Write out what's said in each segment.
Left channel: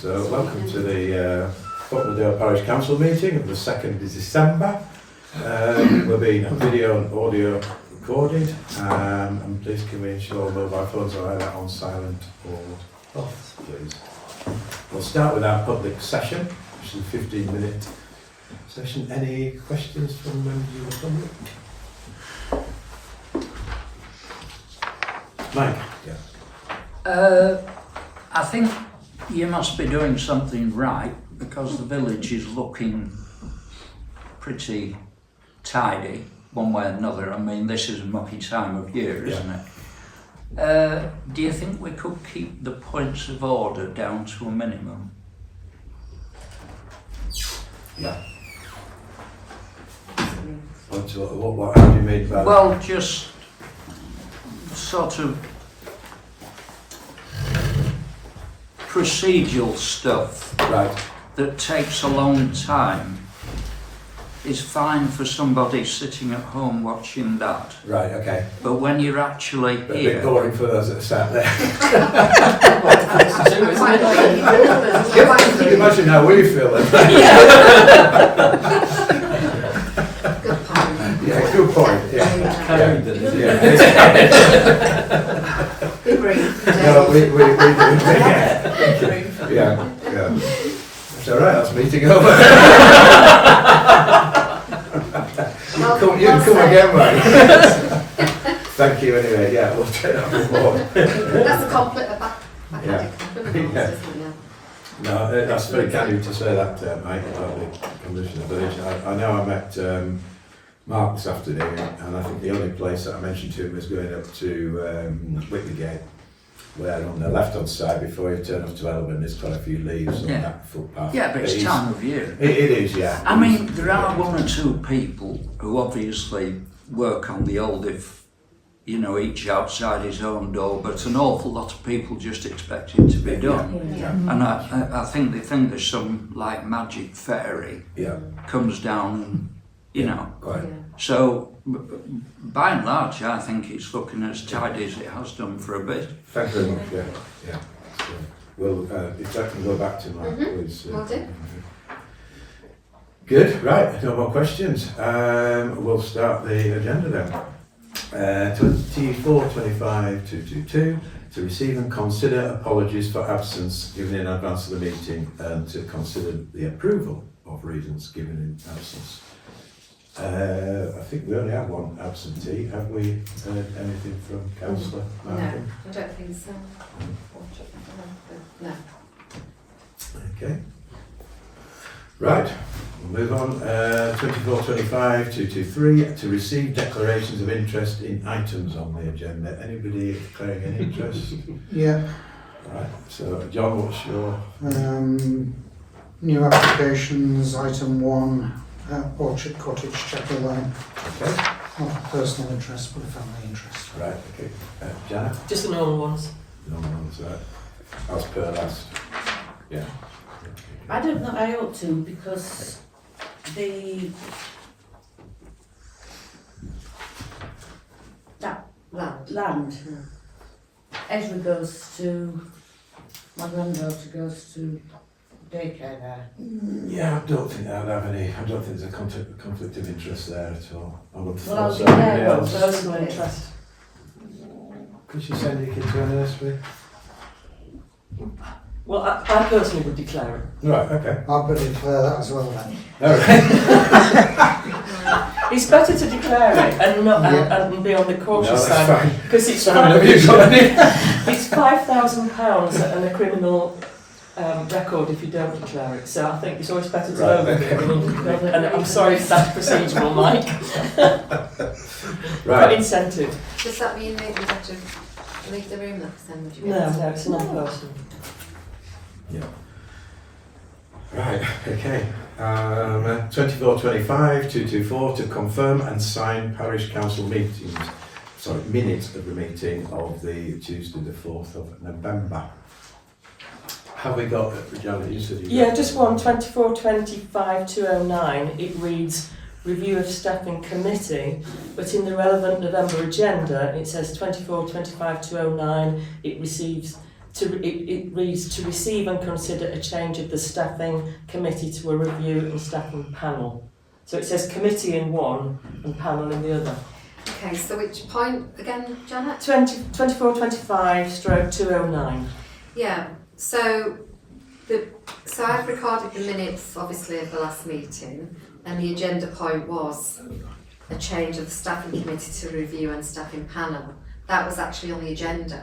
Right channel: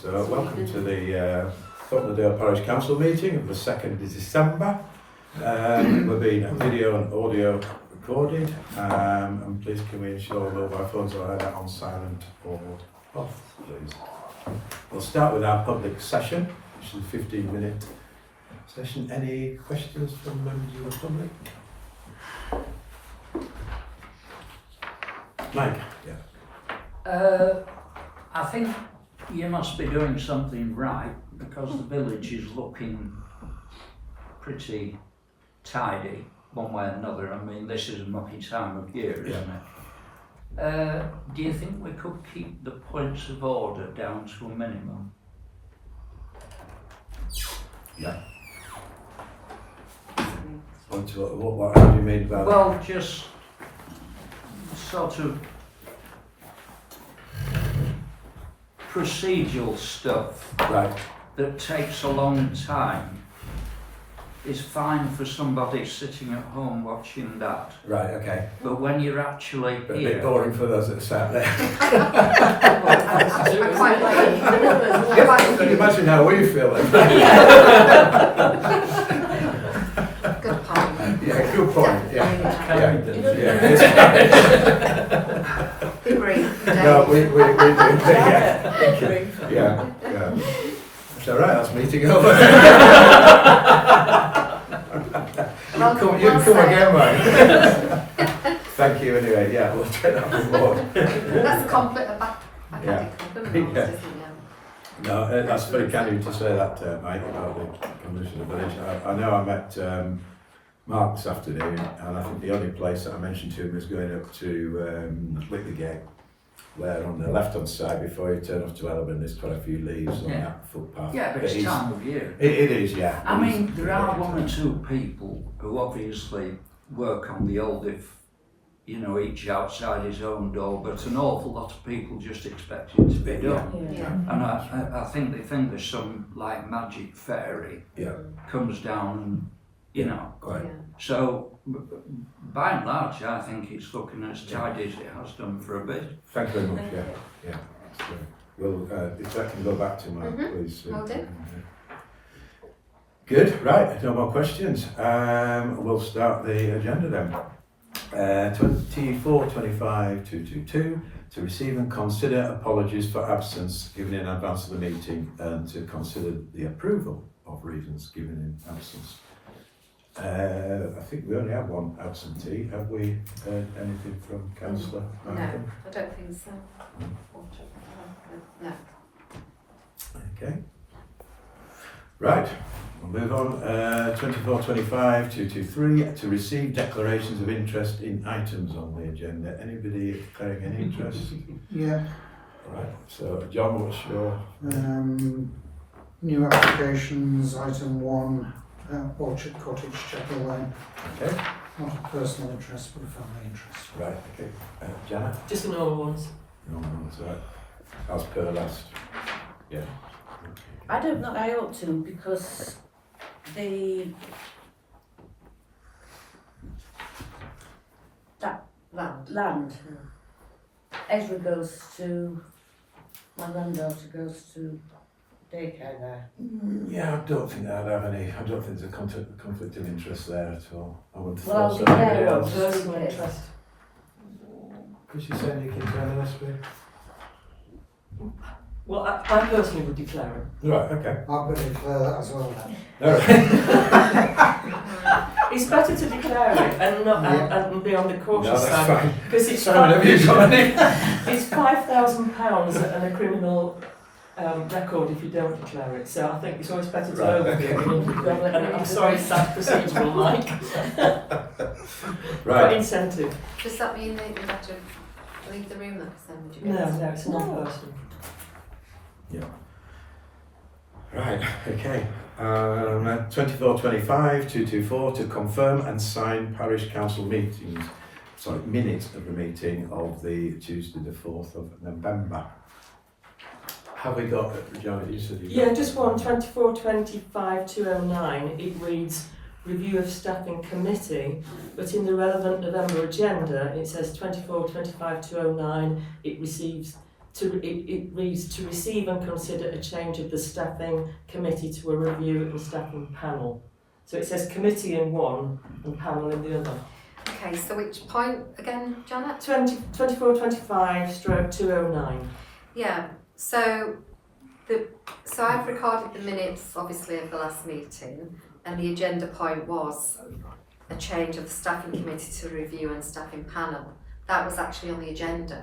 So welcome to the Thornton Parish Council meeting of the 2nd of December. We're being video and audio recorded, and please can we ensure mobile phones are either on silent or off, please. We'll start with our public session, which is a 15-minute session. Any questions from members of the public? Mike? Yeah. I think you must be doing something right because the village is looking pretty tidy one way or another. I mean, this is a mucky time of year, isn't it? Do you think we could keep the points of order down to a minimum? Yeah. What do you mean by that? Well, just sort of procedural stuff Right. that takes a long time is fine for somebody sitting at home watching that. Right, okay. But when you're actually But a here, bit boring for those that sat there. Can you imagine how we feel then? Good point. Yeah, good point. Yeah. No, we do. Yeah. It's all right. That's meeting over. You can come again, mate. Thank you. Anyway, yeah, we'll take that on board. That's a compliment, backhanded compliment, Yeah. isn't it? No, that's very kind of you to say that, Mike, about the condition of the village. I know I met Mark this afternoon, and I think the only place that I mentioned to him was going up to Whitley Gate, where on the left-hand side, before you turn off to Elburn, there's quite a few leaves on that footpath. yeah, but it's time of year. It is, yeah. I mean, there are one or two people who obviously work on the old, if you know, each outside his own door, but an awful lot of people just expect it to be done. Yeah. And I think they think there's some like magic fairy Yeah. comes down and, you know. Quite. So, by and large, I think it's looking as tidy as it has done for a bit. Thank you very much. Yeah. That's great. Well, if that can go back to Mark, please. Will do. Good. Right. No more questions. We'll start the agenda then. 24-25-222 to receive and consider apologies for absence given in advance of the meeting and to consider the approval of reasons given in absence. I think we only have one absentee. Have we heard anything from Councillor Malcolm? No, I don't think so. No. Okay. Right. We'll move on. 24-25-223 to receive declarations of interest in items on the agenda. Anybody declaring any interest? Yeah, Right. So, John, what's your? new applications, item 1, Orchard Cottage, Chapel Lane. Okay. Not a personal interest, but a family interest. Right. Okay. Janet? Just the normal ones. No one's right. As per last. Yeah. I don't know, I ought to, because that land, Ezra goes to, my granddaughter goes to daycare there. Yeah, I don't think I'd have any. I don't think there's a conflict of interest there at all. I would Well, thought I'll so. be Anybody there, else? Personal interest. Could you send your kid to a nursery? Well, I personally would declare it. Right. Okay. I'll put declare that as well then. All right. It's better to declare it and not and be on the No, cautious that's side fine. because it's Simon, have you got any? it's £5,000 and a criminal record if you don't declare it. So I think it's always better to Right, know. okay. And I'm sorry if that's procedural, Mike. Right. But incentive. Does that mean that you have to leave the room then? No, it's not personal. Yeah. Right. Okay. 24-25-224 to confirm and sign parish council meetings. Sorry, minutes of the meeting of the Tuesday the 4th of November. Have we got Janet? You said you Yeah, got- just one, 24-25-209, it reads review of staffing committee, but in the relevant November agenda it says 24-25-209, it receives it reads to receive and consider a change of the staffing committee to a review and staffing panel. So it says committee in one and panel in the other. Okay, so which point again, Janet? 2425 stroke 209. Yeah, so I've recorded the minutes, obviously, of the last meeting, and the agenda point was a change of the staffing committee to review and staffing panel. That was actually on the agenda,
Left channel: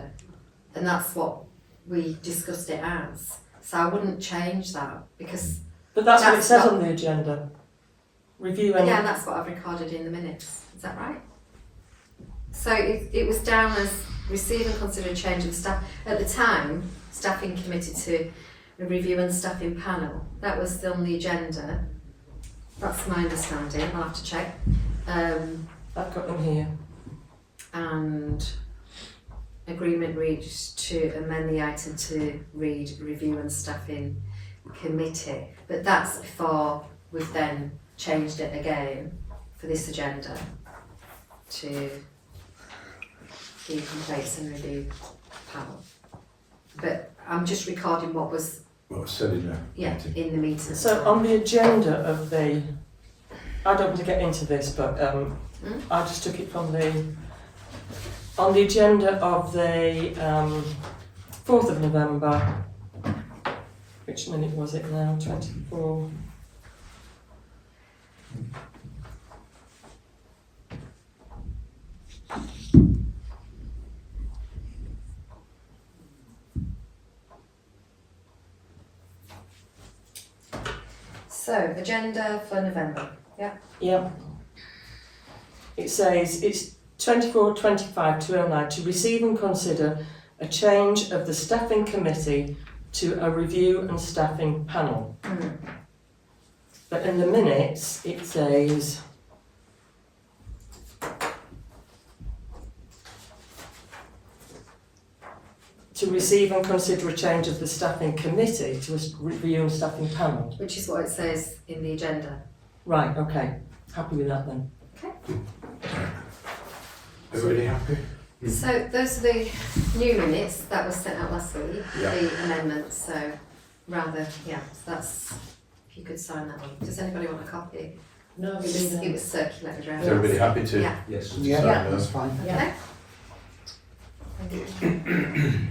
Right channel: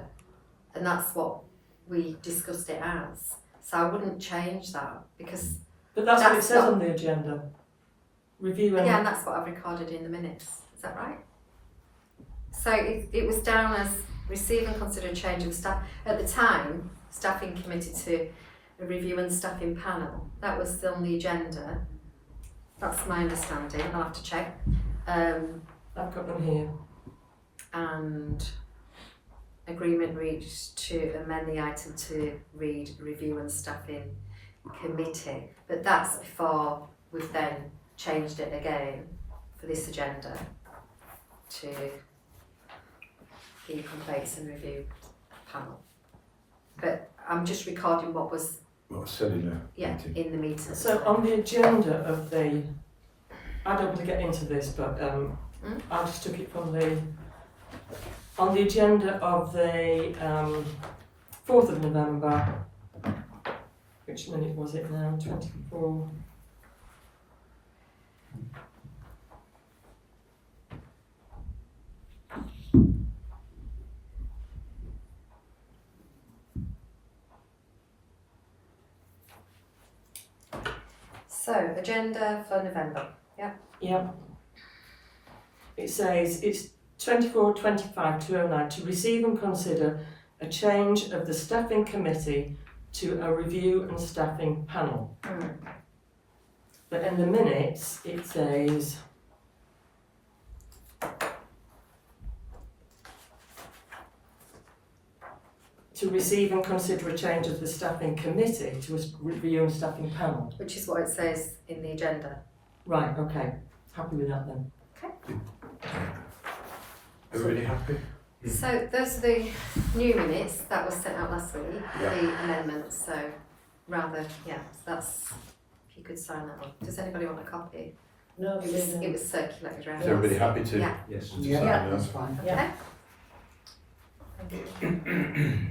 and that's what we discussed it as. So I wouldn't change that, because But that's what it That's says not- on the agenda. Review and... again, that's what I've recorded in the minutes. Is that right? So it was down as receive and consider a change of staff. At the time, staffing committee to a review and staffing panel. That was still on the agenda. That's my understanding. I'll have to check. I've got them here. And agreement reached to amend the item to read review and staffing committee. But that's before we've then changed it again for this agenda to the complaints and review panel. But I'm just recording what was said in the meeting. in the meeting. So on the agenda of the... I don't want to get into this, but I just took it from the... On the agenda of the 4th of November, which minute was it now? 24. So, agenda for November. Yeah. It says it's 24/25/209 to receive and consider a change of the staffing committee to a review and staffing panel. But in the minutes it says to receive and consider a change of the staffing committee to a review and staffing panel. Which is what it says in the agenda. Right, okay. Happy with that then. Everybody happy? So those are the new minutes that was sent out last week, Yeah. the amendments, so rather, so that's, if you could sign that one. Does anybody want a copy? No, It was circulated around. Is everybody happy to? Yeah. Yes. to Yeah, sign that's those? fine. Yeah. Okay. Thank you.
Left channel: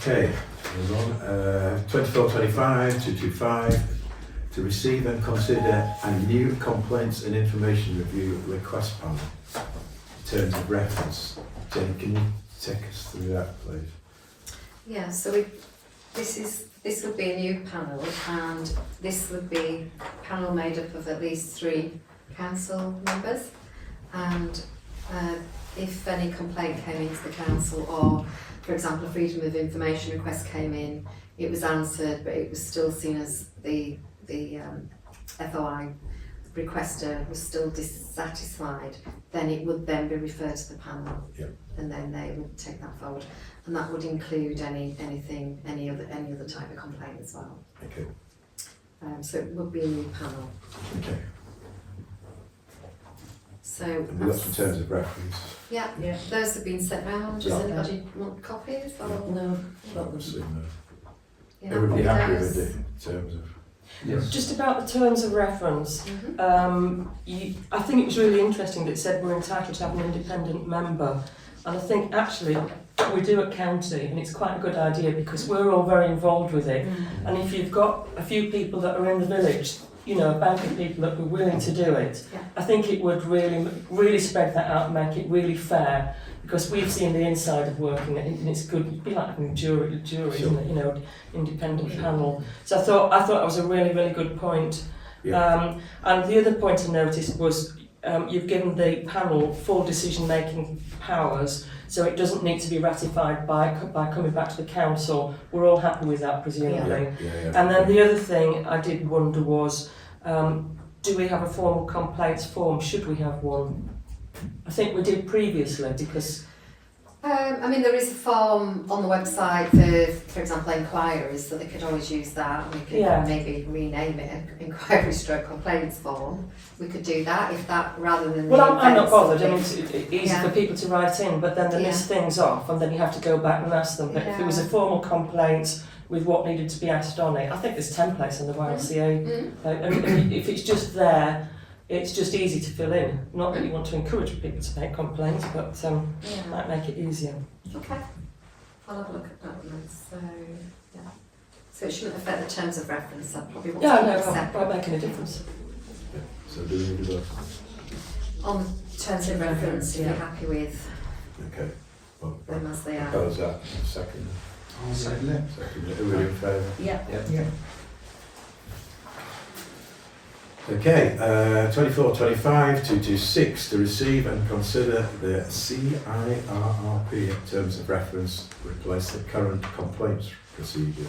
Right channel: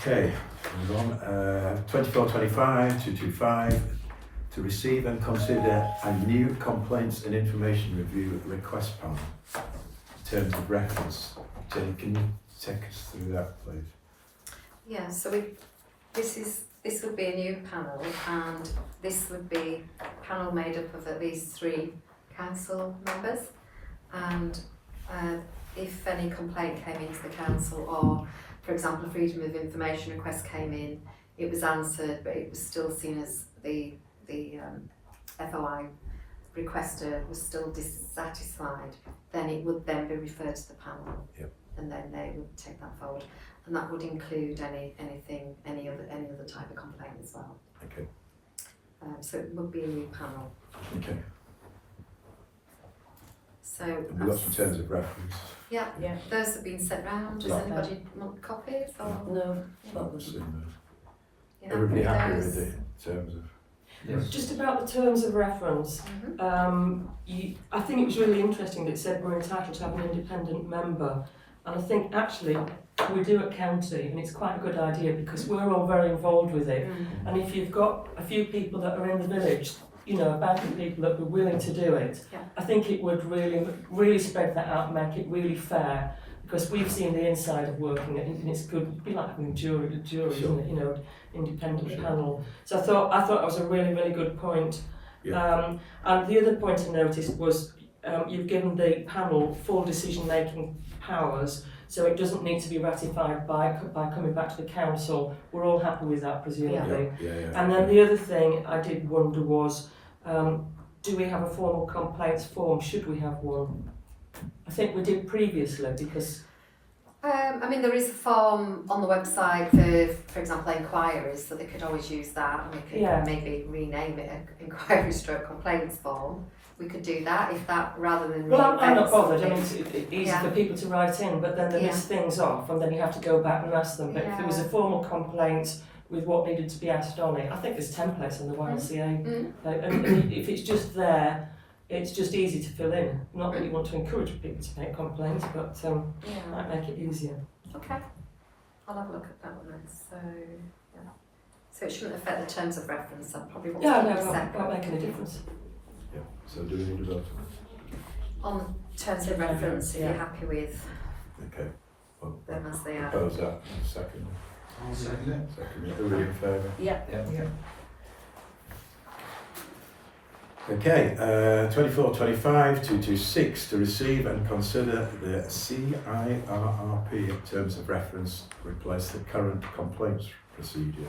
Okay, move on. 24/25/225 to receive and consider a new complaints and information review request panel. Terms of reference. Jane, can you take us through that, please? Yeah, so this would be a new panel, and this would be a panel made up of at least 3 council members, and if any complaint came into the council, or for example a freedom of information request came in, it was answered but it was still seen as the FOI requester was still dissatisfied, then it would then be referred to the panel. Yep. And then they would take that forward, and that would include any other type of complaint as well. Okay. So it would be a new panel. Okay. So And we've got some terms of reference. yeah, Yeah. those have been sent round. Does Yeah. anybody want copies? Or, No. I've seen those. yeah, Everybody happy those- with the terms of? Yes. Just about the terms of reference, Mhm. I think it was really interesting that it said we're entitled to have an independent member, and I think actually we do at county, and it's quite a good idea because we're all very involved with it. And if you've got a few people that are in the village, you know, a bank of people that were willing to do it, Yeah. I think it would really spread that out and make it really fair, because we've seen the inside of working and it's good. It'd be like having a jury, Sure. isn't it? You know, independent Sure. panel. So I thought that was a really good point. Yeah. And the other point I noticed was you've given the panel full decision-making powers, so it doesn't need to be ratified by coming back to the council. We're all happy with that, presumably. Yeah. And then the other thing I did wonder was, do we have a formal complaints form? Should we have one? I think we did previously because I mean, there is a form on the website for example, inquiries, so they could always use that. We could Yeah. maybe rename it an inquiry stroke complaints form. We could do that if that, rather than. well, I'm not reinvent bothered. I mean, something. it's easy Yeah. for people to write in, but then they Yeah. list things off, and then you have to go back and ask them. But if it was a Yeah. formal complaint with what needed to be asked on it, I think there's templates on the YLCA. Mm. And if it's just there, it's just easy to fill in. Not that you want to encourage people to make complaints, but Yeah. might make it easier. Okay. I'll have a look at that one then. So, yeah. So it shouldn't affect the terms of reference. I probably want Yeah, to no, keep it it separate. won't make any difference. Yeah. So do we need to vote? On terms of reference, if you're happy with Okay. Well, them as they are. propose that. Second. I'll second it. Second. Who are in favour? Yeah. Yeah. Okay, 2425-226 to receive and consider the CIRRP in terms of reference, replace the current complaints procedure.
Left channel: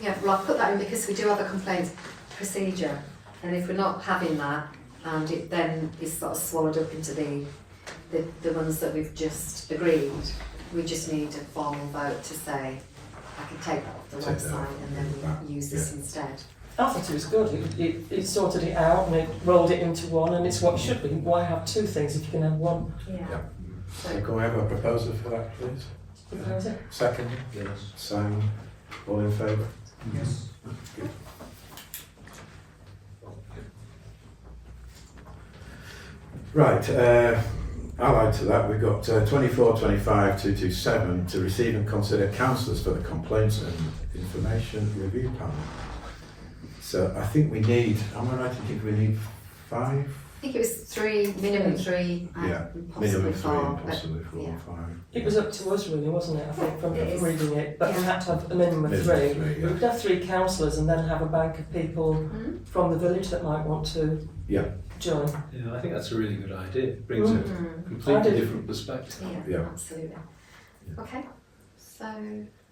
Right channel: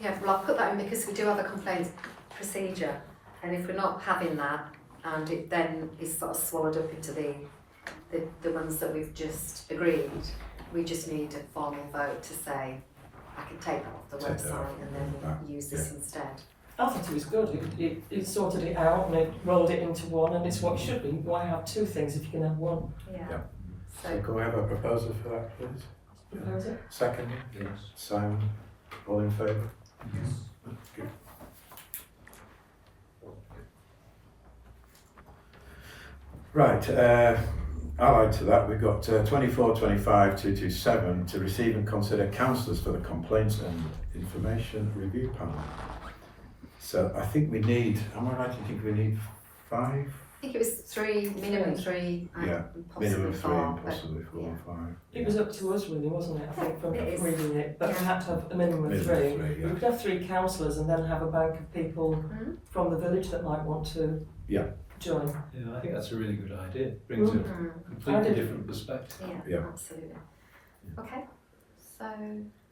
Yeah, well, I'll put that in because we do have a complaints procedure, and if we're not having that, and it then is sort of swallowed up into the ones that we've just agreed, we just need a formal vote to say, I can take that off the Take that website off, and then we use this instead. I thought it was good. It sorted it out and it rolled it into one, and it's what it should be. Why have two things if you can have one? Yeah. Yeah. So, So can we have a proposal for that, please? Propose it. Second, Yes. Simon, all in favour? Yes. Good. Right, allied to that, we've got 2425-227 to receive and consider councillors for the Complaints and Information Review Panel. So I think we need, am I right to think we need 5? I think it was 3, minimum 3, and Yeah, possibly Minimum 3 4. and possibly 4 yeah. or 5. It was up to us really, wasn't it? I think from It is. reading it, but we had to have a minimum of Minimum 3. 3, yeah. We could have 3 councillors and then have a bank of people Mhm. from the village that might want to Yeah. join. Yeah, I think that's a really good idea. It brings a Mm. I completely did. different perspective. Yeah, Yeah. absolutely. Yeah. Okay, so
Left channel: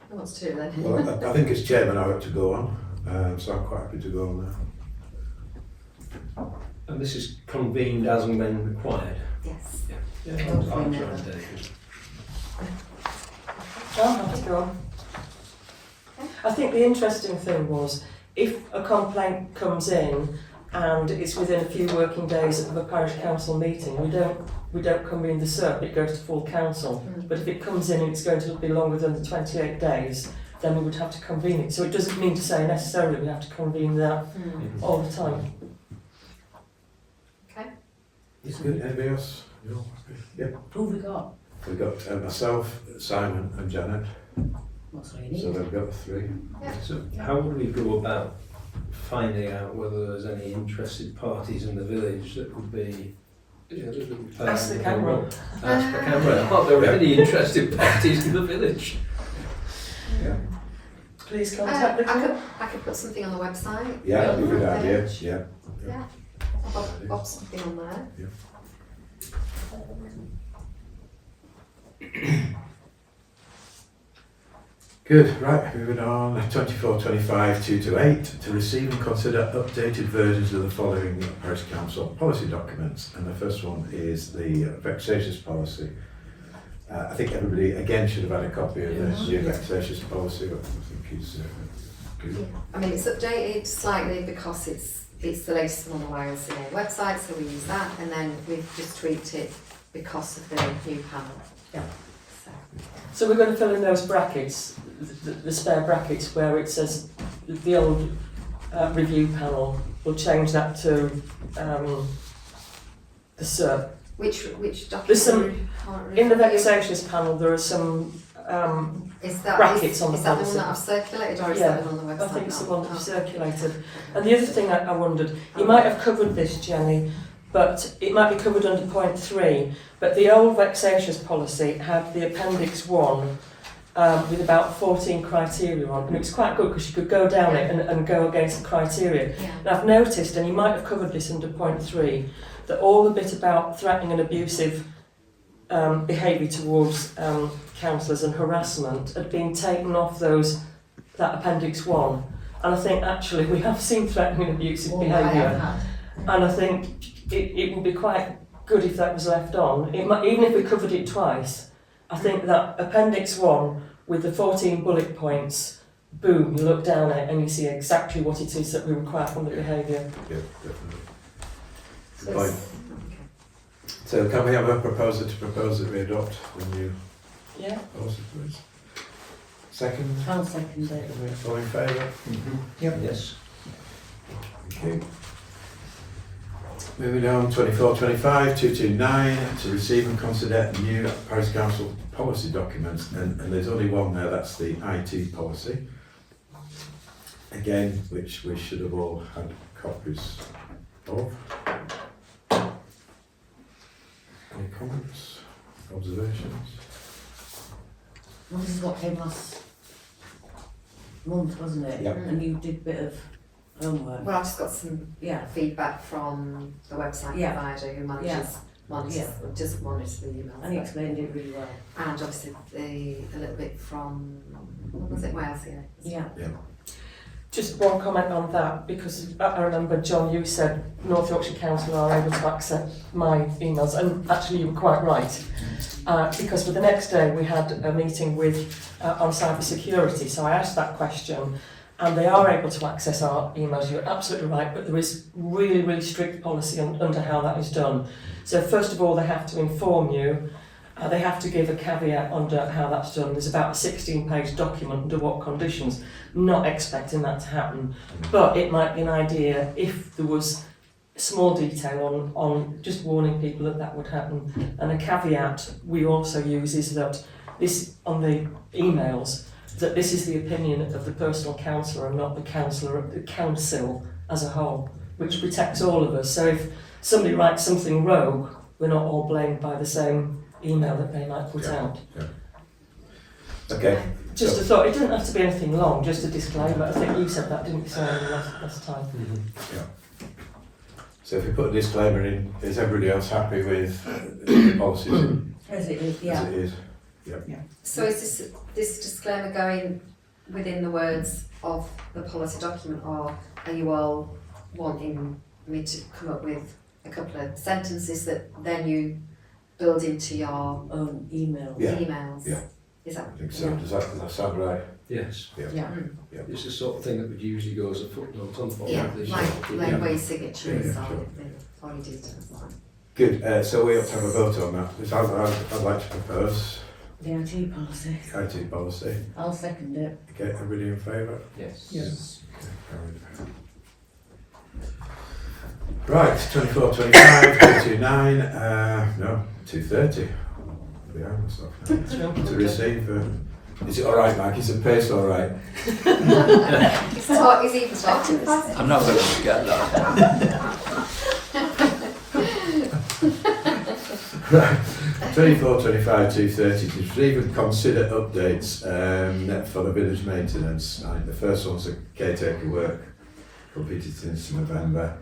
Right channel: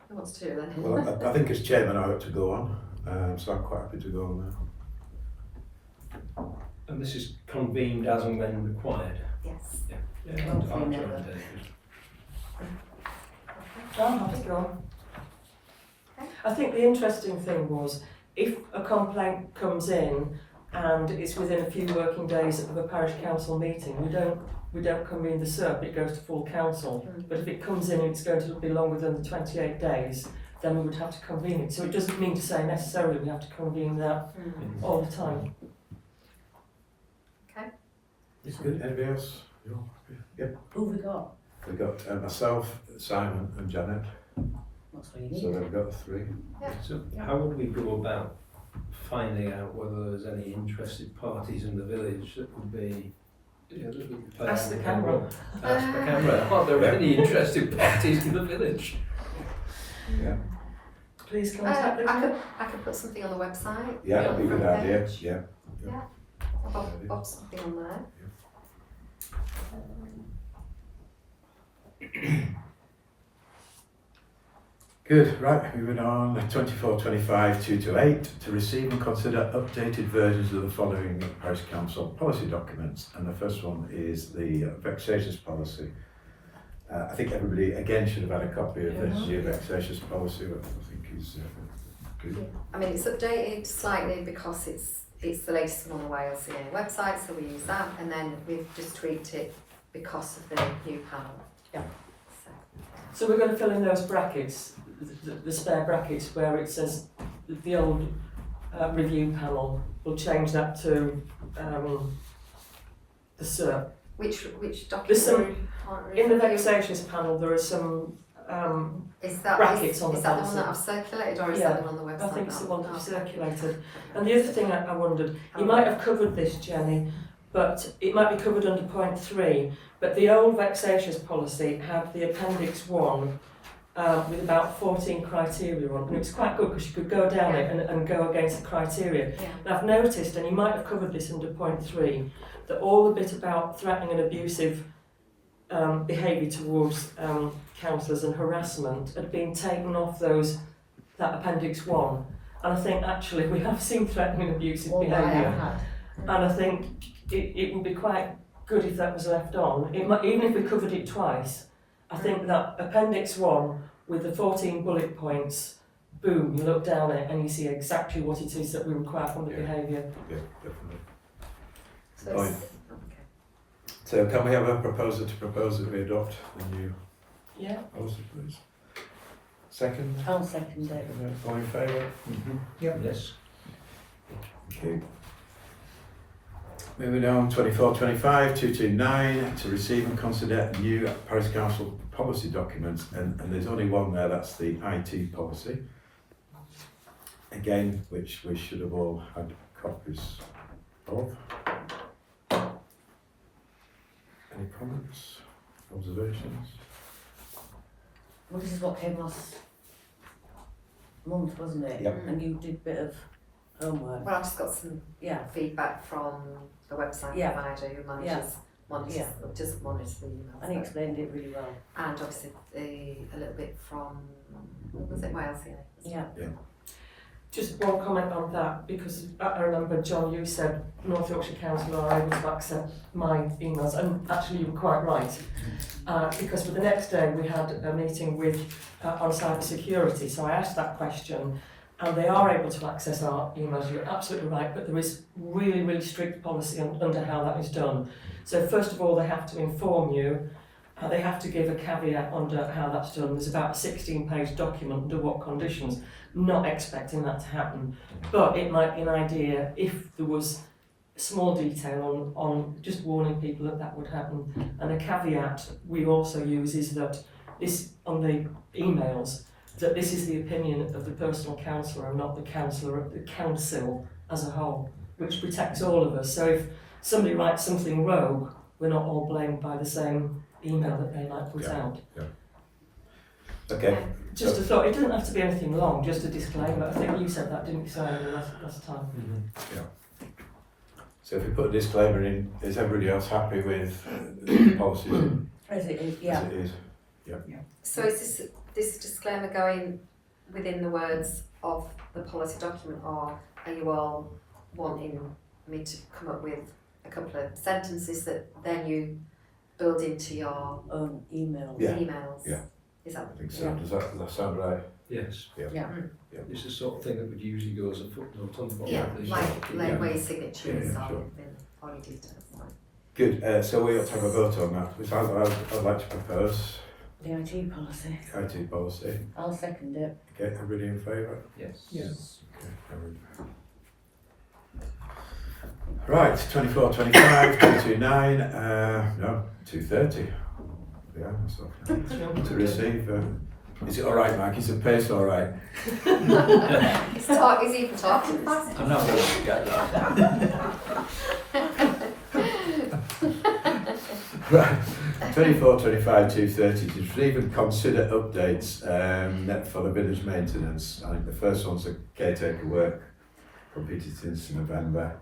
who wants to do it then? Well, I think as chairman I ought to go on, so I'm quite happy to go on now. And this is convened as and when required. Yes. Yeah, Hopefully I'll join never. David. I'm happy to go on. Okay. I think the interesting thing was, if a complaint comes in and it's within a few working days of a parish council meeting, we don't convene the SERP, it goes to full council. Mm. But if it comes in and it's going to be longer than the 28 days, then we would have to convene it. So it doesn't mean to say necessarily we have to convene that Mm. all the time. Okay. It's good. Anybody else? You're happy? Yeah. Who we got? We've got myself, Simon and Janet, What's all you so need? they've got 3. So how would we go about finding out whether there's any interested parties in the village that would be, that would play Ask the a camera. role? Ask the camera. Are there any interested parties in the village? Yeah. Please contact the group. I could put something on the website. Yeah, that'd be a good idea. Page. Yeah. Yeah. Pop something on there. Good, right, moving on, 2425-228 to receive and consider updated versions of the following Parish Council policy documents. And the first one is the vexatious policy. I think everybody again should have had a copy of this new vexatious policy, which I think is good. I mean, it's updated slightly because it's the latest one on the YLCA website, so we use that, and then we've just tweaked it because of the new panel. Yeah. So, So we're going to fill in those brackets, the spare brackets where it says the old review panel. We'll change that to the SERP. which document? There's some- are we currently In the reviewing? vexatious panel, there are some. Is that brackets on the is that the policy. one that I've circulated, or is Yeah, that the one on the website? I think it's the now? one that you Oh. circulated. And the other thing I wondered, you might have covered this, Jenny, but it might be covered under point 3. But the old vexatious policy had the appendix 1 with about 14 criteria on, and it was quite good because you could go down it and go against the criteria. Yeah. And I've noticed, and you might have covered this under point 3, that all the bit about threatening and abusive behaviour towards councillors and harassment had been taken off that Appendix 1. And I think actually we have seen threatening and abusive All I behaviour. have had. And I think it would be quite good if that was left on. It might, even if we covered it twice, I think that Appendix 1 with the 14 bullet points, boom, you look down at it and you see exactly what it is that we require from the behaviour. Yeah, definitely. So Right. it's- So can we have a proposer to propose that we adopt the new Yeah? policy, please? Second? I'll second it. All in favour? Yep. Yes. Thank you. Moving on, 24-25, 229, to receive and consider new Parish Council policy documents, and there's only one there, that's the IT policy. Again, which we should have all had copies of. Any comments, observations? Well, this is what came last month, wasn't it? Yep. And you did a bit of homework. Well, I've just got some Yeah. feedback from the website Yeah. provider who monitors Yeah. just monitors the emails. And he explained it really well. And obviously a little bit from, what was it, Wales, Yeah. Just one comment on that, because I remember, John, you said North Yorkshire Council are able to access my emails, and actually you were quite right. Because for the next day we had a meeting with on cyber security, so I asked that question, and they are able to access our emails. You're absolutely right, but there is really, really strict policy under how that is done. So first of all, they have to inform you. They have to give a caveat under how that's done. There's about a 16-page document under what conditions. Not expecting that to happen, but it might be an idea if there was small detail on just warning people that would happen. And a caveat we also use is that this, on the emails, that this is the opinion of the personal counsellor and not the counsellor of the council as a whole, which protects all of us. So if somebody writes something rogue, we're not all blamed by the same email that they might put out. Okay. Just a thought, it doesn't have to be anything long, just a disclaimer. I think you said that, didn't you, Simon, last time? So if we put a disclaimer in, is everybody else happy with the policies As it is, as yeah. it is? So is this disclaimer going within the words of the policy document, or are you all wanting me to come up with a couple of sentences that then you build into your Own email. Yeah. emails? Yeah. Is that? I think so. Yeah. Does that sound right? Yes. Yeah. It's the sort of thing that would usually go as a footnote on the bottom Yeah, of the like where your signature Yeah, is yeah, on sure. it, or your details. Good. So we ought to have a vote on that. Which I'd like to propose The IT policy. IT policy. I'll second it. Okay, everybody in favour? Yes. Yes. Okay, carried. Right, 24-25, 229, no, 230. Behind myself now. To receive. Is it all right, Mike? Is the pace all right? Is he even talking fast? I'm not going to forget that. Right, 24-25, 230, to receive and consider updates for the village maintenance. The first one's a caretaker work completed since November.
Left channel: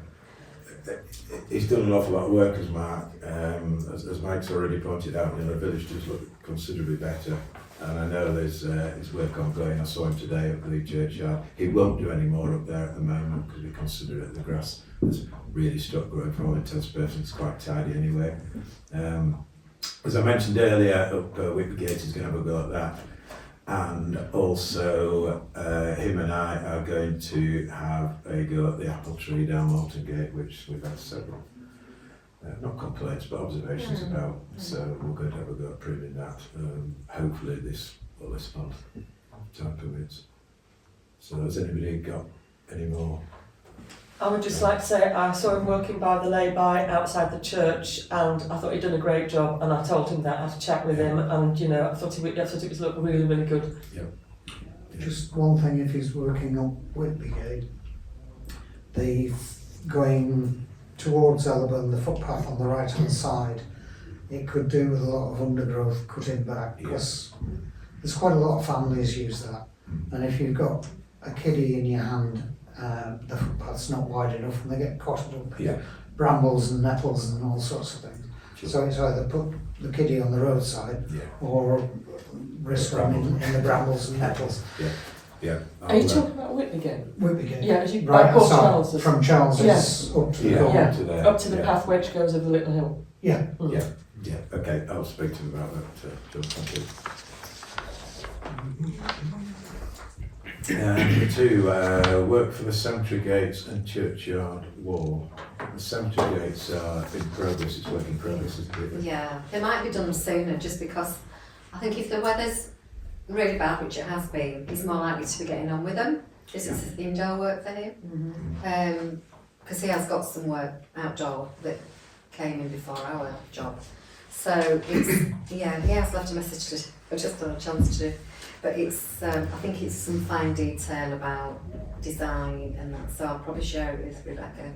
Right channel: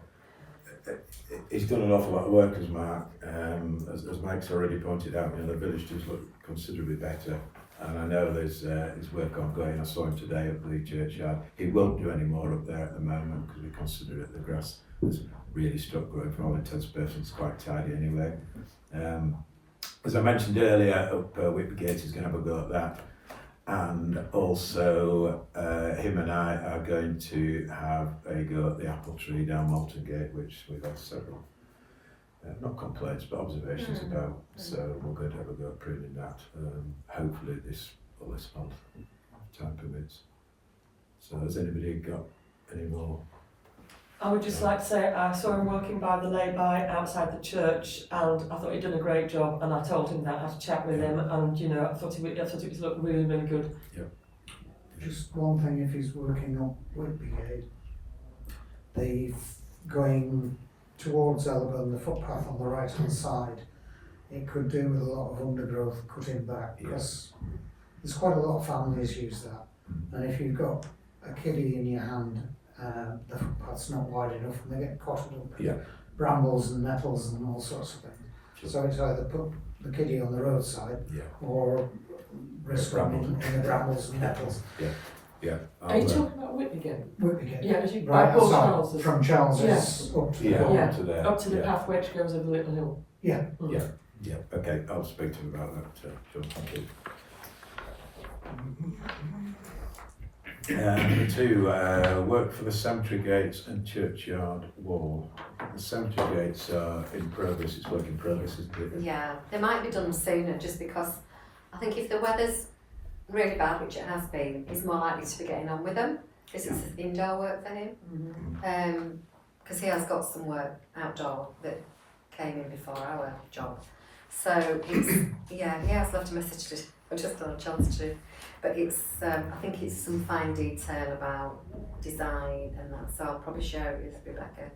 He's done an awful lot of work, as Mark, as Mike's already pointed out. The village does look considerably better, and I know there's work ongoing. I saw him today at the churchyard. He won't do any more up there at the moment because we consider it the grass has really stopped growing. For all intents and purposes, it's quite tidy anyway. As I mentioned earlier, up Whitgate is going to have a go at that, and also him and I are going to have a go at the apple tree down Malton Gate, which we've had several, not complaints, but observations about. So we're going to have a go at pruning that, hopefully this month, if time permits. So has anybody got any more? I would just like to say I saw him working by the lay-by outside the church, and I thought he'd done a great job, and I told him that. I had to chat with him, and I thought it was looked really, really good. Just one thing, if he's working on Whitbygate, the going towards Ellerburn, the footpath on the right hand side, it could do with a lot of undergrowth cutting back, because there's quite a lot of families use that, and if you've got a kiddie in your hand, the footpath's not wide enough and they get caught up. Yeah. brambles and nettles and all sorts of things. Sure. So it's either put the kiddie on the roadside Yeah, or risk them in the brambles and nettles. yeah. Are you I'll, talking about Whitney? Whitbygate. Yeah, as you Right by Port outside, Charles, from Charles's up to the yeah, corner. Yeah. to there. up to the yeah. path which goes over the little hill. Yeah. Mm. Yeah. Yeah, okay, I'll speak to him about that, John, thank you. Number 2, work for the cemetery gates and churchyard wall. The cemetery gates are in progress, it's work in progress, isn't it? Yeah, they might be done sooner just because I think if the weather's really bad, which it has been, he's more likely to be getting on with them. This is indoor work for him. Mm-hmm. Because he has got some work outdoor that came in before our job. So it's, yeah, he has left a message to, I've just got a chance to, but it's, I think it's some fine detail about design and that, so I'll probably share it with Rebecca,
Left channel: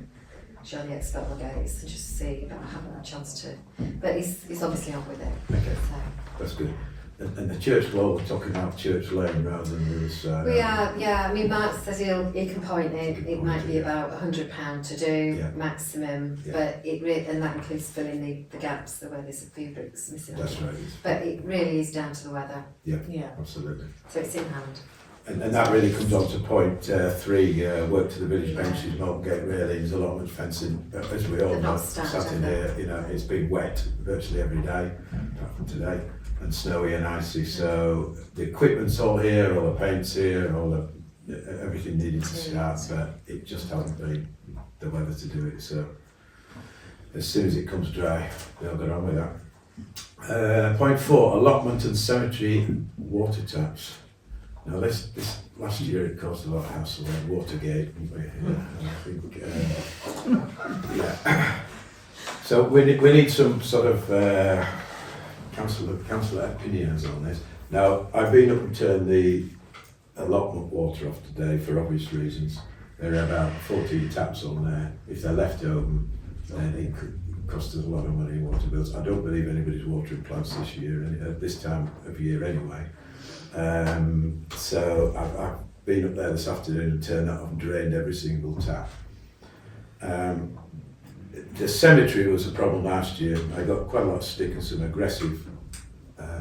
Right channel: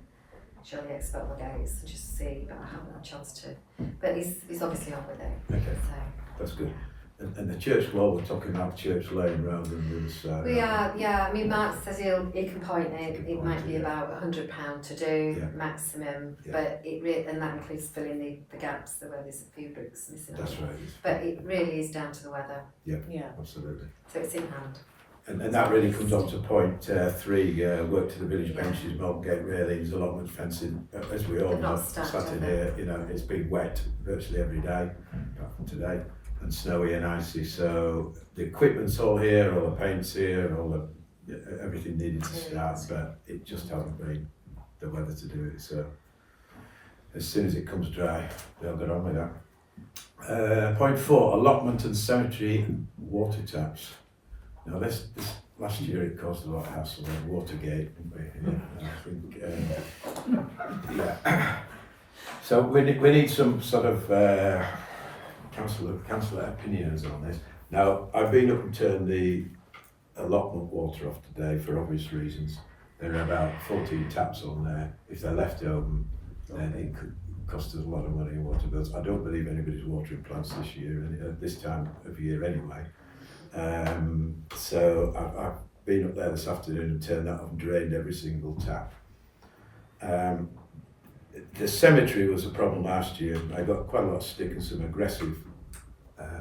showing the external gates and just see, but I haven't had a chance to, but he's obviously on with it, Okay, so. that's good. And the church wall, we're talking about Church Lane rather than the other side. We are, yeah, I mean, Mark says he can point it, He it can might point be it, about £100 to do, Yeah. maximum, Yeah. but and that includes filling the gaps where there's a few bricks missing. That's right, it's- But it really is down to the weather, Yeah. absolutely. so it's in hand. And that really comes on to point 3, work to the village benches, Maltgate railings, allotment fencing. As we all They've know, not started, sat in have here, you know, it's been wet virtually every day, apart from today, and snowy and icy. So the equipment's all here, all the paint's here, all the everything needed to start, but it just hasn't been the weather to do it. So as soon as it comes dry, they'll get on with that. Point 4, allotment and cemetery water taps. Now this last year it caused a lot of hassle with Watergate, didn't we? Yeah, I think, yeah. So we need some sort of councillor opinions on this. Now I've been up and turned the allotment water off today for obvious reasons. There are about 14 taps on there. If they're left open, then it could cost us a lot of money in water bills. I don't believe anybody's watering plants this year, at this time of year anyway. So I've been up there this afternoon and turned that off and drained every single tap. The cemetery was a problem last year. I got quite a lot of stick and some aggressive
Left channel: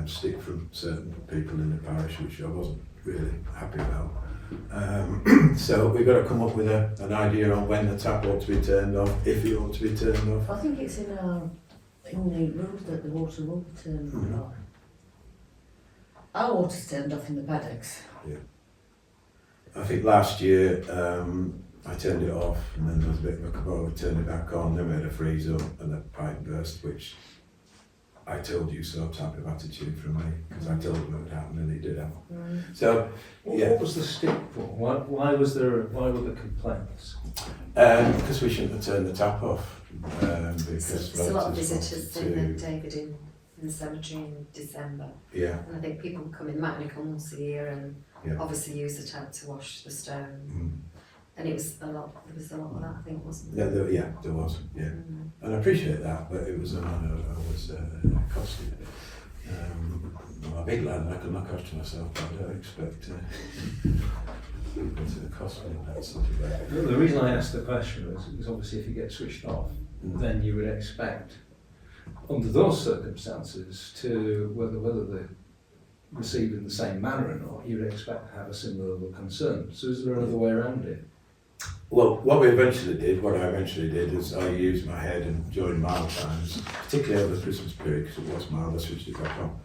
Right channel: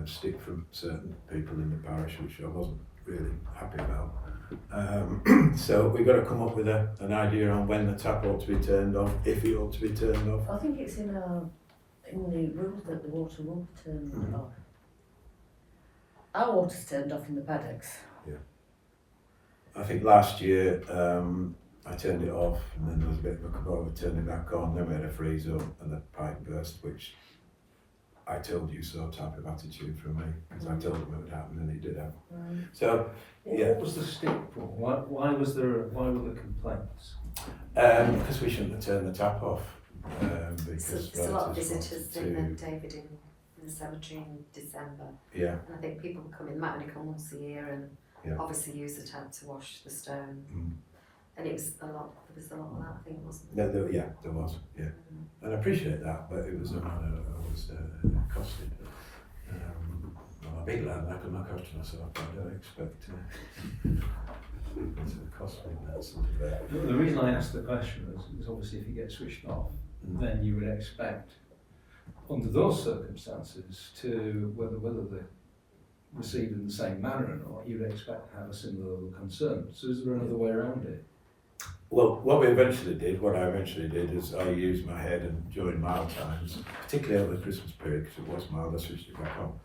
stick from certain people in the parish, which I wasn't really happy about. So we've got to come up with an idea on when the tap ought to be turned off, if it ought to be turned off. I think it's in the rules that the water will be turned off. Our water's turned off in the paddocks. I think last year I turned it off and then there was a bit of a kabobble, we turned it back on, then we had a freeze up and the pipe burst, which I told you so type of attitude from me, because I told them it would happen and it did happen. So, yeah. What was the stick for? Why were the complaints? Because we shouldn't have turned the tap off. Because There's a lot of relatives visitors wanted in David in the cemetery in December, Yeah, and I think people come in, might only come once a year and yeah. obviously use the tap to wash the stone. Mm. And it was a lot, there was a lot of that, I think, wasn't No, there? there was, yeah. And I appreciate that, but it was I was costed. I'm a big lad and I can look after myself, but I don't expect it to cost me that sort of way. The reason I asked the question is obviously if you get switched off, then you would expect, under those circumstances, to whether they're received in the same manner or not, you would expect to have a similar level of concern. So is there another way around it? Well, what I eventually did is I used my head and during mild times, particularly over the Christmas period, because it was mild, I switched it back on.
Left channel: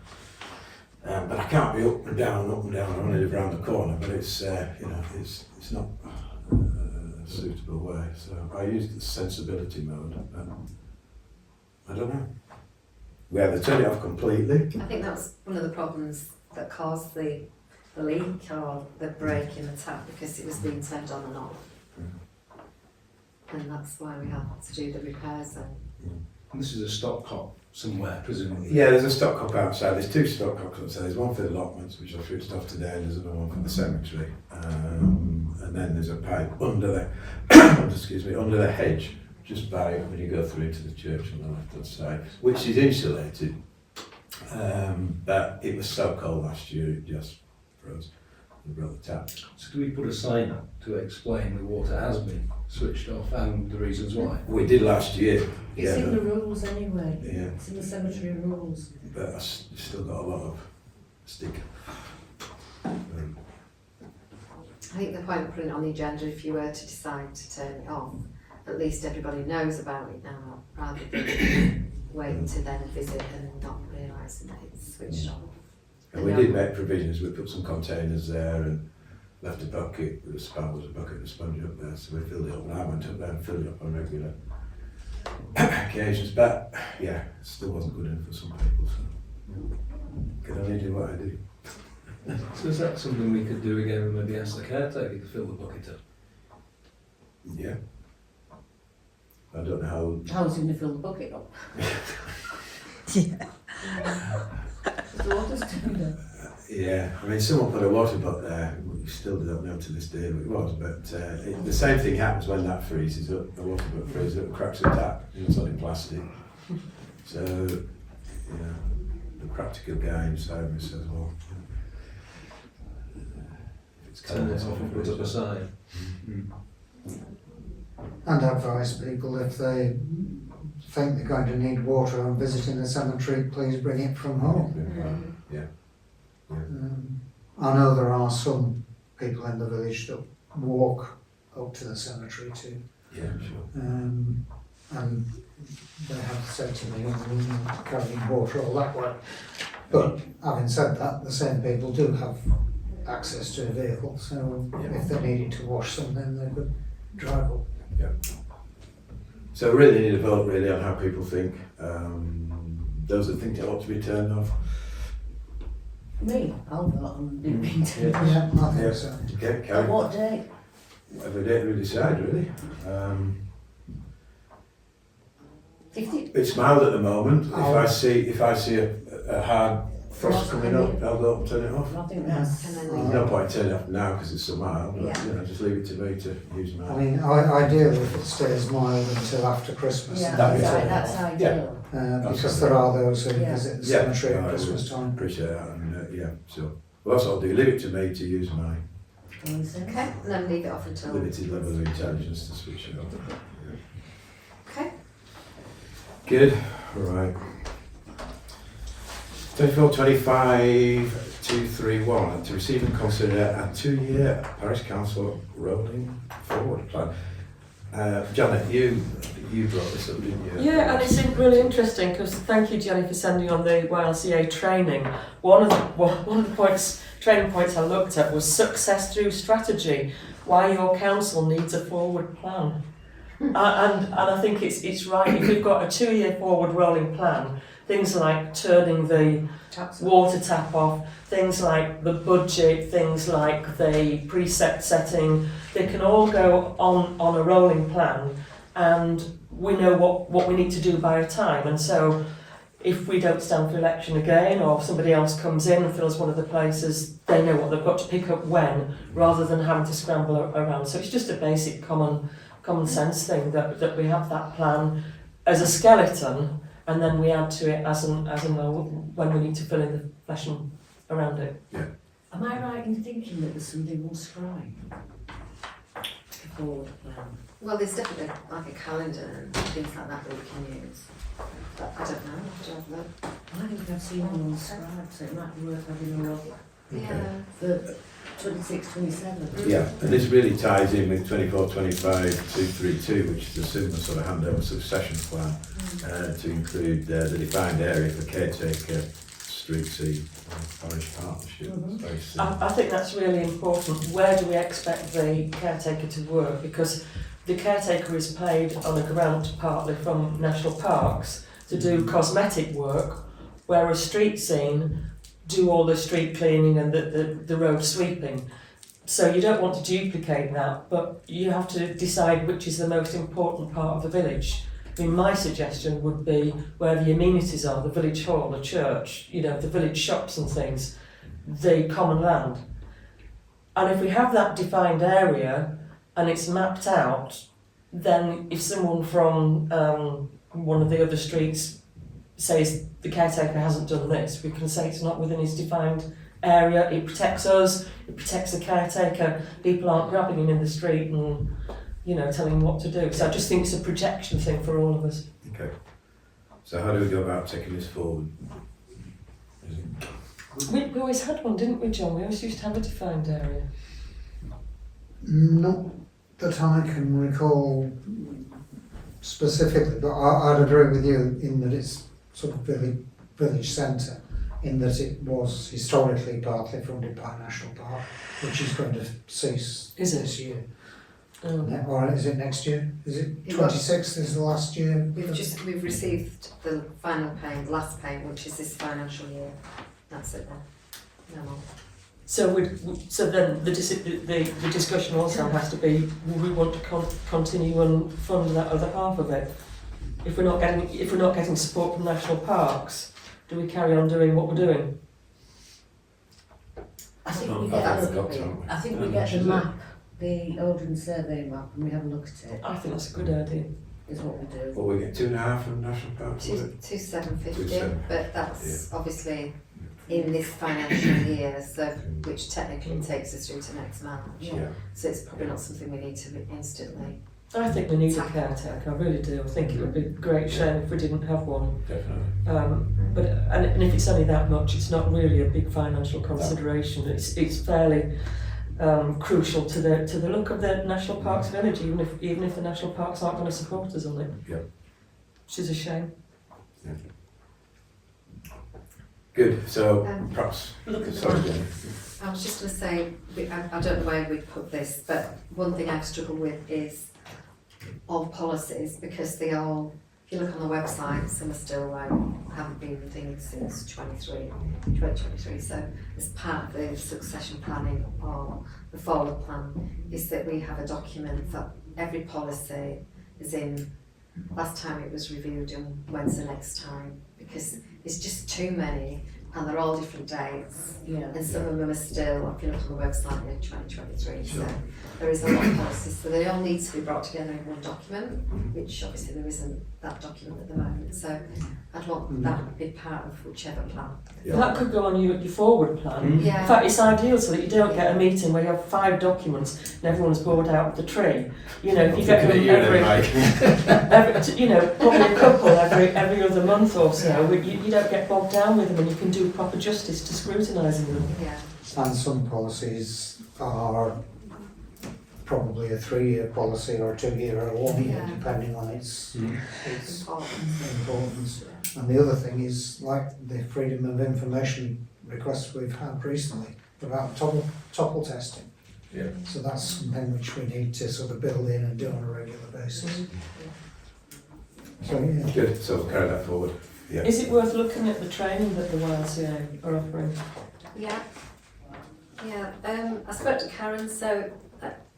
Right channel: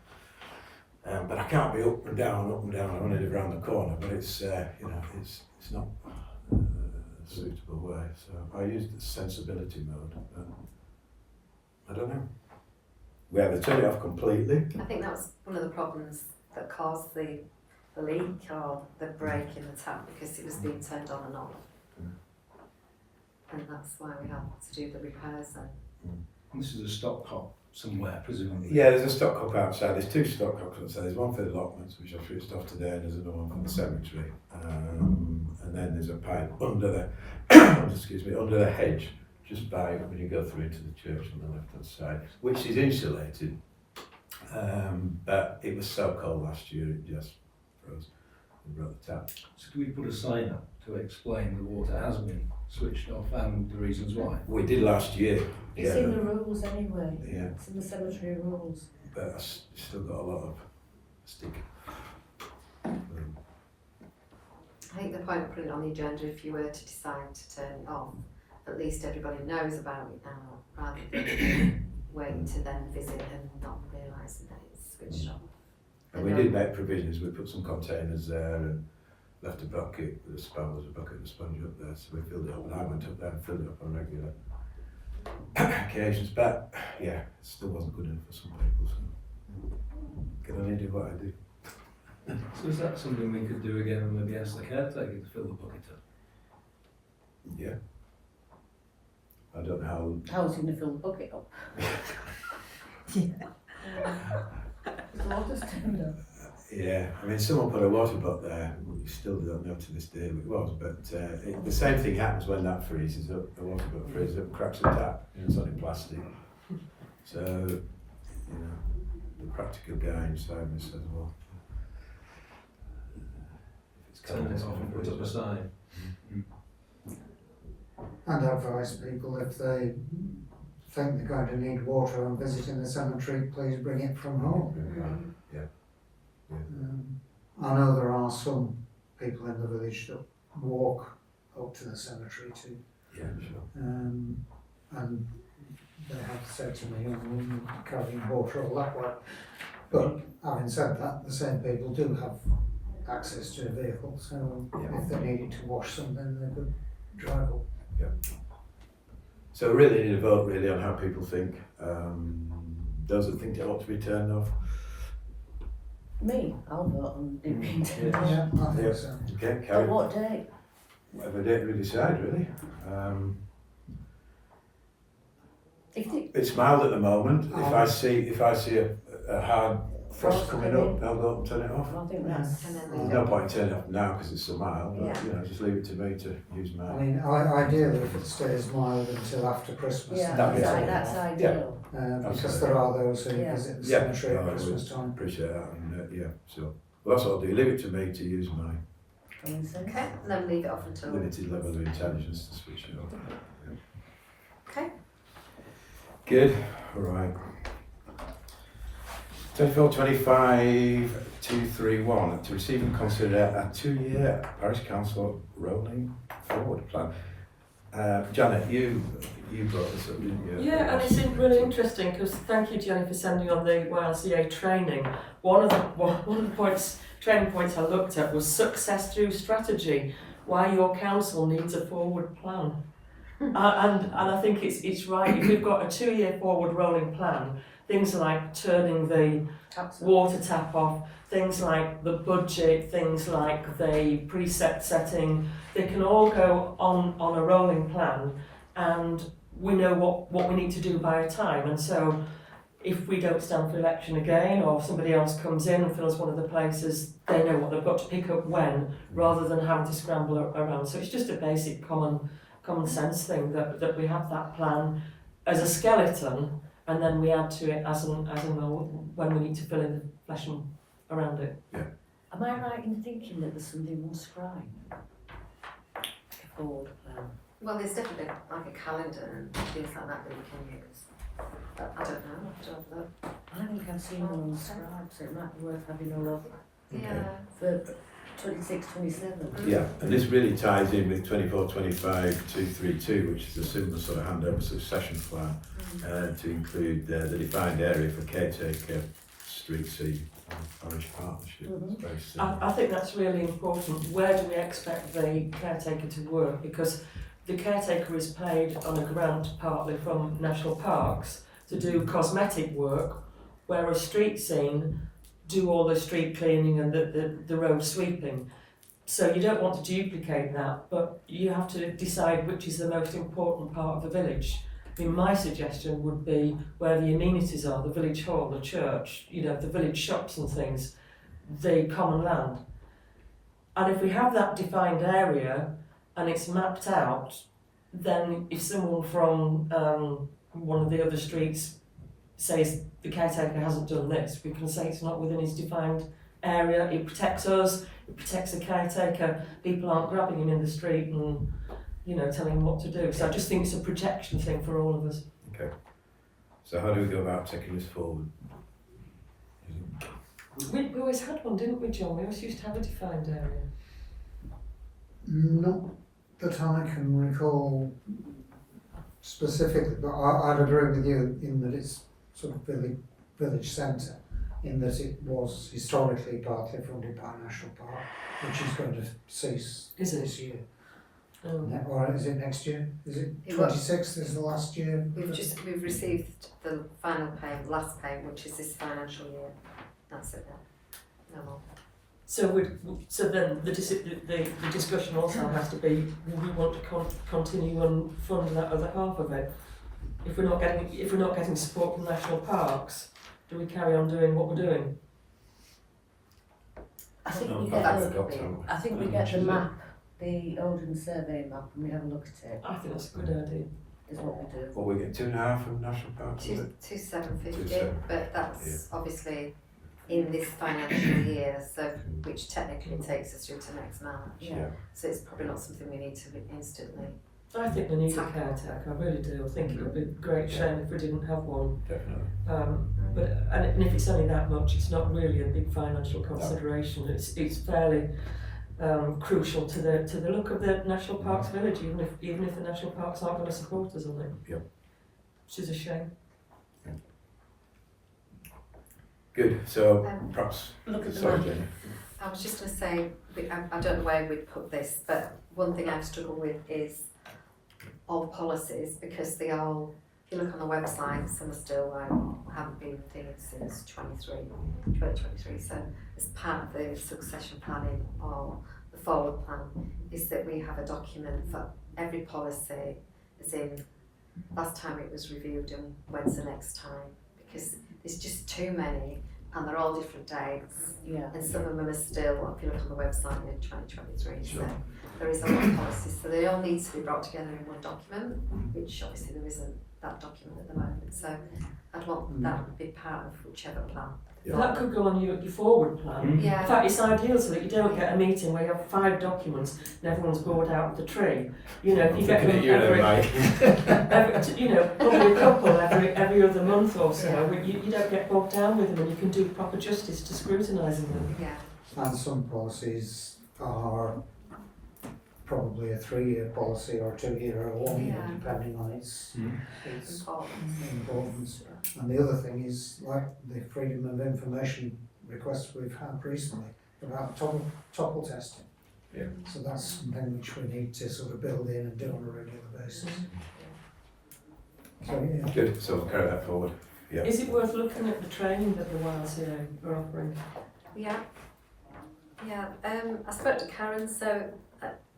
But I can't be up and down, I only live around the corner, but it's, it's not a suitable way. So I used the sensibility mode. I don't know. We either turn it off completely. I think that was one of the problems that caused the leak or the break in the tap, because it was being turned on and off. And that's why we had to do the repairs then. And this is a stopcock somewhere, presumably. Yeah, there's a stopcock outside. There's 2 stopcocks outside. There's one for the allotments, which I switched off today, and there's another one for the cemetery. And then there's a pipe under the under the hedge, just by when you go through into the church on the left hand side, which is insulated. But it was so cold last year, it just froze. we broke the tap. So do we put a sign up to explain the water has been switched off and the reasons why? We did last year. It's in the rules anyway. Yeah, It's in the cemetery rules. but still got a lot of stick. I think the point of putting it on the agenda, if you were to decide to turn it off, at least everybody knows about it now, rather than wait to then visit and not realising that it's switched off. And we did make provisions, we put some containers there and left a bucket, there was a bucket of sponge up there, so we filled it up, and I went up there and filled it up on regular occasions, but yeah, it still wasn't good enough for some people, so can only do what I do. So is that something we could do again and maybe ask the caretaker to fill the bucket up? Yeah. I don't know How was he going to fill the bucket up? The water's turned up. yeah, I mean, someone put a water butt there, we still don't know to this day who it was, but the same thing happens when that freezes up, the water butt freezes up, cracks the tap, it's only plastic. So, yeah, the practical guy inside me says, well, if it's Turn it off and put up a sign. And advise people if they think they're going to need water on visiting the cemetery, please bring it from home. Yeah. I know there are some people in the village that walk up to the cemetery too. Yeah, sure. And they have said to me, carrying water all that way. But having said that, the same people do have access to a vehicle, so if they needed to wash something, they could drive up. Yeah. So we really need a vote really on how people think. Those that think it ought to be turned off. Me, I'll vote on it being turned off. Yeah, I think Yeah. so. Okay, At carry. what date? Whatever date we decide really. It's mild at the moment. If I see a hard frost coming up, I'll go up and turn it off. I think that's. And then There's leave no it. point turning it off now because it's so mild, but Yeah. you know, just leave it to me to use I mine. mean, ideally if it stays mild until after Christmas. Yeah, That'd be that's fine. ideal. Because there are those who Yeah. visit the Yeah. cemetery at No, I Christmas time. Appreciate that, and yeah, so. Well, that's what I'll do, leave it to me to use my Common sense. Okay, and then leave it off until. limited level of intelligence to switch it off. Okay. Good, right. 24-25-231, to receive and consider a 2-year parish council rolling forward plan. Janet, you brought this up, didn't you? Yeah, and it's really interesting because thank you, Jenny, for sending on the YLCA training. One of the training points I looked at was success through strategy, why your council needs a forward plan. And I think it's right, if we've got a 2-year forward rolling plan, things like turning the water tap off, things like the budget, things like the precept setting, they can all go on a rolling plan, and we know what we need to do by a time. And so if we don't stand for election again, or somebody else comes in and fills one of the places, they know what they've got to pick up when, rather than having to scramble around. So it's just a basic common sense thing that we have that plan as a skeleton, and then we add to it as and when we need to fill in the flesh and around it. Am I right in thinking that there's something on Scribe? A board plan. Well, there's definitely like a calendar and things like that that we can use. But I don't know, I have to have a look. I think I've seen one on Scribe, so it might be worth having a look Okay. Yeah. for 26, 27. Yeah, and this really ties in with 24-25-232, which is a similar sort of handover succession plan, to include the defined area for caretaker, street C, parish partnership. Mhm. Very similar. I think that's really important. Where do we expect the caretaker to work? Because the caretaker is paid on a grant partly from national parks to do cosmetic work, whereas street scene do all the street cleaning and the road sweeping. So you don't want to duplicate that, but you have to decide which is the most important part of the village. I mean, my suggestion would be where the amenities are, the village hall, the church, the village shops and things, the common land. And if we have that defined area and it's mapped out, then if someone from one of the other streets says the caretaker hasn't done this, we can say it's not within his defined area, it protects us, it protects the caretaker, people aren't grabbing him in the street and, you know, telling him what to do. So I just think it's a protection thing for all of us. Okay. So how do we go about taking this forward? We always had one, didn't we, John? We always used to have a defined area. Not that I can recall specifically, but I'd agree with you in that it's sort of village centre, in that it was historically partly funded by National Park, which is going to cease Is it? this year. Um, Or is it next year? Is it It 26th is the last year? We've received the final payment, last payment, which is this financial year. That's it then. No more. so then the discussion also has to be: will we want to continue and fund that other half of it? If we're not getting support from national parks, do we carry on doing what we're doing? I think No, we I get, think we've got to, haven't we? I think we How get much the is it? map, the ordnance survey map, and we have a look at it, I think that's a good idea. is what we do. What we get 2.5 from National Parks, was it? 2,750, 2,750, but that's obviously in this financial year, so which technically takes us through to next March. Yeah. So it's probably not something we need to instantly. I think we need a caretaker. I really do. I think it would be a great shame if we didn't have one. Definitely. But and if it's only that much, it's not really a big financial consideration. It's fairly crucial to the look of the National Parks Village, even if the National Parks aren't going to support us on it. Yep. Which is a shame. Good, so Um, perhaps, Look at the sorry map. Jenny. I was just going to say, I don't know where we'd put this, but one thing I've struggled with is all policies, because they all, if you look on the website, some are still haven't been things since 2023. So as part of the succession planning or the forward plan, is that we have a document for every policy, as in last time it was reviewed and when's the next time, because there's just too many and they're all different dates. Yeah. And some of them are still, if you look on the website, in 2023, Sure. so there is a lot of policies, so they all need to be brought together in one document, which obviously there isn't that document at the moment, so I'd want that to be part of whichever plan. Yeah. That could go on your forward plan. Mm. Yeah. In fact, it's ideal so that you don't get a meeting where you have 5 documents and everyone's bored out of the tree. You know, if you get them Looking at you then, Mike. you know, probably a couple every other month or so, you don't get bogged down with them and you can do proper justice to scrutinising them. Yeah, And some policies are probably a 3-year policy or a 2-year or a 1-year, Yeah. depending on its important. importance. And the other thing is, like the freedom of information requests we've had recently about topple testing. Yeah. So that's something which we need to sort of build in and do on a regular basis. So yeah. Good, so carry that forward. Yeah. Is it worth looking at the training that the YLCA are offering? Yeah, yeah, I spoke to Karen, so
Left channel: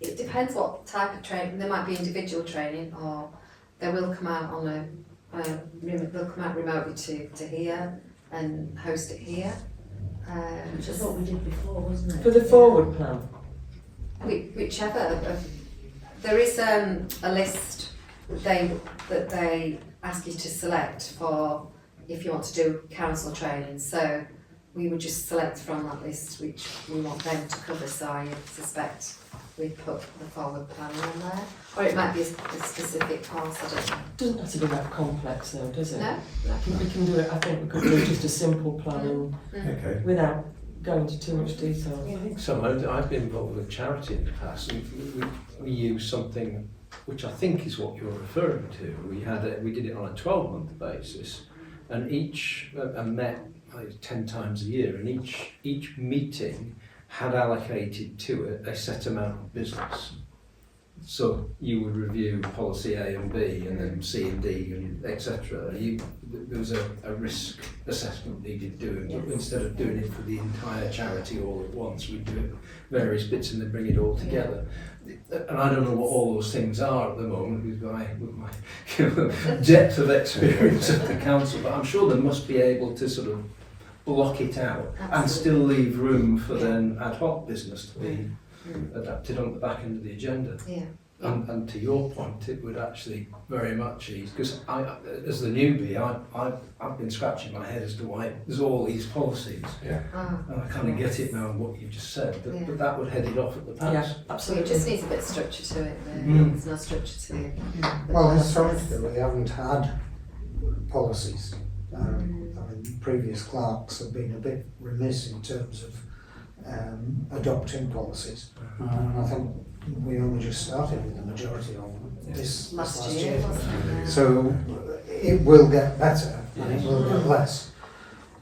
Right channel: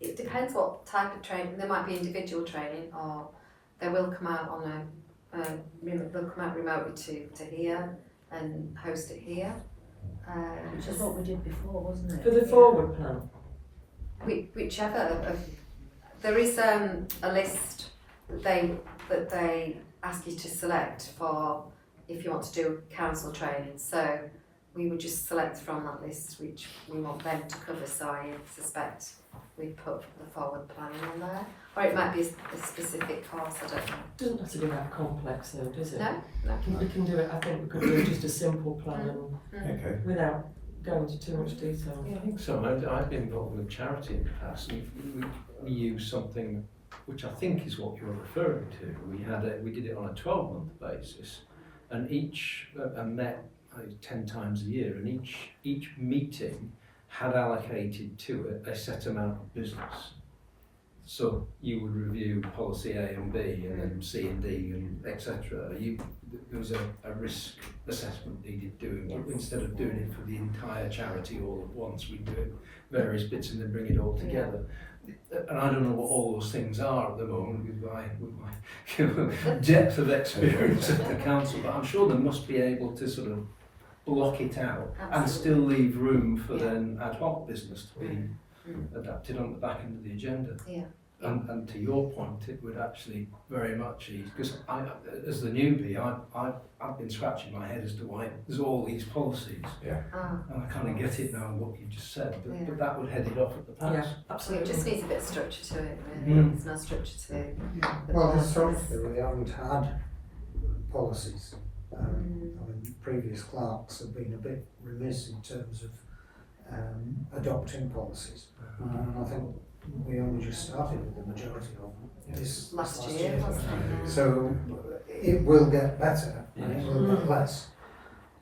it depends what type of training, there might be individual training, or they will come out on they'll come out remotely to here and host it here. Which I thought we did before, wasn't it? For the forward plan? Whichever, there is a list that they ask you to select for if you want to do council training, so we would just select from that list which we want them to cover, so I suspect we'd put the forward plan on there, or it might be a specific course, I don't know. Doesn't have to be that complex though, does it? No? We can do it, I think we could do just a simple plan Okay. without going into too much detail. I think so. I've been involved with a charity in the past, and we use something which I think is what you're referring to. We did it on a 12-month basis, and each met 10 times a year, and each meeting had allocated to it a set amount of business. So you would review policy A and B, and then C and D, and etc. There was a risk assessment needed doing, but instead of doing it for the entire charity all at once, we'd do it various bits and then bring it all together. And I don't know what all those things are at the moment with my depth of experience at the council, but I'm sure they must be able to sort of block it out and still leave room for then ad hoc business to be adapted on the back end of the agenda. Yeah. And to your point, it would actually very much ease, because I, as the newbie, I've been scratching my head as to why there's all these policies. Yeah. Oh, And I kind of get it now, what you've just said, but, Yeah. but that would head it off at the pass. Yeah, so it absolutely. just needs a bit of structure to it, really. Mm. There's no structure to the Well, policies. historically, we haven't had policies. I mean, previous clerks have been a bit remiss in terms of adopting policies. And I think we only just started with the majority of them this Last last year, year. wasn't it? So it will get better and it will get less.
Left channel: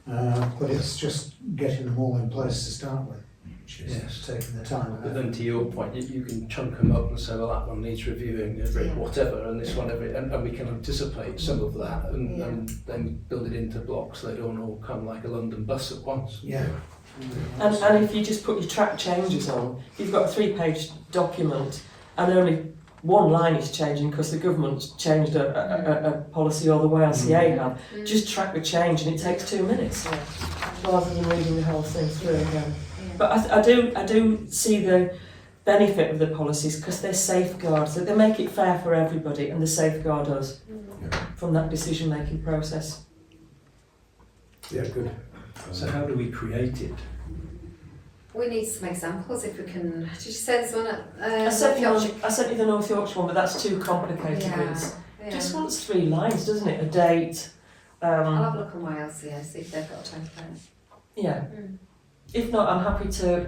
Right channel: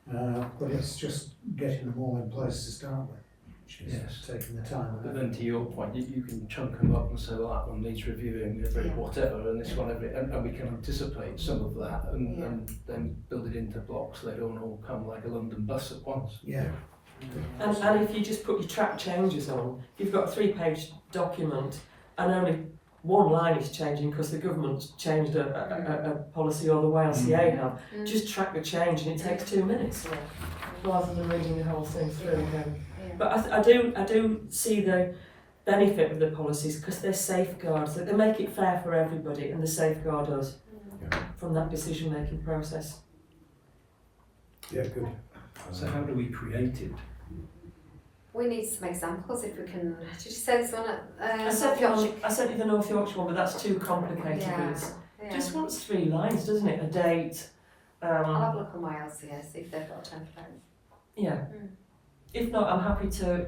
But it's just getting them all in place to start with, which is Yes. taking the time. But then to your point, you can chunk them up and say, well, that one needs reviewing every Yeah. whatever, and this one every, and we can anticipate some of that and, Yeah. and then build it into blocks. They don't all come like a London bus at once. Yeah. And if you just put your track changes on, if you've got a 3-page document and only one line is changing because the government's changed a policy or the YLCA have, Mm. just track the change and it takes 2 minutes rather than reading the whole thing through again. Yeah. But I do see the benefit of the policies because they're safeguards, that they make it fair for everybody and they safeguard us from that decision making process. Yeah, good. So how do we create it? We need some examples if we can. Did you say this one at I sent North Yorkshire? you the North Yorkshire one, but that's too complicated. Yeah, Really. yeah. Just wants 3 lines, doesn't it? A date. I'll have a look on YLCA, see if they've got a template. Yeah. If not, I'm happy to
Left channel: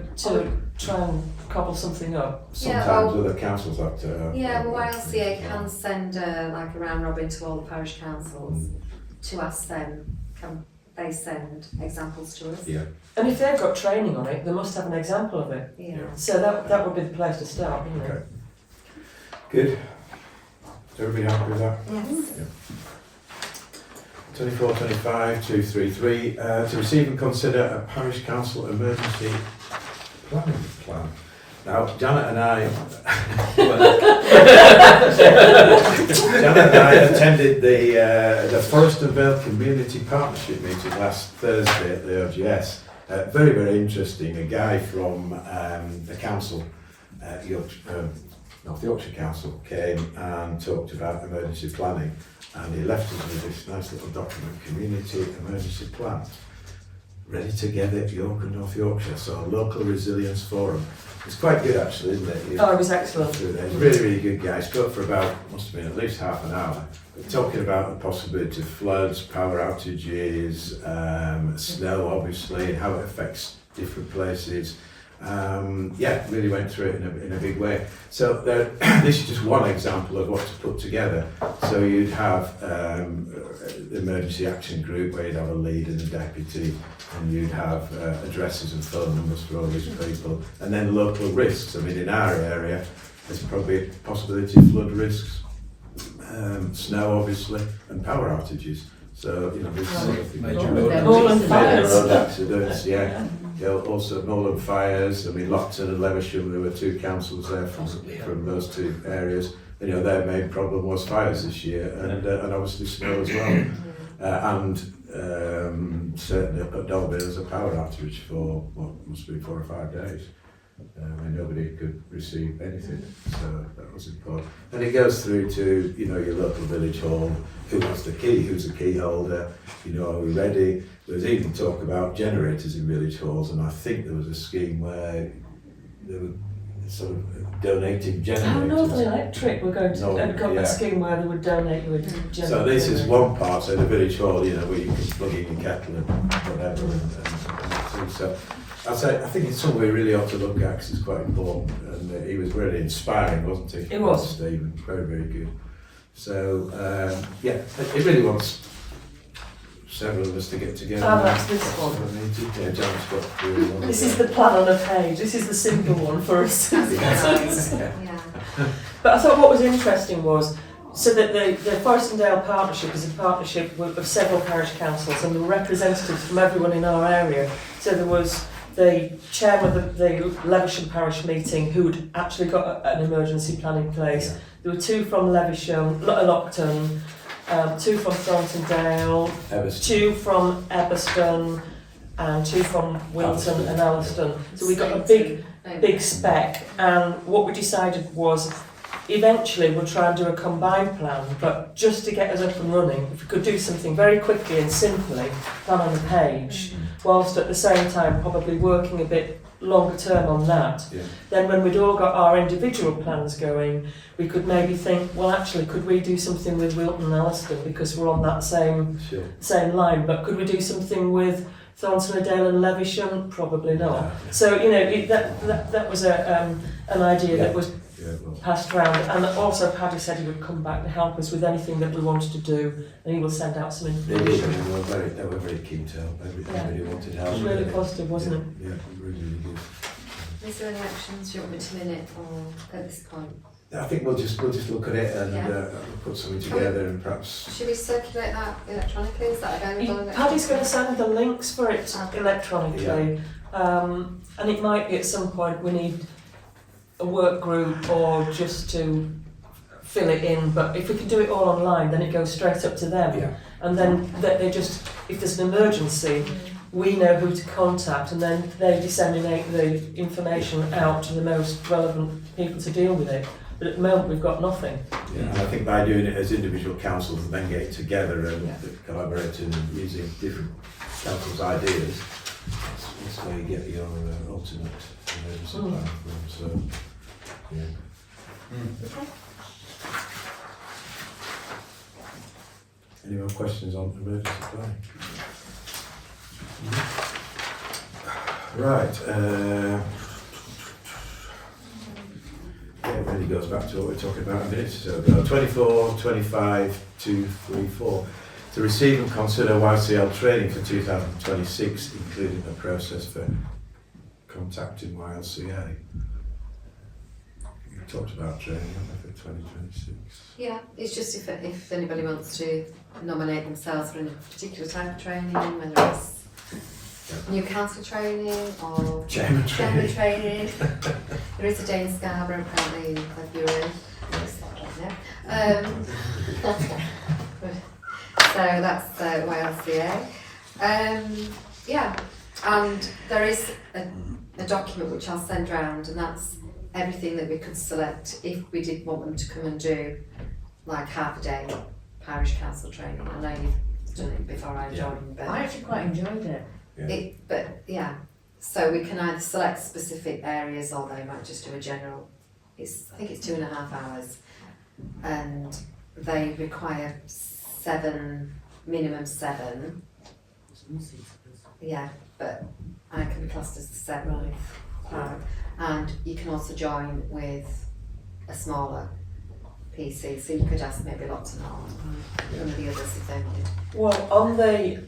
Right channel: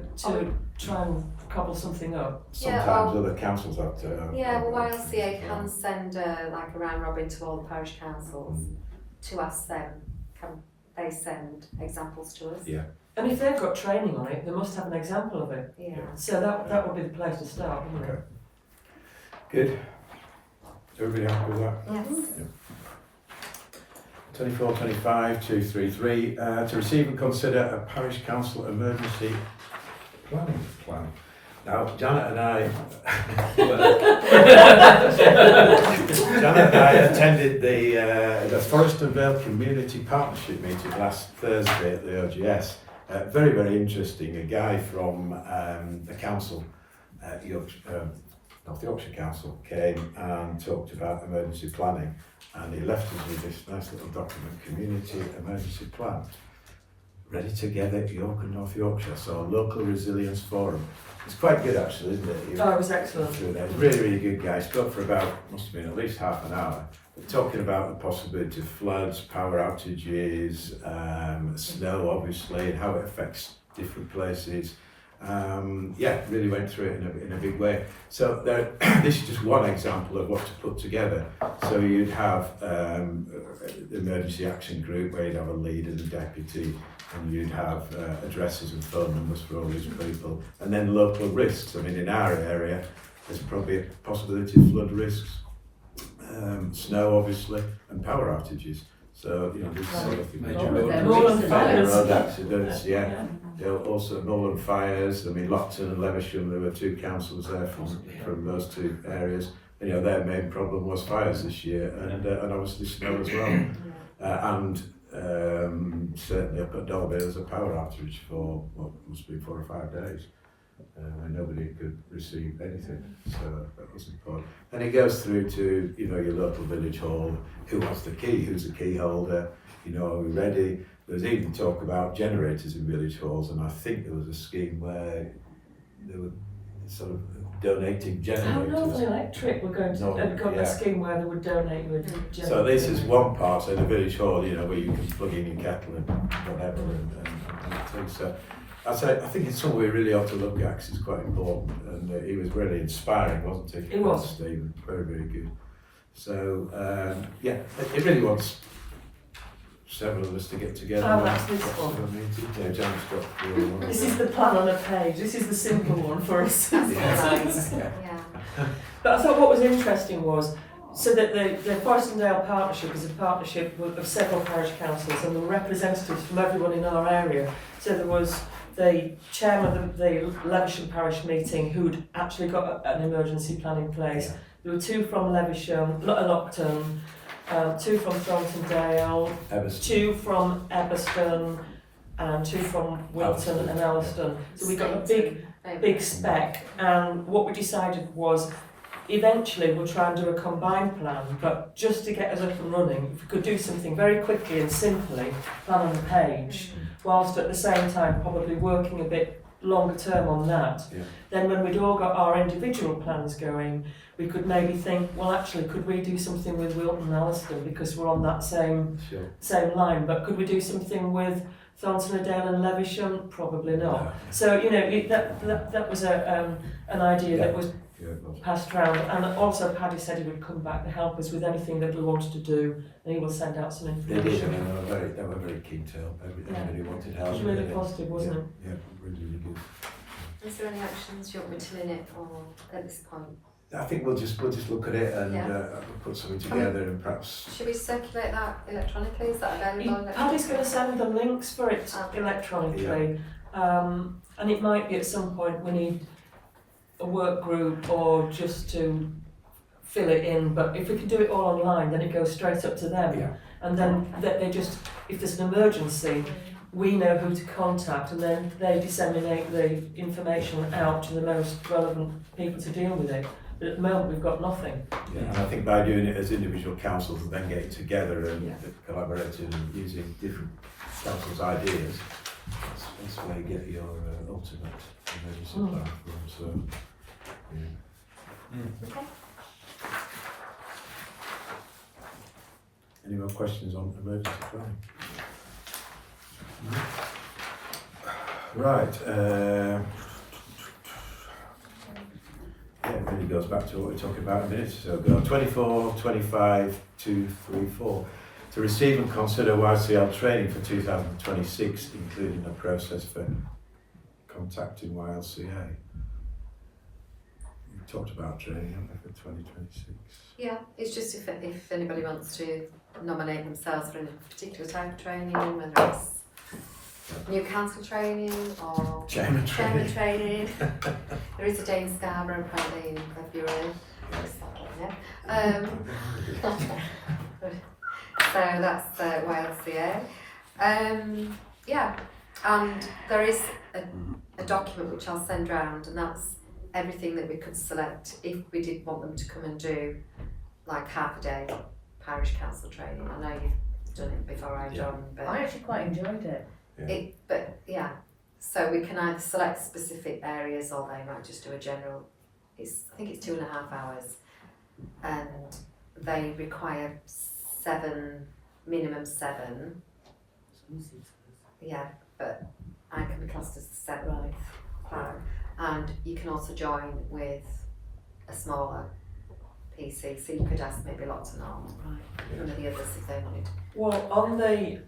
try and cobble something up. Sometimes Yeah, well- other councils have to. Yeah, well, YLCA can send like a round robin to all the parish councils to ask them, can they send examples to us? Yeah. And if they've got training on it, they must have an example of it. Yeah. So that would be the place to start, wouldn't it? Okay. Good. Is everybody happy with that? Yes. 24-25-233, to receive and consider a parish council emergency planning plan. Now, Janet and I attended the Forest and Vale Community Partnership meeting last Thursday at the OGS. Very, very interesting. A guy from the council, North Yorkshire Council, came and talked about emergency planning, and he left us with this nice little document, Community Emergency Plan, ready to get at York and North Yorkshire, so Local Resilience Forum. It's quite good actually, isn't it? Oh, it was excellent. He's a really, really good guy. He spoke for about, must have been at least half an hour, but talking about the possibility of floods, power outages, snow obviously, and how it affects different places. Really went through it in a big way. So this is just one example of what to put together. So you'd have the emergency action group where you'd have a lead and a deputy, and you'd have addresses and phone numbers for all these people, and then local risks. I mean, in our area, there's probably a possibility of flood risks, snow obviously, and power outages. So, you know, there's sort of Major road Moorland major fires. road accidents, yeah. Also Moorland fires. I mean, Lockton and Lewisham, there were 2 councils there from those 2 areas. And, you know, their main problem was fires this year, and obviously snow as well. Certainly up at Dolby there was a power outage for what must be 4 or 5 days, when nobody could receive anything. So that was important. And it goes through to, you know, your local village hall. Who wants the key? Who's the key holder? You know, are we ready? There was even talk about generators in village halls, and I think there was a scheme where they were sort of donating generators. Oh, Northern Electric were going to Northern, got yeah. a scheme where they would donate you a generator. So this is one part, so the village hall, you know, where you can plug in your kettle and whatever and things. So I think it's something we really ought to look at because it's quite important, and he was really inspiring, wasn't he? He was. Stephen, very, very good. So, it really wants several of us to get together. Oh, now. that's this one. Yeah, John's got really one. This is the plan on a page. This is the simple one for us. Yeah. But I thought what was interesting was, so that the Forest and Dale Partnership is a partnership of several parish councils, and there were representatives from everyone in our area. So there was the chairman of the Lewisham Parish meeting who'd actually got an emergency plan in place. Yeah. There were 2 from Lewisham, Lockton, 2 from Thornton Dale, Everston. 2 from Eberston, and 2 from Wilton Alliston. and Alliston. So we got a big spec, and what we decided was eventually we'll try and do a combined plan, but just to get us up and running, if we could do something very quickly and simply, plan on the page, whilst at the same time probably working a bit longer term on that, Yeah. then when we'd all got our individual plans going, we could maybe think, well actually could we do something with Wilton and Alliston because we're on that same line, but could we do something with Thornton, Dale and Levisham? Probably not. Yeah. So, you know, that was an idea that was Yeah, well, passed round, and also Paddy said he would come back to help us with anything that we wanted to do, and he will send out some they did, information. and they were very keen to help. Everybody wanted help. It was really positive, wasn't it? Yeah, really good. Is there any actions you want me to minute or at this point? I think we'll just look at it and Yeah. put something together and perhaps. Should we circulate that electronically? Is that available? Paddy's going to send the links for it Okay. electronically, and it might be at some point we need a work group or just to fill it in, but if we can do it all online then it goes straight up to them, Yeah. and then they just, if there's an emergency, we know who to contact, and then they disseminate the information out to the most relevant people to deal with it. But at the moment we've got nothing. Yeah, and I think by doing it as individual councils and then getting together and collaborating and using different councils' ideas, that's where you get your ultimate emergency plan from. So, yeah. Okay. Any more questions on emergency planning? Right. Yeah, it really goes back to what we were talking about a minute or so ago. 24, 25, 234. To receive and consider YCL training for 2026, including a process for contacting YLCA. We talked about training, haven't we, for 2026? Yeah, it's just if anybody wants to nominate themselves for a particular type of training, whether it's new council training or Chairman training. training. There is a day in Scarborough apparently in February. So that's YLCA. Yeah, and there is a document which I'll send round, and that's everything that we could select if we did want them to come and do like half a day parish council training. I know you've done it before I joined, but I actually quite enjoyed it. so we can either select specific areas or they might just do a general. I think it's 2.5 hours, and they require minimum seven. Yeah, but I can be classed as the seventh. And you can also join with a smaller PC, so you could ask maybe lots and one of the others if they wanted. Well, on the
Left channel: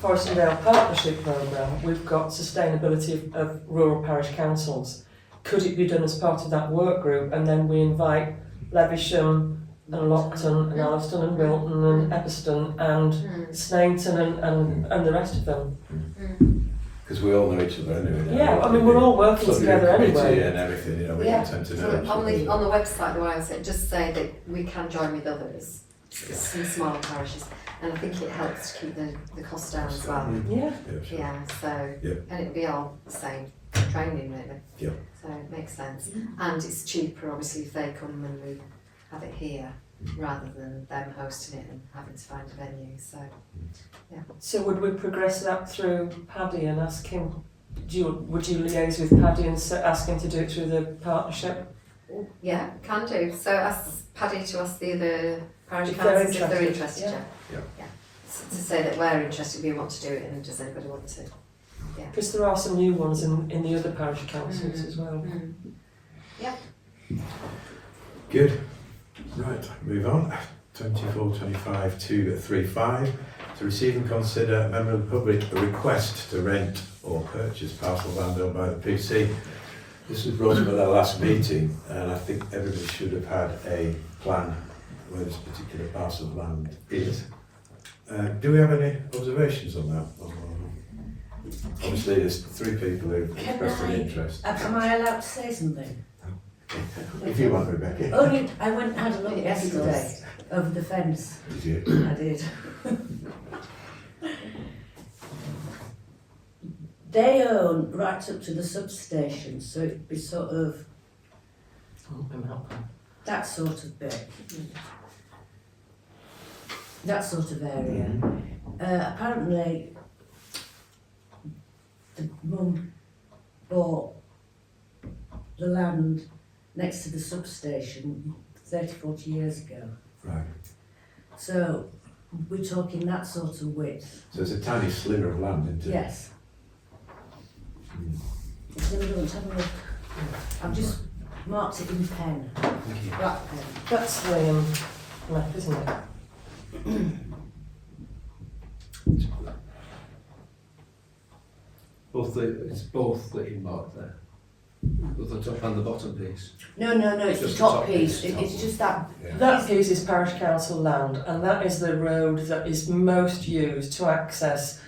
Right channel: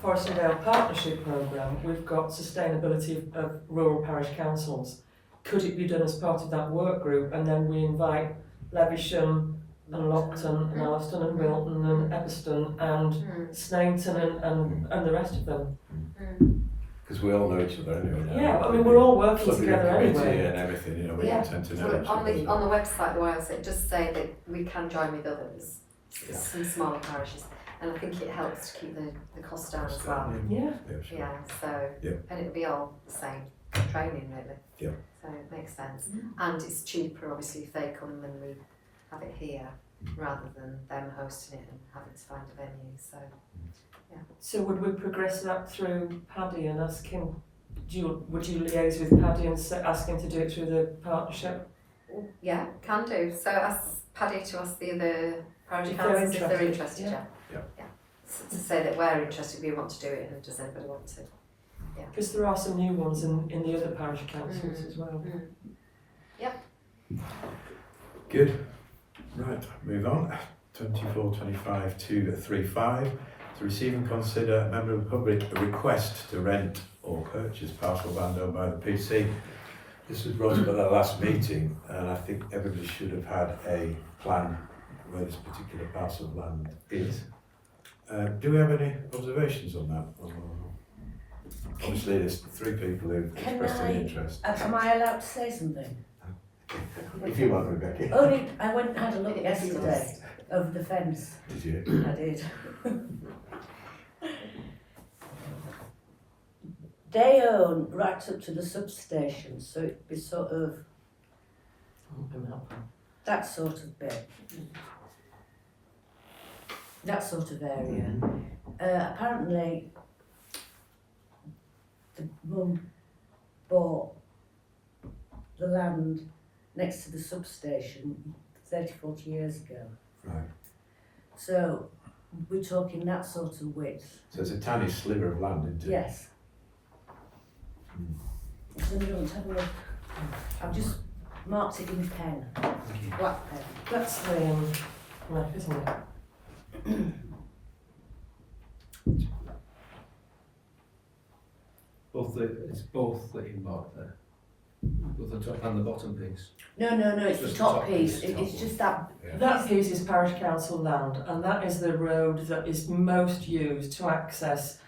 Forest and Dale Partnership Programme, we've got sustainability of rural parish councils. Could it be done as part of that work group, and then we invite Levisham and Lockton and Alliston and Wilton and Epperstone and Sneinton and the rest of them? Because we all know each other anyway. Yeah, I mean we're all working together anyway. And everything, you know, we tend to know each on other. the website, the way I said, just say that we can join with others, some smaller parishes, and I think it helps to keep the cost down as well. Yeah. Sure. Yeah, so, and it'll be all the same training really. Yeah. So it makes sense. And it's cheaper obviously if they come and then we have it here rather than them hosting it and having to find a venue, so. So would we progress that through Paddy and ask him, would you liaise with Paddy and ask him to do it through the partnership? Yeah, can do. So ask Paddy to ask the other parish If they're councils if they're interested, interested. yeah. So to say that we're interested, we want to do it, and does anybody want to? Because there are some new ones in the other parish councils as well. Good. Right, move on. 24, 25, 235. To receive and consider a member of the public a request to rent or purchase parcel land owned by the PC. This was brought up at our last meeting, and I think everybody should have had a plan where this particular parcel of land is. Do we have any observations on that? Obviously, there's 3 people who expressed an interest. Am I allowed to say something? If you want, Rebecca. Only, I went and had a look yesterday over the fence. Did you? I did. They own right up to the substation, so it'd be sort of That sort of bit. That sort of area. Apparently, the mum bought the land next to the substation 30, 40 years ago. Right. So we're talking that sort of width. So it's a tiny sliver of land, isn't it? Yes. Mm. Does anyone want to have a look? I've just marked it in pen, Thank you. black pen. That's the map, isn't it? It's both that you marked there. Both the top and the bottom piece. No, it's Just the top piece. piece, It's just that. Yeah. That piece is parish council land, and that is the road that is most used to access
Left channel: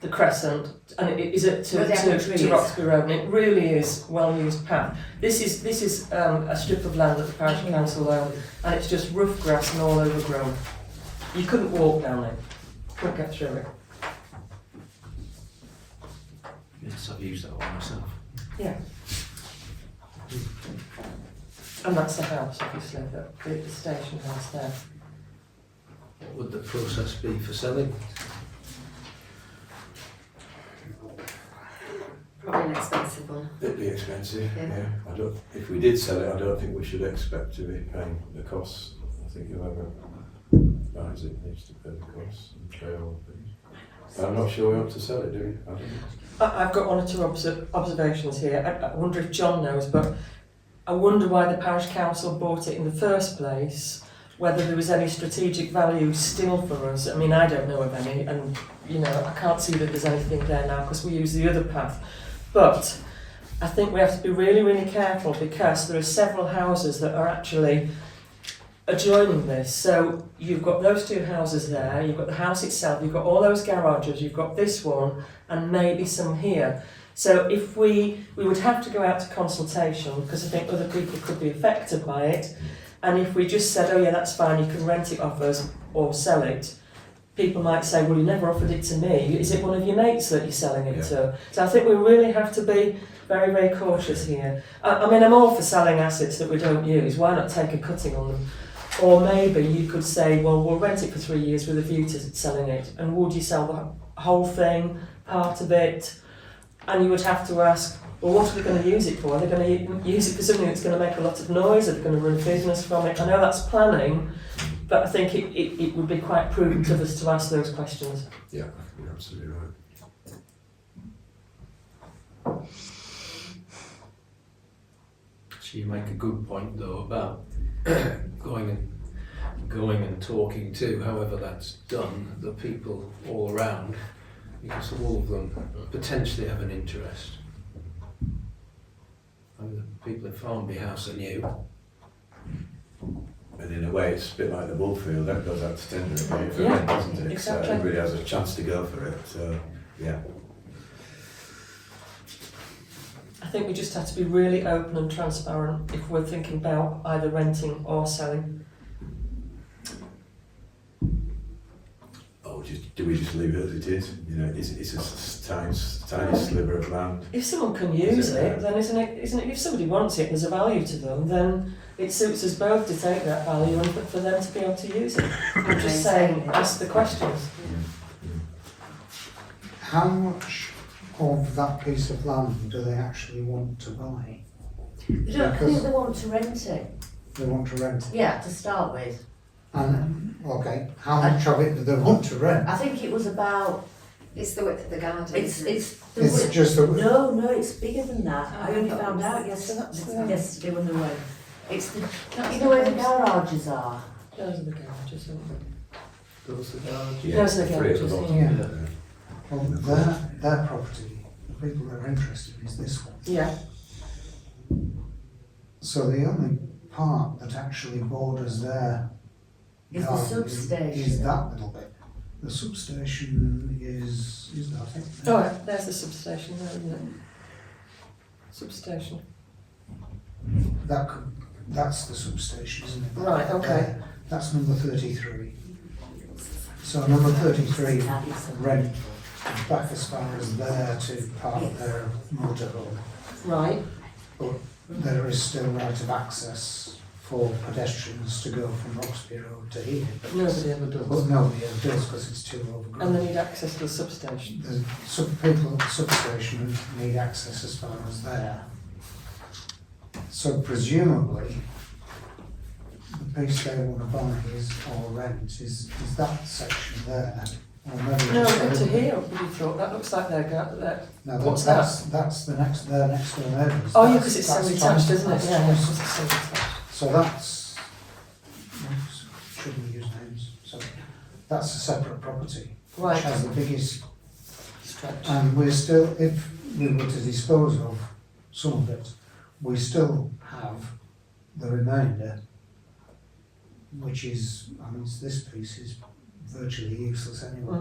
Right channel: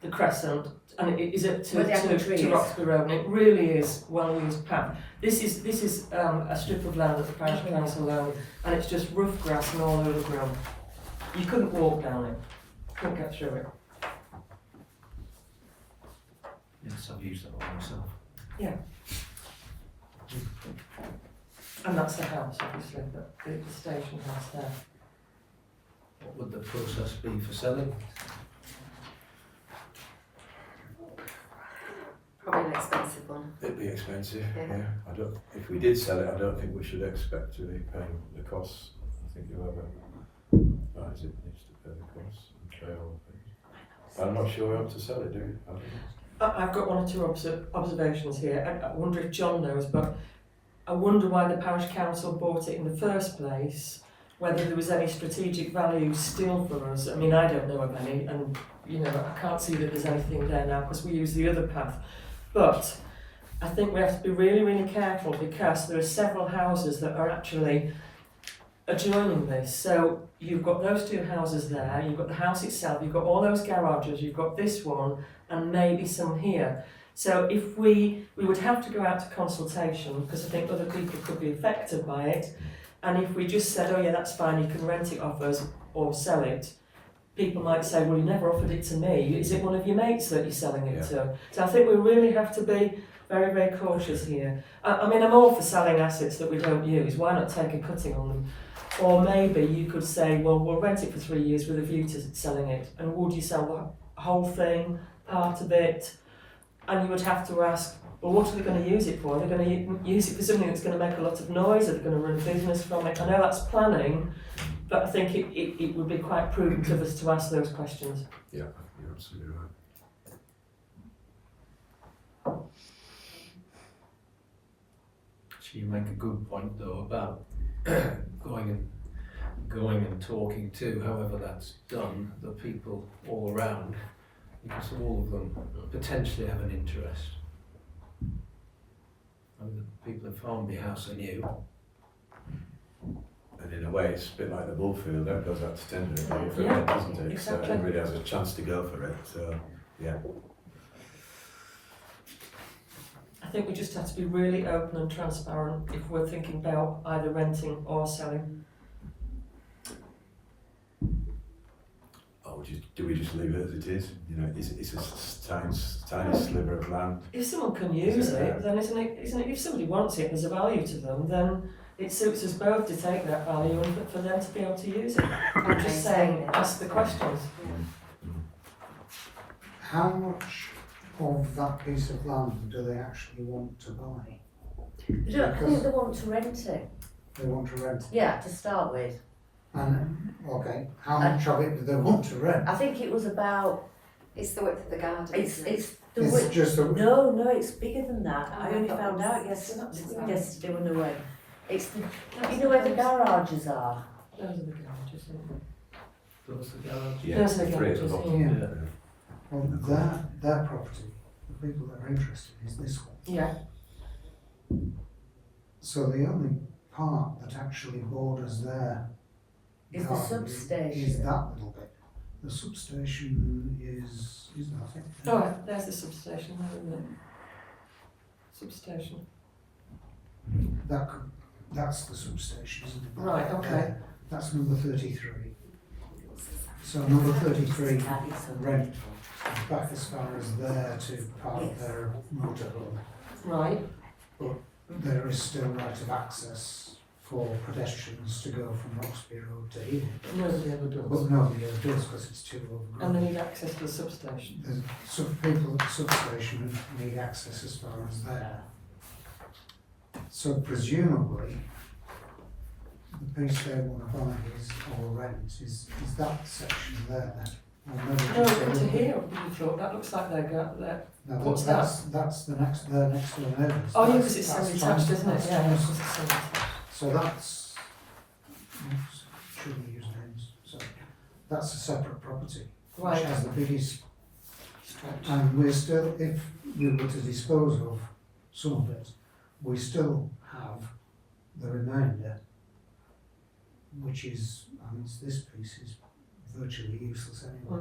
the Crescent, and it is it Where the apple tree to is. Roxby Road, and it really is well used path. This is a strip of land that the parish council own, and it's just rough grass and all overgrown. You couldn't walk down it, couldn't get through it. Yes, I've used that one myself. Yeah. And that's the house, obviously, the station house there. What would the process be for selling? Probably an expensive one. It'd be expensive, Yeah. yeah. If we did sell it, I don't think we should expect to be paying the costs. I think whoever buys it needs to pay the costs and pay all the fees. I'm not sure we want to sell it, do we? I don't know. I've got one or two observations here. I wonder if John knows, but I wonder why the parish council bought it in the first place, whether there was any strategic value still for us. I mean, I don't know of any, and I can't see that there's anything there now because we use the other path. But I think we have to be really, really careful because there are several houses that are actually adjoining this. So you've got those two houses there, you've got the house itself, you've got all those garages, you've got this one, and maybe some here. So if we would have to go out to consultation because I think other people could be affected by it. And if we just said, oh yeah, that's fine, you can rent it off us or sell it, people might say, well, you never offered it to me. Is it one of your mates that you're selling it to? So I think we really have to be very, very cautious here. I mean, I'm all for selling assets that we don't use. Why not take a cutting on them? Or maybe you could say, well, we'll rent it for 3 years with a view to selling it. And would you sell the whole thing, part of it? And you would have to ask, well, what are they going to use it for? Are they going to use it for something that's going to make a lot of noise? Are they going to run a business from it? I know that's planning, but I think it would be quite prudent of us to ask those questions. Yeah, you're absolutely right. So you make a good point though about going and talking to, however that's done, the people all around, because all of them potentially have an interest. I mean, the people at Farnby House are new. And in a way, it's a bit like the Bullfield, that goes out to tender again for Yeah, rent, doesn't it? exactly. So everybody has a chance to go for it, so, yeah. I think we just have to be really open and transparent if we're thinking about either renting or selling. Or do we just leave it as it is? It's a tiny sliver of land. If someone can use Is it, it, then isn't it? If somebody wants it, there's a value to them, then it suits us both to take that value and for them to be able to use it. I'm just saying, ask the questions. How much of that piece of land do they actually want to buy? They don't think they want to rent it. They want to rent it. Yeah, to start with. And, okay, how much of it do they want to rent? I think it was about. It's the width of the garden. It's isn't it? it's the It's width. just the, No, it's bigger than that. Oh, I only I thought found it out was- yesterday when they went. It's the. You know where the garages are. Those are the garages, aren't they? Those are the garages. Yeah, Those are the three at the garages, bottom. yeah. Well, their property, the people that are interested is this one. Yeah. So the only part that actually borders their Is the garden substation. is that little bit. The substation is that, I think. Oh, there's the substation there, isn't it? Substation. That's the substation, isn't it? Right, okay. That's number 33. So number 33 rent back as far as there to park their motorhome. Right. there is still right of access for pedestrians to go from Roxby Road to here. But nobody ever But does. nobody ever does because it's too overgrown. And they need access to the substation. The people at the substation need access as far as there. So presumably, the piece they want to buy or rent is that section there. Or maybe No, just a into little bit- here, what you thought, that looks like their No, What's that's the next, their next door neighbours. oh yeah, That's- because it's that's semi-detached, Thornton, isn't it? that's Yeah, Thornton. because it's semi-detached. So that's, oops, shouldn't use names, so that's a separate property, which Right, has the biggest, stretch. and we're still, if we were to dispose of some of it, we still have the remainder, which is, I mean, this piece is virtually useless anyway.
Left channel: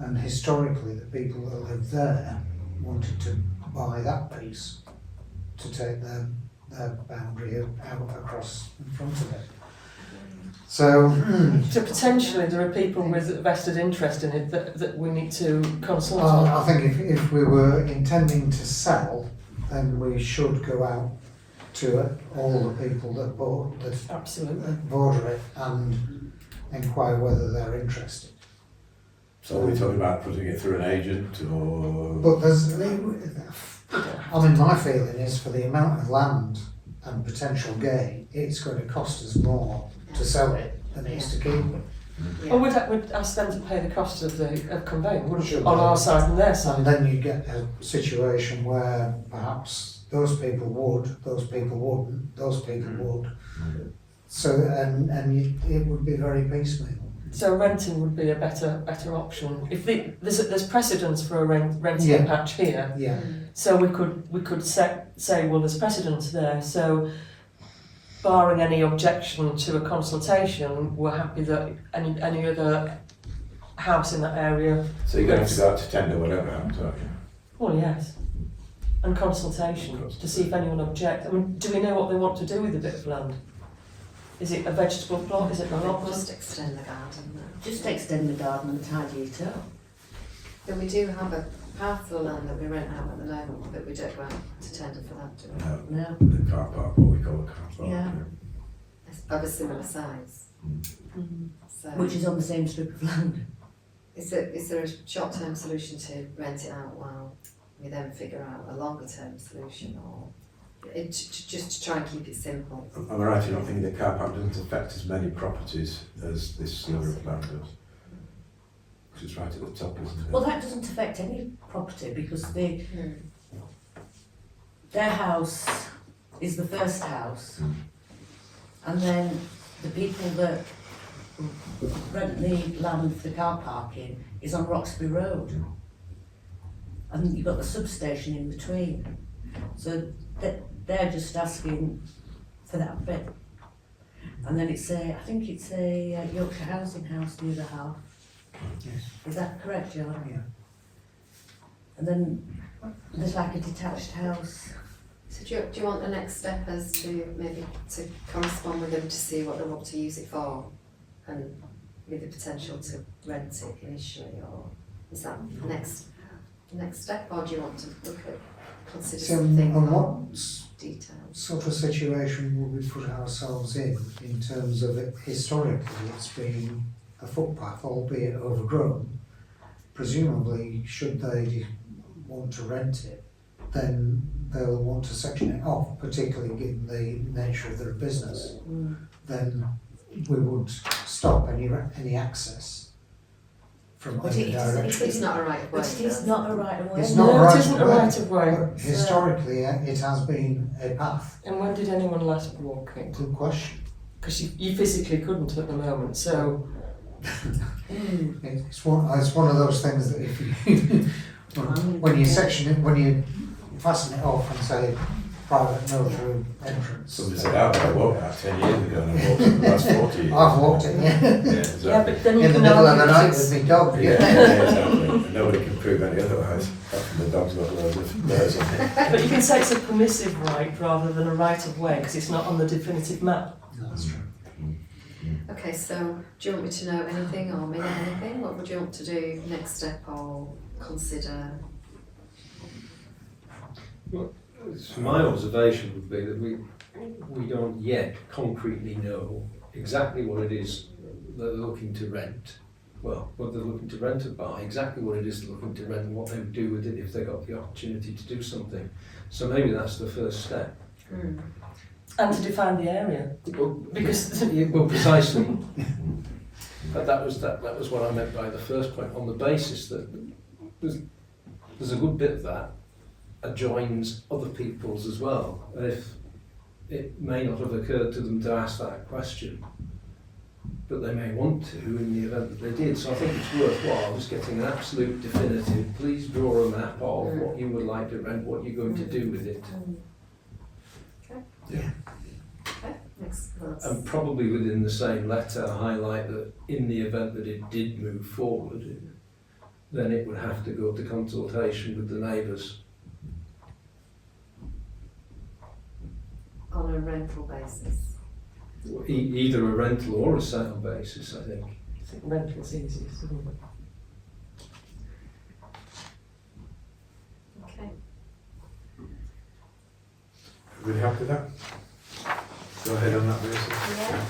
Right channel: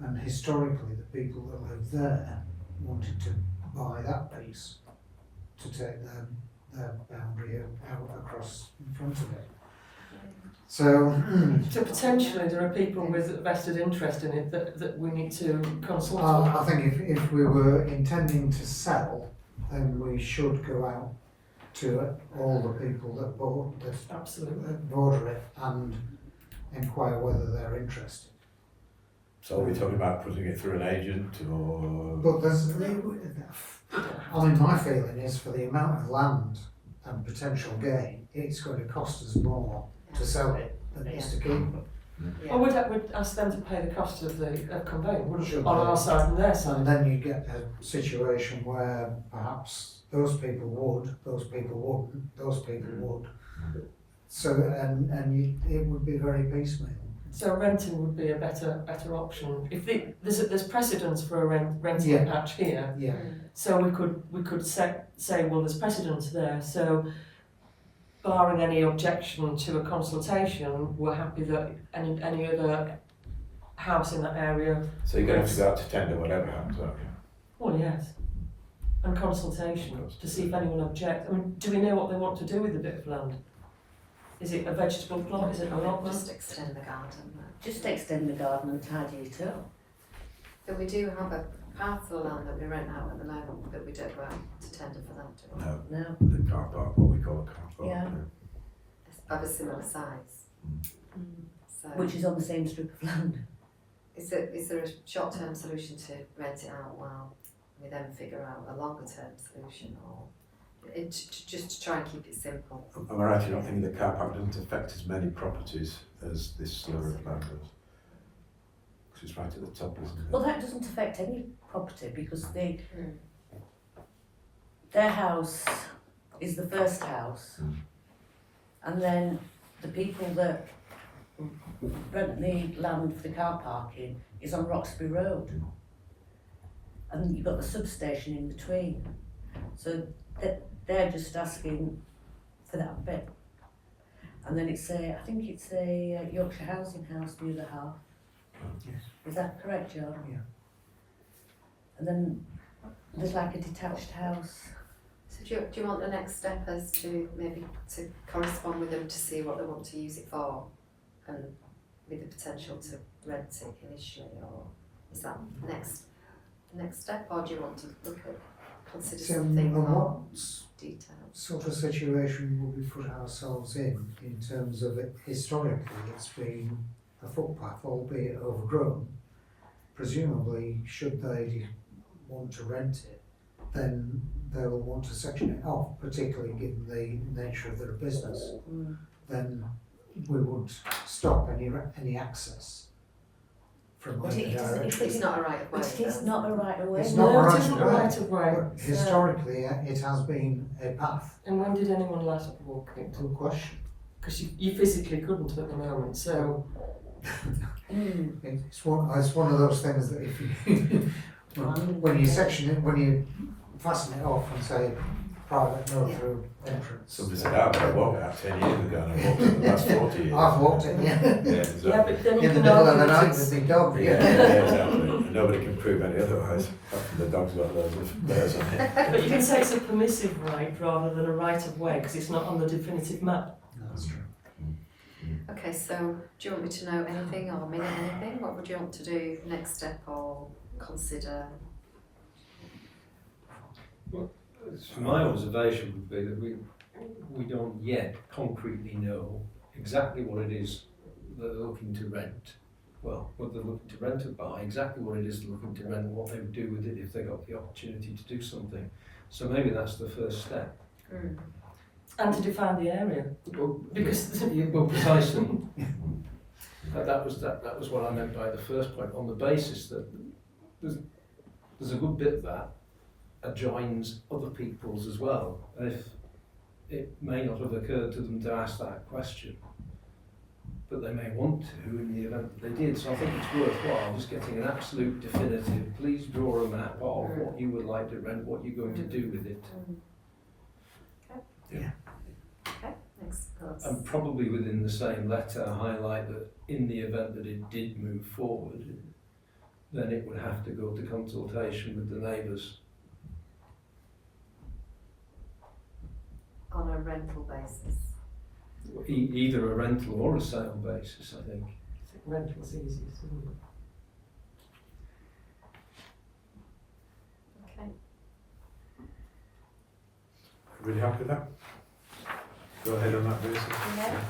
And historically, the people that live there wanted to buy that piece to take their boundary out across in front of it. So, So potentially there are people with vested interest in it that we need to consult on. I think if we were intending to sell, then we should go out to all the people that Absolutely. border it and inquire whether they're interested. So are we talking about putting it through an agent or? But there's, I mean, my feeling is for the amount of land and potential gain, it's going to cost us more to sell it than it is to keep it. Yeah. Well, we'd ask them to pay the cost of conveying, wouldn't we? Should On they? our side and their side. And then you get a situation where perhaps those people would, those people wouldn't, those people would. So, it would be very piecemeal. So renting would be a better option. If there's precedence for a renting Yeah. patch here, Yeah. so we could say well there's precedence there. So barring any objection to a consultation, we're happy that any other house in that area. So you're going to have to go out to tender, whatever happens, aren't you? Well, yes, and consultation to see if anyone objects. I mean, do we know what they want to do with a bit of land? Is it a vegetable plot? Is it an allotment? Just extend the garden there. Just extend the garden and tidy it up. But we do have a parcel of land that we rent out at the moment, but we don't go out to tender for that, do we? No, No. the car park, what we call a car park. Yeah. It's of a similar size. So Which is on the same strip of land. is there a short-term solution to rent it out while we then figure out a longer-term solution, or just to try and keep it simple? Am I right in not thinking the car park doesn't affect as many properties as this sewer plan does? Because it's right at the top, isn't it? Well, that doesn't affect any property because their house is the first house, and then the people that rent the land for the car parking is on Roxby Road, and you've got the substation in between. So they're just asking for that bit, and then I think it's a Yorkshire Housing House, the other half. Yes. Is that correct, John? Yeah. And then there's like a detached house. So do you want the next step as to maybe to correspond with them to see what they want to use it for, and with the potential to rent it initially, or is that the next step, or do you want to consider So, something and more what detailed? sort of situation will we put ourselves in terms of it? Historically, it's been a footpath, albeit overgrown. Presumably, should they want to rent it, then they'll want to section it off, particularly given the nature of their business. Then we would stop any access from But either it is- direction. It's not a right of way. But it is not a right of way. It's not No, a it right isn't of a way. right of way. But historically, it has been a path. And when did anyone last walk it? Good question. Because you physically couldn't at the moment, so It's one of those things that if you when you section it, when you fasten it off and say private no through entrance. Somebody said, I walked that 10 years ago and I've walked it the last 40 years. I've walked it, yeah. Yeah, so- yeah, but then you In the can middle of argue the that night it's- with my dog. Yeah, yeah, exactly. And nobody can prove any otherwise. Apart from the dog's got loads of layers on it. But you can say it's a permissive right rather than a right of way because it's not on the definitive map. No, that's true. Okay, so do you want me to know anything or minute anything? What would you want to do next step or consider? my observation would be that we don't yet concretely know exactly what it is that they're looking to rent. Well, what they're looking to rent or buy, exactly what it is they're looking to rent and what they would do with it if they got the opportunity to do something. So maybe that's the first step. And to define the area, because Well, precisely. But that was what I meant by the first point, on the basis that there's a good bit of that adjoins other people's as well. And if it may not have occurred to them to ask that question, but they may want to in the event that they did. So I think it's worthwhile just getting an absolute definitive, please draw a map of what you would like to rent, what you're going to do with it. Yeah. Okay, excellent. And probably within the same letter highlight that in the event that it did move forward, then it would have to go to consultation with the neighbours. On a rental basis. Either a rental or a sale basis, I think. I think rental's easiest, isn't it? Okay. Everybody happy with that? Go ahead on that basis. Yeah.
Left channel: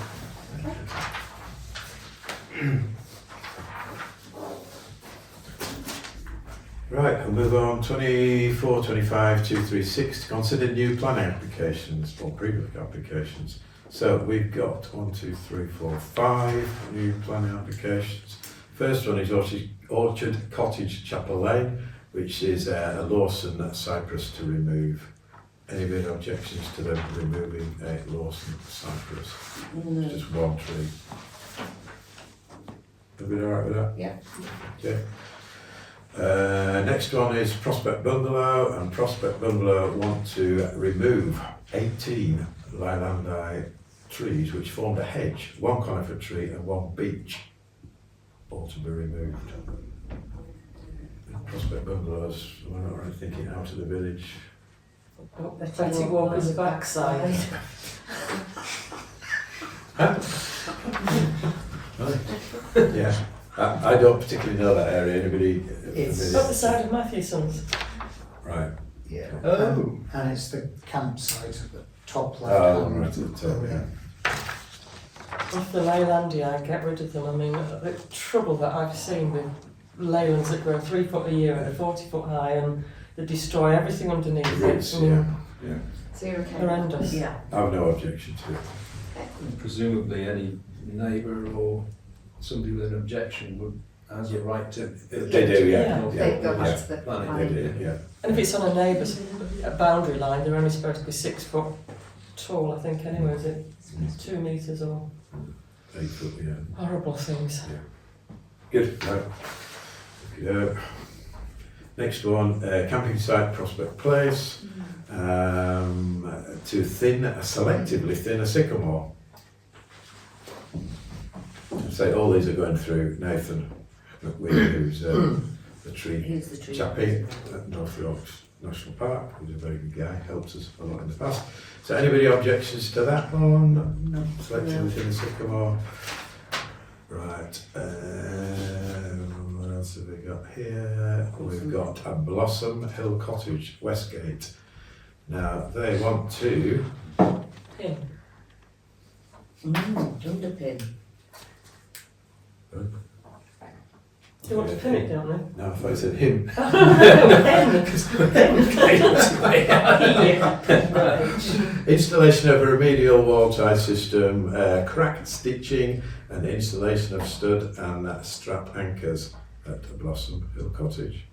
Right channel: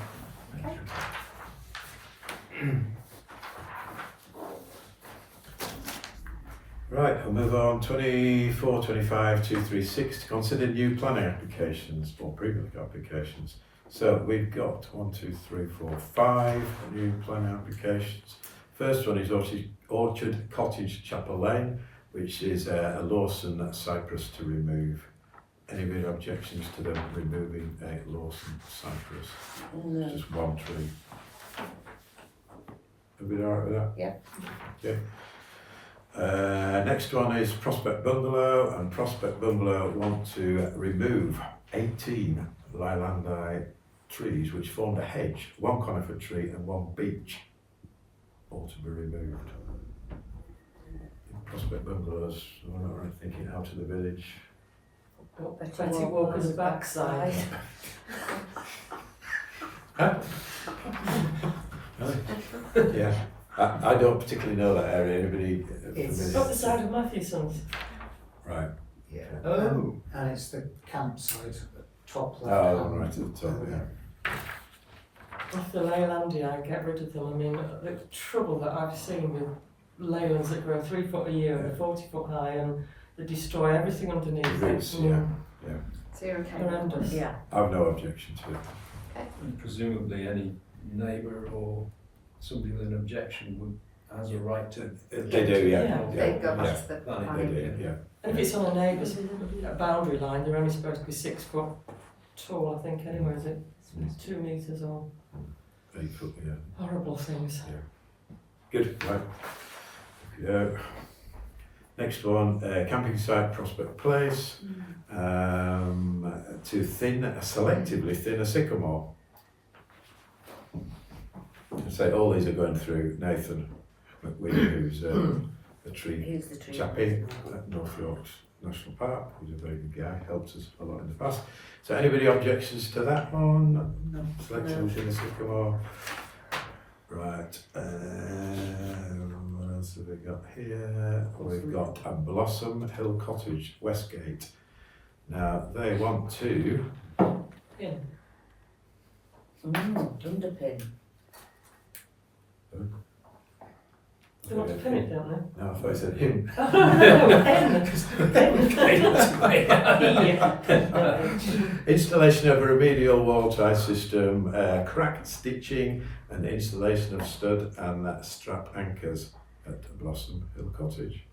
Okay. Right, I'll move on. 24, 25, 236 to consider new planning applications or pre-book applications. So we've got 1, 2, 3, 4, 5 new planning applications. First one is Orchard Cottage Chapel Lane, which is a Lawson cypress to remove. Any objections to them removing a Lawson cypress? No. Just one tree. Everybody alright with that? Yeah. Yeah. Next one is Prospect Bungalow, and Prospect Bungalow want to remove 18 Leylandii trees which formed a hedge, one conifer tree and one beech, all to be removed. Prospect Bungalows, we're not really thinking out of the village. Betty Walker's backside. Yeah, I don't particularly know that area. Anybody? It's Up the side of Matthewson's. Right. Yeah. Oh. And it's the campsite at the top Oh, left. right at the top, yeah. Off the Leylandii, get rid of them. I mean, the trouble that I've seen with leylands that grow 3 foot a year and are 40 foot high and they destroy everything underneath. Roots, I mean, yeah. So you're okay? horrendous. Yeah. I've no objection to it. And presumably any neighbour or somebody with an objection would has a right to. They do, yeah. Yeah. Yeah, They go yeah. back to the Planning, They planning. do, yeah. And if it's on a neighbour's boundary line, they're only supposed to be 6 foot tall, I think, anyway, is it? 2 metres or 8 foot, yeah. horrible things. Good, right. Next one, camping site Prospect Place, to selectively thin a sycamore. Say all these are going through Nathan McWeedy, who's the tree Here's the tree. chappie at North Yorks National Park, who's a very good guy, helps us a lot in the past. So anybody objections to that one? No. Selection within the sycamore. Right, what else have we got here? We've got a Blossom Hill Cottage, Westgate. Now they want to, Pin. Underpin. Do you want to pin it, don't they? no, if I said him. Installation of a remedial wall tie system, crack stitching and installation of stud and strap anchors at Blossom Hill Cottage.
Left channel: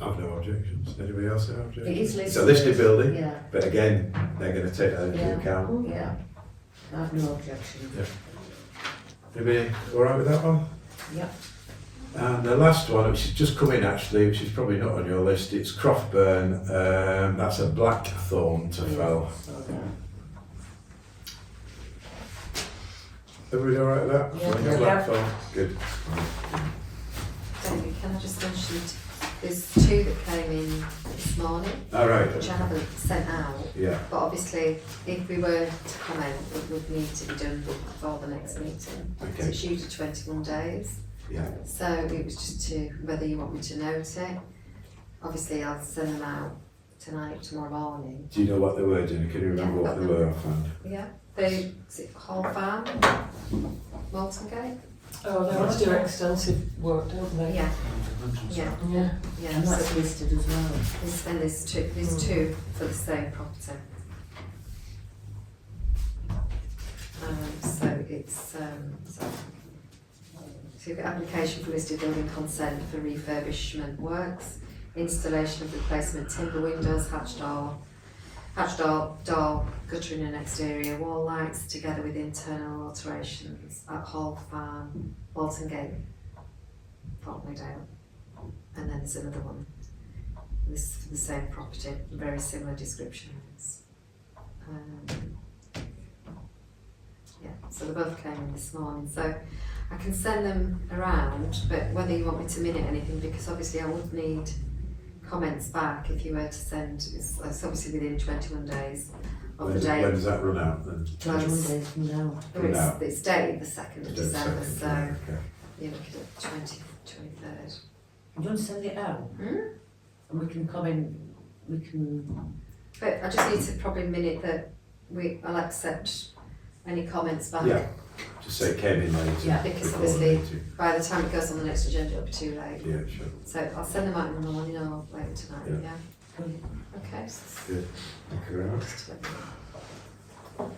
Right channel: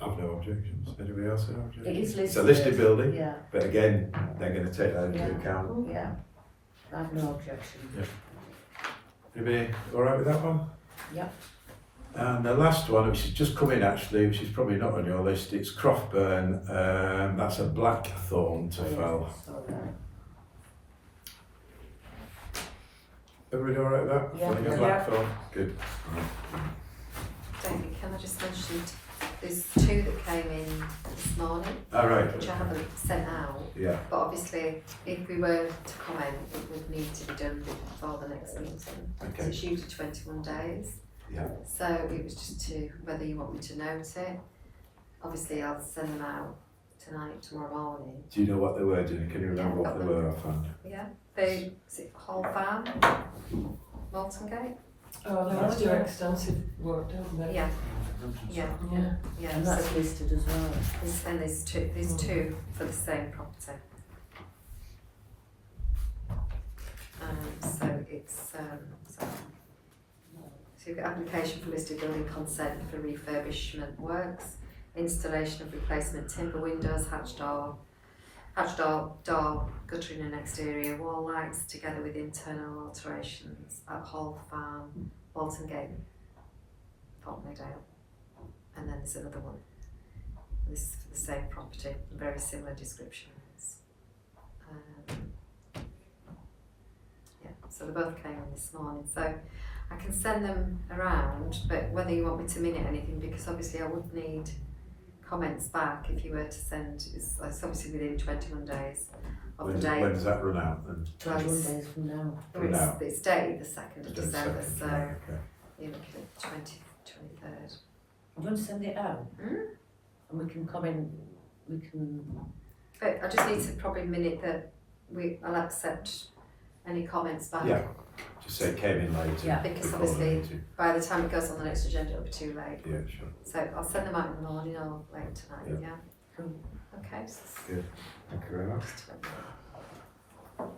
I've no objections. Anybody else have objections? It is listed. It's a listed building, Yeah. but again, they're going to take that into Yeah. account. Yeah. I have no objection. Anybody all right with that one? Yep. And the last one, which is just come in actually, which is probably not on your list, it's Croftburn. That's a blackthorn to fell. So, yeah. Everybody all right with that? Yeah. Like a Yeah. blackthorn? Good. Jamie, can I just mention, there's 2 that came in this morning, All right. which I haven't sent out, Yeah. but obviously, if we were to comment, it would need to be done before the next meeting. So Okay. it's usually 21 days, Yeah. so it was just to, whether you want me to note it. Obviously, I'll send them out tonight, tomorrow morning. Do you know what they were, Jenny? Can you remember Yeah, what they were offhand? Yeah, is it Hall Farm, Malton Gate? Oh, they want to do extensive work, don't they? Yeah, yeah, Yeah. yeah. And that's So, listed as well. and there's two for the same property. So you've got application for listed building consent for refurbishment works, installation of replacement timber windows, hatch door, guttering and exterior wall lights, together with internal alterations at Hall Farm, Walton Gate, Thornton. And then there's another one. This is for the same property, very similar descriptions. Yeah, so they both came in this morning. So I can send them around, but whether you want me to minute anything, because obviously I would need comments back if you were to send, it's obviously within 21 days of When the date. does that run out then? 21 days from now. From now? It's dated the 2nd of December, Second, so right, okay. you're looking at 23rd. I'm going to send it out. And we can comment, we can, But I just need to probably minute that I'll accept any comments back. Yeah, just say it came in late. Yeah, because before the obviously- meeting. By the time it goes on the next agenda, it'll be too late. Yeah, sure. So I'll send them out in the morning or later tonight, Yeah. yeah? Okay. Good. Thank you very much. Just to let you know.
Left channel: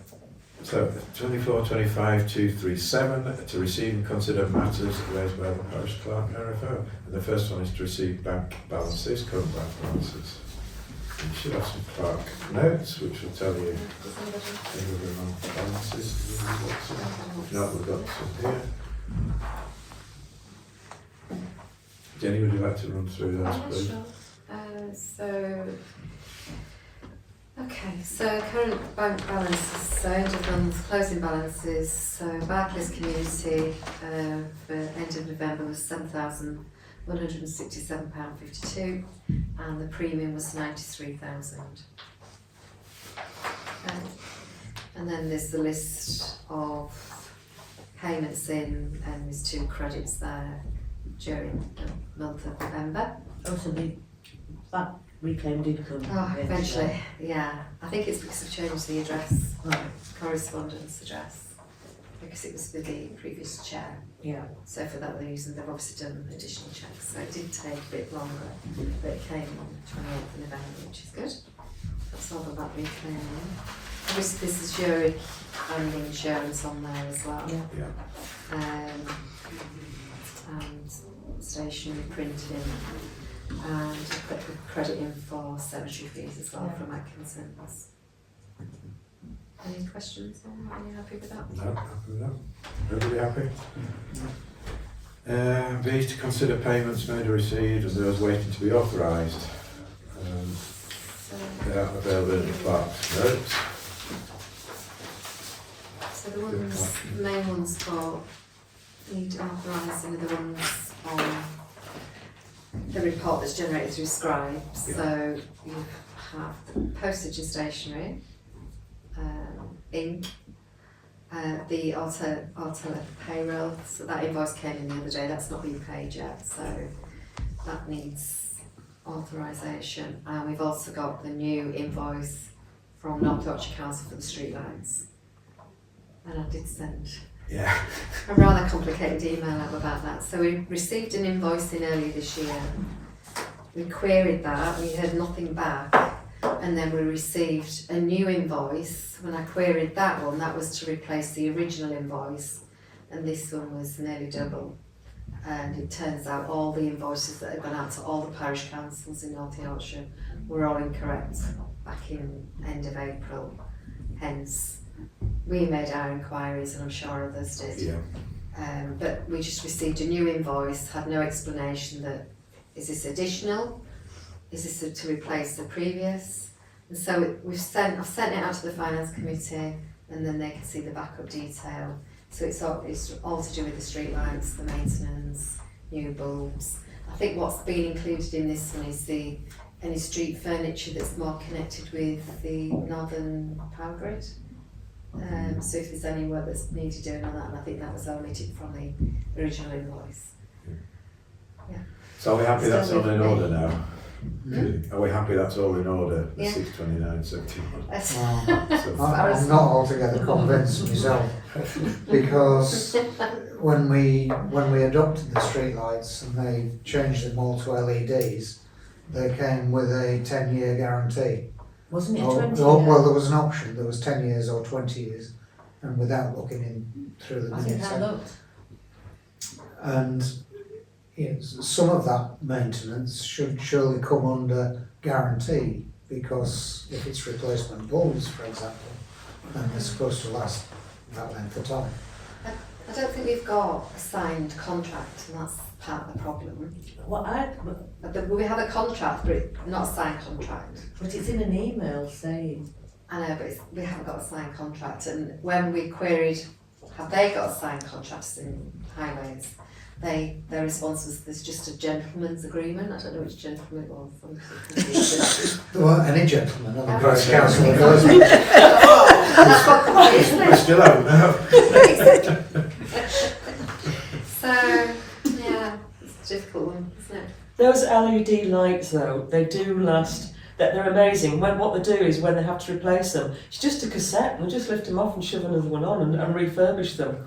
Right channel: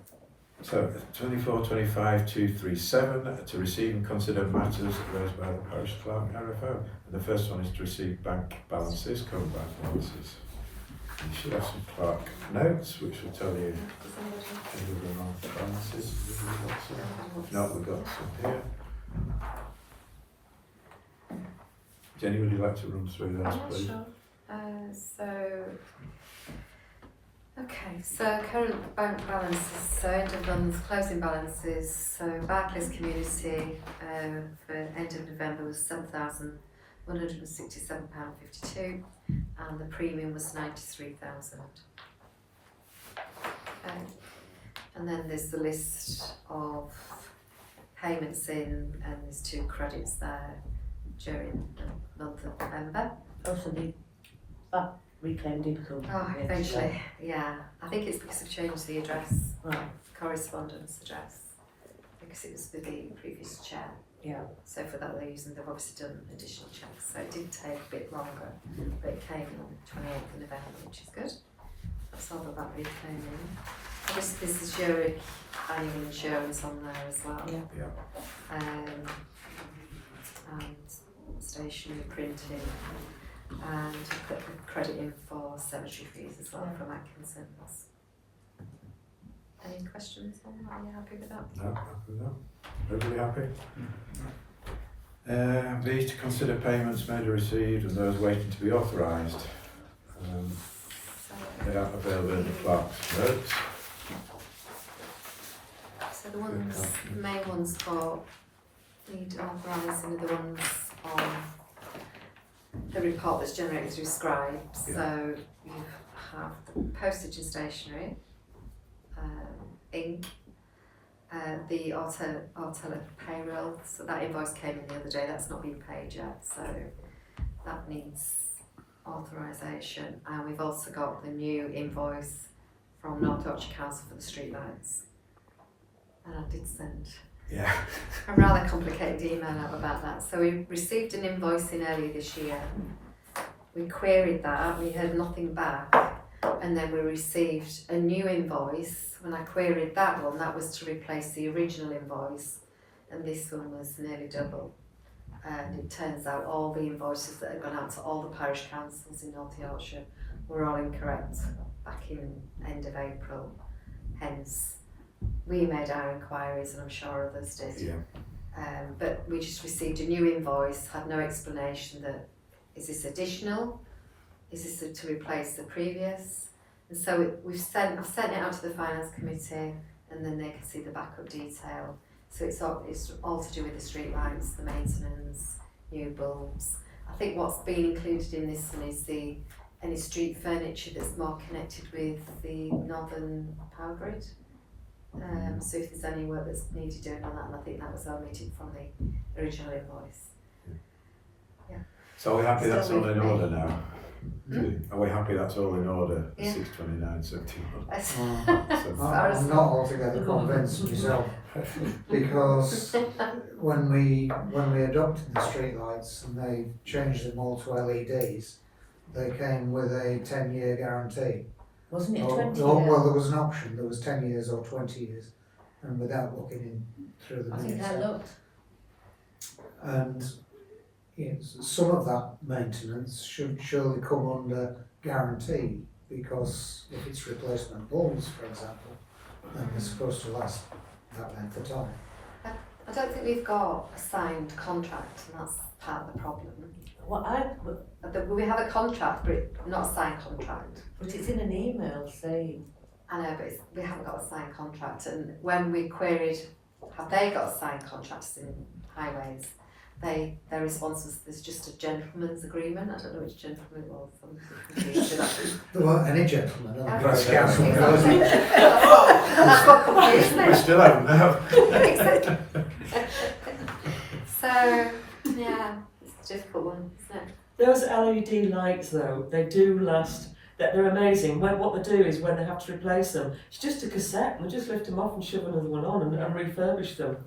So, 24-25 237, to receive and consider matters raised by the parish clerk, RFO. And the first one is to receive bank balances, current bank balances. You should have some clerk notes, which will tell you any of the month balances. If not, we've got some here. Jenny, would you like to run through those, please? Sure. So current bank balances, so end of month closing balances, so Barclays Community for end of November was £7,167.52 and the premium was 93,000. And then there's the list of payments in, and there's 2 credits there during the month of November. also that reclaimed income. Oh, eventually, yeah. I think it's because I've changed the address, Right, correspondence address, because it was with the previous chair. yeah. So for that reason, they've obviously done additional checks. So it did take a bit longer, but it came on 28th of November, which is good. That's all that reclaiming. Obviously, this is your annual insurance on there as well. Yeah. Yeah. And stationery printing. And I put the credit in for cemetery fees as well from Atkinson's. Any questions? Are you happy with that? No, happy with that. Everybody happy? These to consider payments made or received and those waiting to be authorised. They are available in the clerk's notes. So the main ones for need authorising are the ones on the report that's generated through Scribes. Yeah. So you have the postage and stationery, ink, the alter payroll. So that invoice came in the other day. That's not been paid yet. So that needs authorisation. And we've also got the new invoice from North Yorkshire Council for the streetlights. And I did send Yeah. a rather complicated email out about that. So we received an invoice in early this year. We queried that, we heard nothing back, and then we received a new invoice. When I queried that one, that was to replace the original invoice, and this one was nearly double. And it turns out all the invoices that had gone out to all the parish councils in North Yorkshire were all incorrect back in end of April. Hence, we made our inquiries, and I'm sure others did. Yeah. But we just received a new invoice, had no explanation that, is this additional? Is this to replace the previous? And so I've sent it out to the finance committee, and then they can see the backup detail. So it's all to do with the street lights, the maintenance, new bulbs. I think what's been included in this one is any street furniture that's more connected with the northern power grid. So if there's any work that's needed doing on that, and I think that was omitted from the original invoice. So are we happy that's all in order now? Are we happy that's all in order? Yeah. 629.71. So, I'm not altogether convinced myself, because when we adopted the streetlights and they changed them all to LEDs, they came with a 10-year guarantee. Wasn't it Oh, 20 oh, years? well, there was an option, there was 10 years or 20 years, and without looking in through the I think minutes. I looked. And some of that maintenance should surely come under guarantee, because if it's replacement bulbs, for example, then they're supposed to last that length of time. I don't think we've got a signed contract, and that's part of the problem. But we have a contract, but it's not a signed contract. But it's in an email saying. I know, but we haven't got a signed contract, and when we queried, have they got a signed contract in highways? Their response was, there's just a gentleman's agreement. I don't know which gentleman it was. There weren't any gentlemen on the Yeah. Parish Council, those That's what confused me. we still haven't now. So, yeah, it's a difficult one, isn't it? Those LED lights though, they do last, they're amazing. What they do is when they have to replace them, it's just a cassette, and they just lift them off and shove another one on and refurbish them.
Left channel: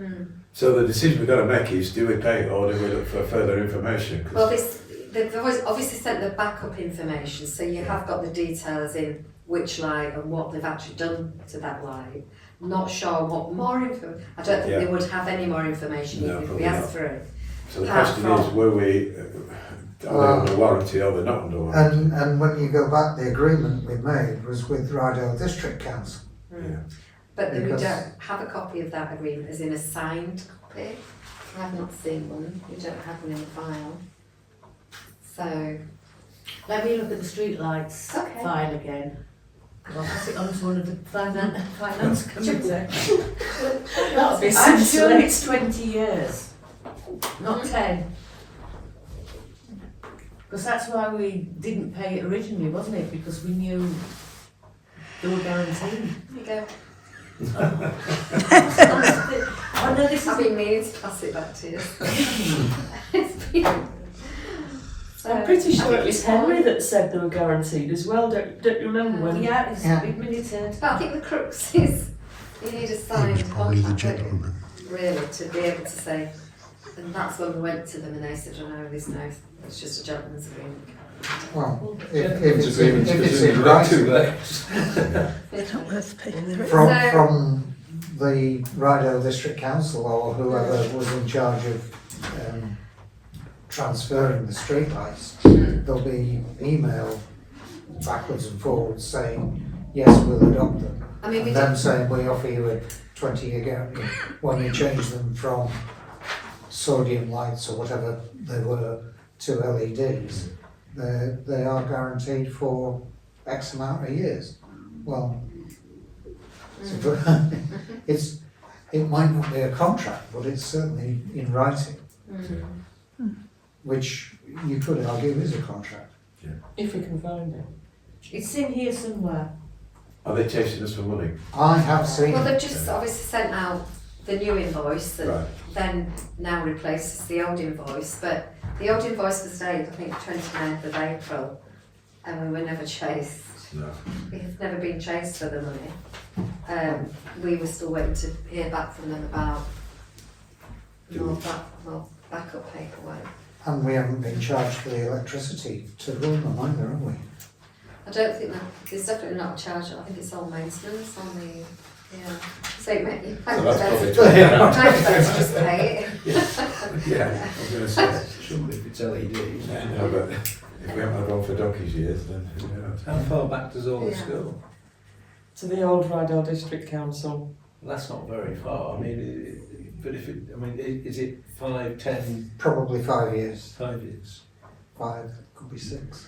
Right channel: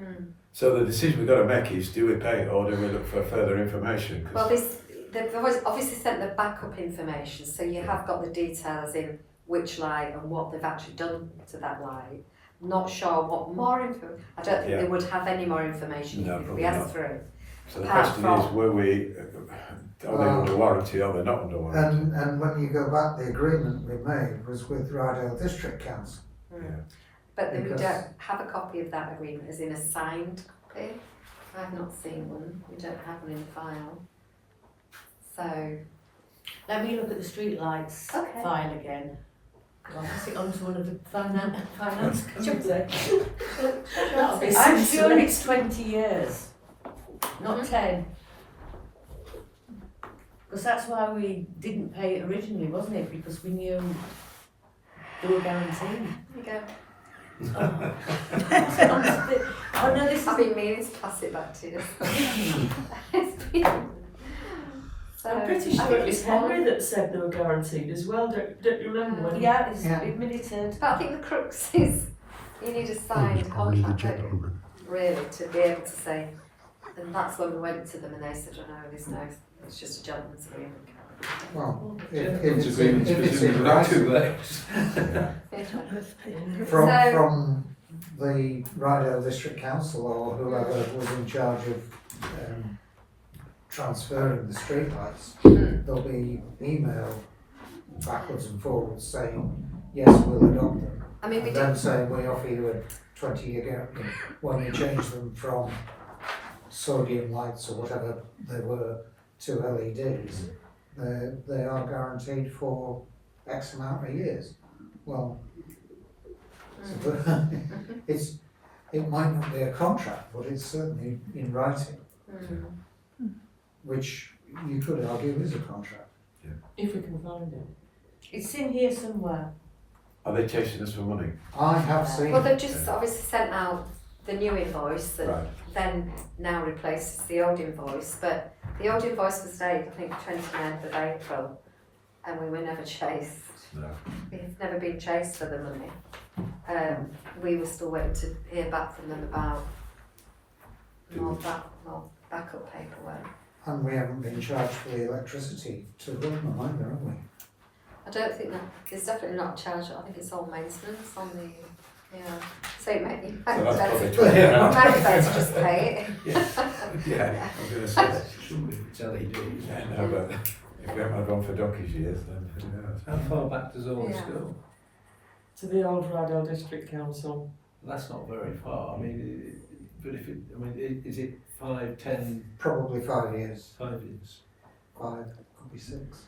Mm. So the decision we've got to make is, do we pay or do we look for further information? 'Cause Well, they've obviously sent the backup information, so you have got the details in which light and what they've actually done to that light. Not sure what more info. I don't think Yeah. they would have any more information No, if we probably asked not. for it. So the apart question from- is, were we, are they under warranty or they're not under warranty? and when you go back, the agreement we made was with Rydale District Council. Mm. Yeah. But then we Because- don't have a copy of that agreement, as in a signed copy. I have not seen one. We don't have one in the file. So, Let me look at the streetlights Okay. file again. And I'll pass it on to one of the finance committee. That'll be I'm silly. sure it's 20 years, not Mhm. 10. Because that's why we didn't pay it originally, wasn't it? Because we knew they were guaranteed. there you go. Oh no, this I've is. been meaning to pass it back to you. It's been- So, I'm pretty I sure think it was it's Henry fine. that said they were guaranteed as well. Don't you remember when? Yeah, it's Yeah. admitted. But I think the crux is, you need a signed Probably the contract, don't you? gentleman. Really, to be able to say, and that's when we went to them and they said, oh no, there's no, it's just a gentleman's agreement. Well, Gentlemen's if agreements it's presumably in got two writing, legs. from the Rydale District Council or whoever was in charge of transferring the streetlights, there'll be email backwards and forwards saying, yes, we'll adopt them. I mean, we And did, then saying we offer you a 20-year guarantee when you change them from sodium lights or whatever they were to LEDs. They are guaranteed for X amount of years. Well, it might not be a contract, but it's certainly in writing, which you could argue is a contract. If we can find it. It's in here somewhere. Are they chasing us for money? I have seen well, it. they've just obviously sent out the new invoice that Right. then now replaces the old invoice, but the old invoice was dated, I think, 29th of April, and we were never chased. No. We have never been chased for the money. We were still waiting to hear back from them about more backup paperwork. And we haven't been charged for the electricity to run them either, have we? I don't think that, there's definitely not a charge, I think it's all maintenance on the, yeah. So you might be So that's probably better just pay it. Yeah, I was going to say. Surely if it's LEDs. Yeah, no, but if we haven't had one for donkey's years, then who knows? How far back does all this Yeah. go? To the old Rydale District Council. That's not very far. I mean, but if it, I mean, is it 5, 10, Probably 5 years, 5 years? 5, could be 6.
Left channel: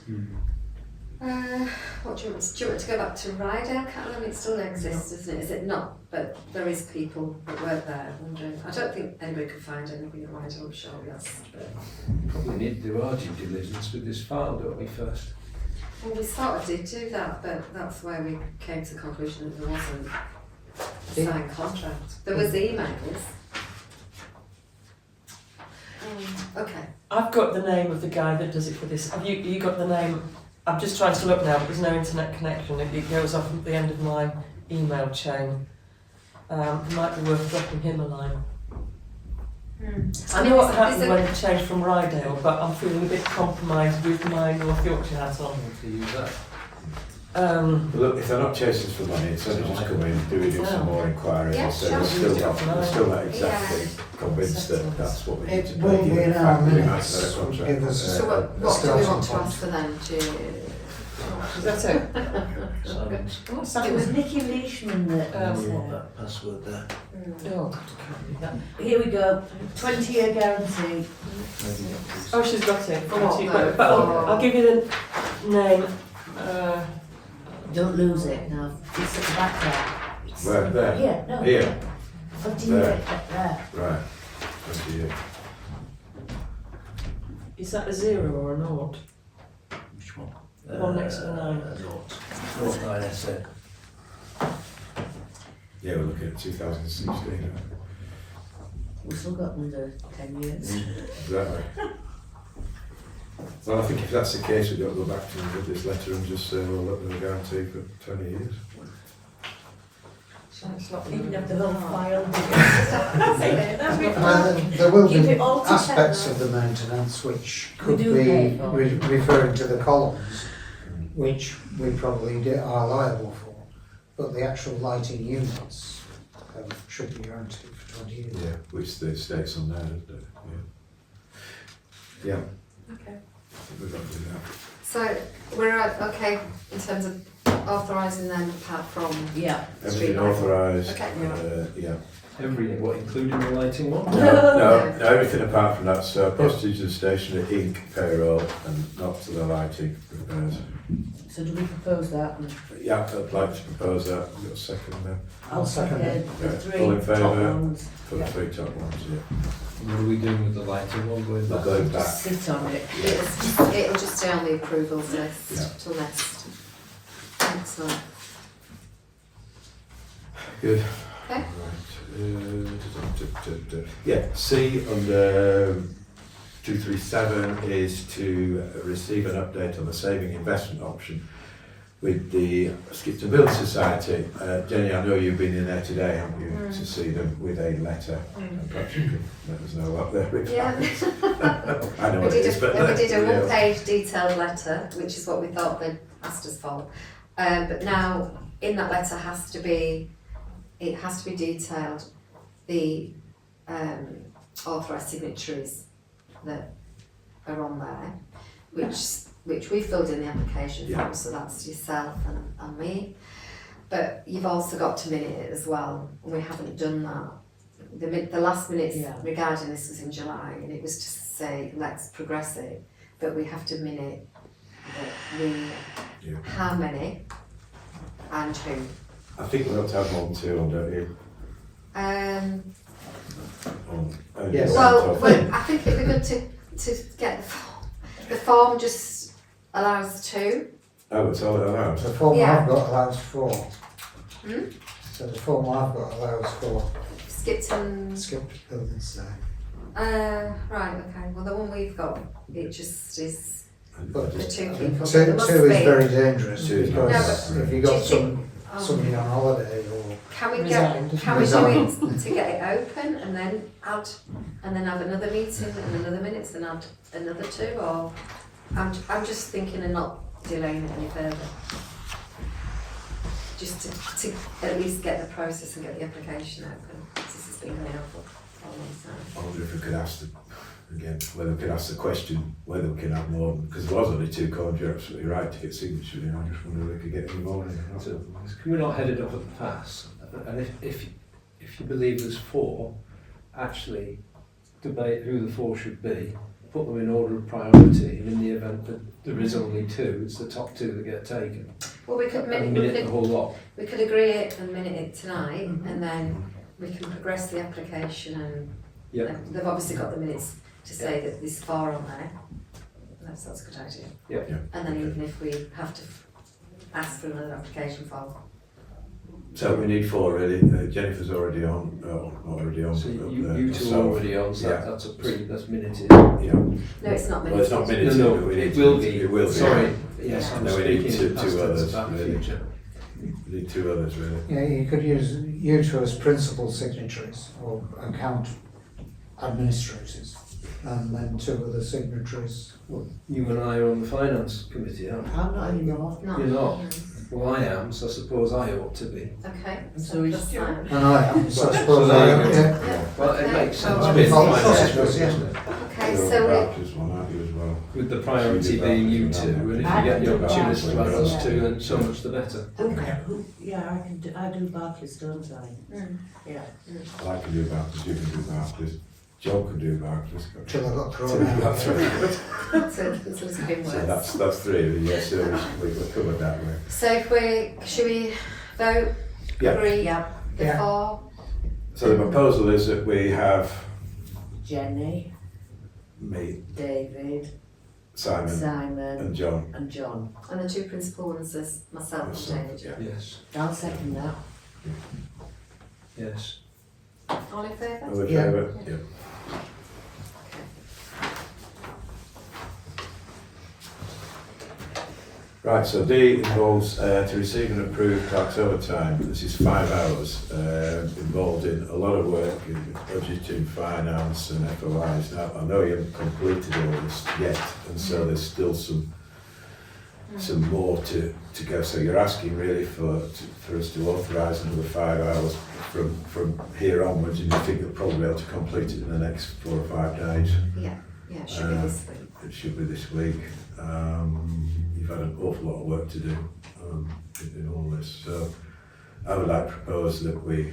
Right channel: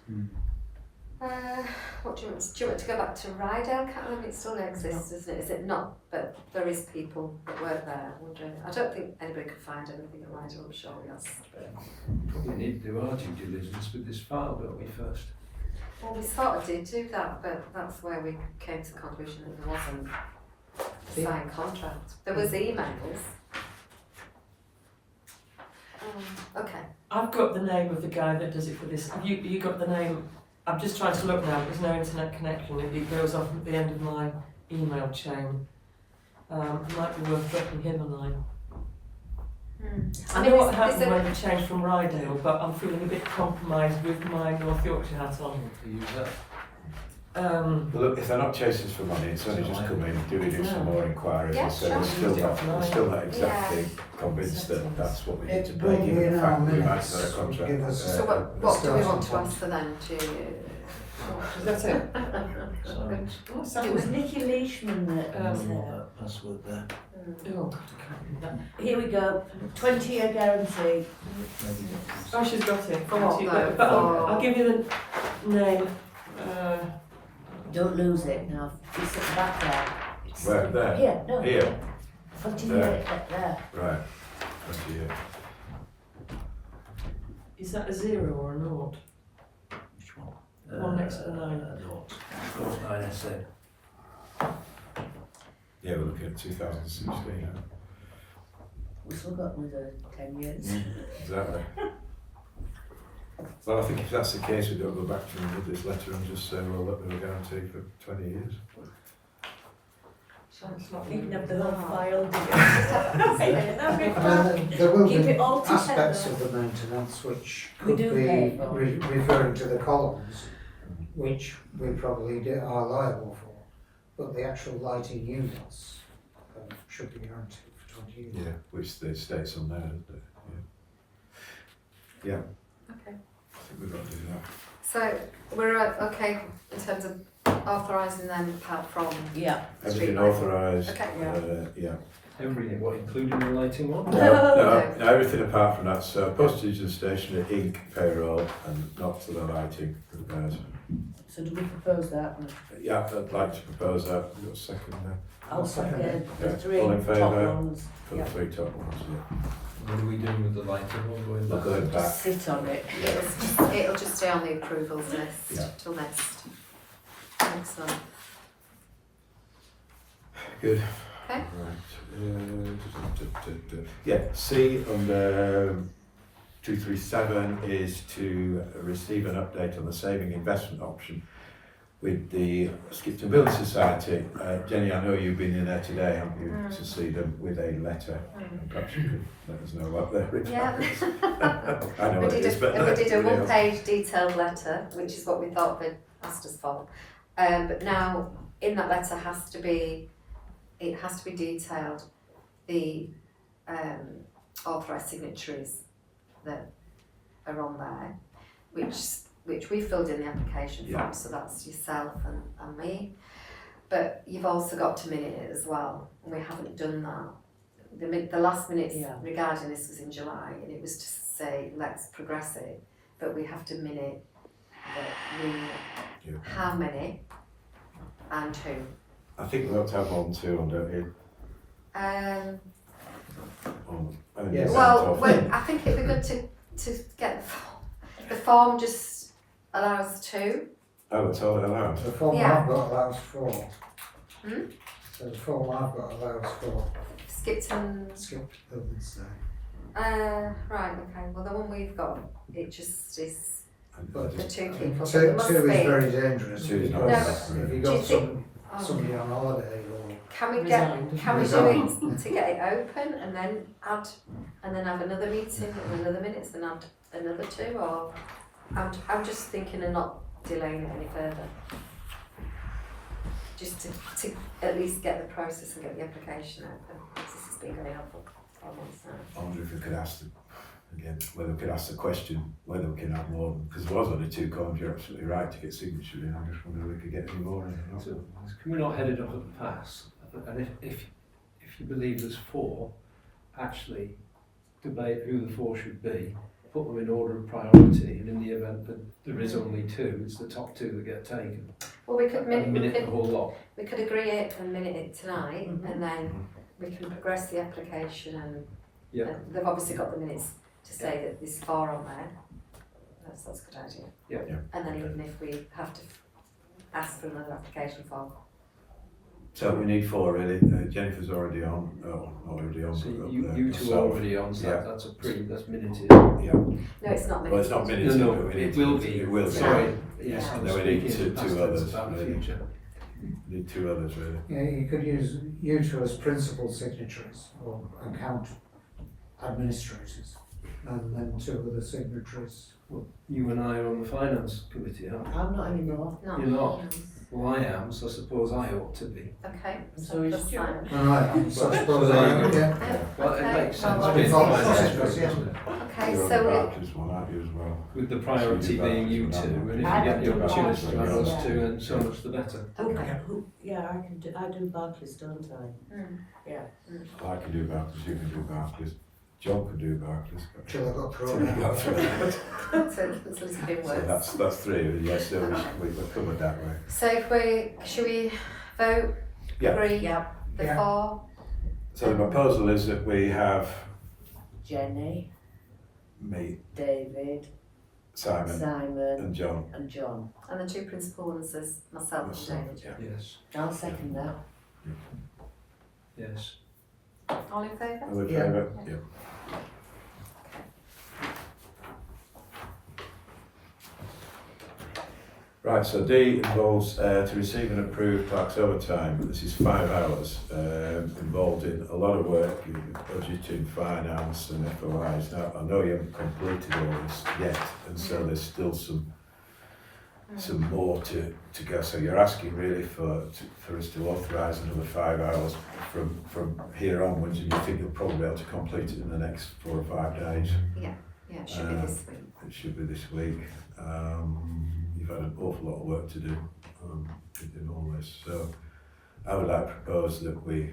What do you want, do you want to go back to Rydale? Can't remember, it still exists, isn't it? Is it not? But there is people that work there, I'm wondering. I don't think anybody could find anything at Rydale, I'm sure we asked. But, Probably need to do our due diligence with this file, don't we, first? well, we sort of did do that, but that's where we came to the conclusion that there wasn't a signed contract. There was emails. Okay. I've got the name of the guy that does it for this. Have you got the name? I'm just trying to look now, but there's no internet connection. It goes off at the end of my email chain. It might be worth dropping him a line. I know what happened when it changed from Rydale, but I'm feeling a bit compromised with my North Yorkshire hat on. To use that. Well, look, if they're not chasing us for money, it's only just come in, do we do some more inquiries? Yeah, So sure. we're still not exactly convinced that that's what we need to It pay, will be given in the our fact that we might minutes. get a contract. Give us So what do we starting want to point. ask for then? Is that it? It was Nicky Leishman that that password there. Oh, God, I can't read that. Here we go, 20-year guarantee. Oh, she's got it. Oh, no. But I'll give you the name. Don't lose it now. It's at the back there. It's Where? There? Here, no. Here? 20-year, there. Right. That's you. Is that a 0 or a 0? Which one? One next to the 9. Not 9 SN. Yeah, we're looking at 2016. We've still got another 10 years. Exactly. Well, I think if that's the case, we've got to go back to them with this letter and just say, well, look, there's a guarantee for 20 years. So it's not You can even have the whole file. Well, there will Keep be it all together. aspects of the maintenance which We could do be pay for. referring to the columns, which we probably are liable for. But the actual lighting units should be guaranteed for 20 years. Yeah, which the states on there, doesn't it? Yeah. Yeah, Okay. I think we've got to do that. So we're okay in terms of authorising them apart from Yeah. Everything authorised. Okay. Yeah. Everything, what, including the lighting one? No, everything apart from that. So postage and stationery, ink, payroll, and not to the lighting repairs. So do we propose that? Yeah, I'd like to propose that. We've got a second there I'll second the Yeah, three all in top favour? ones. for the three top ones. Yeah. What are we doing with the lighting one going We're back? going Just back. sit on it. It'll just stay on the approvals list Yeah. till next. Excellent. Good. Okay. Right. Yeah, C under 237 is to receive an update on the saving investment option with the Skipton Building Society. Jenny, I know you've been in there today, haven't you, to see them with a letter, and perhaps you could let us know what they're Yeah. I know We what it is, did but a everybody else. one-page detailed letter, which is what we thought they'd asked us for. But now, in that letter it has to be detailed the authorised signatories that are on there, which we filled in the application Yeah. form, so that's yourself and me. But you've also got to minute it as well, and we haven't done that. The last minutes Yeah. regarding this was in July, and it was to say, let's progress it, but we have to minute that Yeah. how many and who. I think we ought to have more than two on, don't you? Only Yes. one top. I think it'd be good to get the form. The form just allows two. Oh, it's all allowed. The form Yeah. I've got allows 4. Hmm? So the form I've got allows 4. Skipton. Skipped buildings there. Right, okay. Well, the one we've got, it just is But the two I people. think There two must is be. very dangerous Two is not because bad. if Do you you got think- somebody on holiday or Can we Resigned. can we do Resigned. it to get it open and then add and then have another meeting and another minutes and add another two, or I'm just thinking of not delaying it any further. Just to at least get the process and get the application open. This has been really helpful for me. So. I wonder if we could ask whether we could ask the question whether we can have more, because there was only two columns. You're absolutely right to get signature in. I just wonder if we could get any more in. So, can we not head it up at the pass? And if you believe there's 4, actually debate who the 4 should be, put them in order of priority, and in the event that there is only 2, it's the top 2 that get taken. Well, we could And minute the whole lot. we could agree it and minute it tonight, Mhm. and then we can progress the application. And Yep. they've obviously got the minutes to say that there's 4 on there. That's a good idea. Yep. Yeah. And then Okay. even if we have to ask for another application form, So we need 4 really. Jennifer's already on. Oh, not already on. So but you two are myself. already on, so Yeah. that's minuted. Yeah. No, it's not Well, it's not minutes. minutes. No, we need it to- will be. It will be. Sorry, yes, Yeah. I'm No, we need speaking two past tense others, about the really. future. We need 2 others really. Yeah, you could use you two as principal signatories or account administrators, and then 2 other signatories. Well, you and I are on the finance committee, aren't we? I'm not anymore. Not You're not. minutes. Well, I am, so I suppose I ought to be. Okay, So so is plus Stuart. Simon. And I am, so I Well, suppose so there you I go. am, yeah. Yeah. Well, it Okay. makes sense. Oh, Being well, finance, sausage, doesn't yeah. it? Okay, You're on so the we, Barclays one, aren't you, as well? With the priority being you two, and if you get the opportunity to add us two, then so much the better. Okay. Yeah, I do Barclays, don't I? Yeah. Well, I can do Barclays, you can do Barclays. John can do Barclays. Till I got So thrown we've got out. 3. so it's been So worse. that's 3. Yeah, so we're covered that way. So if should we vote? Yeah. Agree? Yeah. The Yeah. 4? So the proposal is that we have Jenny, me, David, Simon, Simon, and John. and John. And the 2 principal ones is myself and Myself, David. yeah. Yes, I'll second that. yes. All in favour? All in Yeah. favour? Yeah. Right, so D involves to receive and approve clerk's overtime. This is 5 hours, involved in a lot of work in budgeting, finance and FOIs. Now, I know you haven't completed all this yet, and so there's still some more to go. So you're asking really for us to authorise another 5 hours from here onwards, and you think you'll probably be able to complete it in the next 4 or 5 days. Yeah, it should be this week. It should be this week. You've had an awful lot of work to do in all this, so I would like to propose that we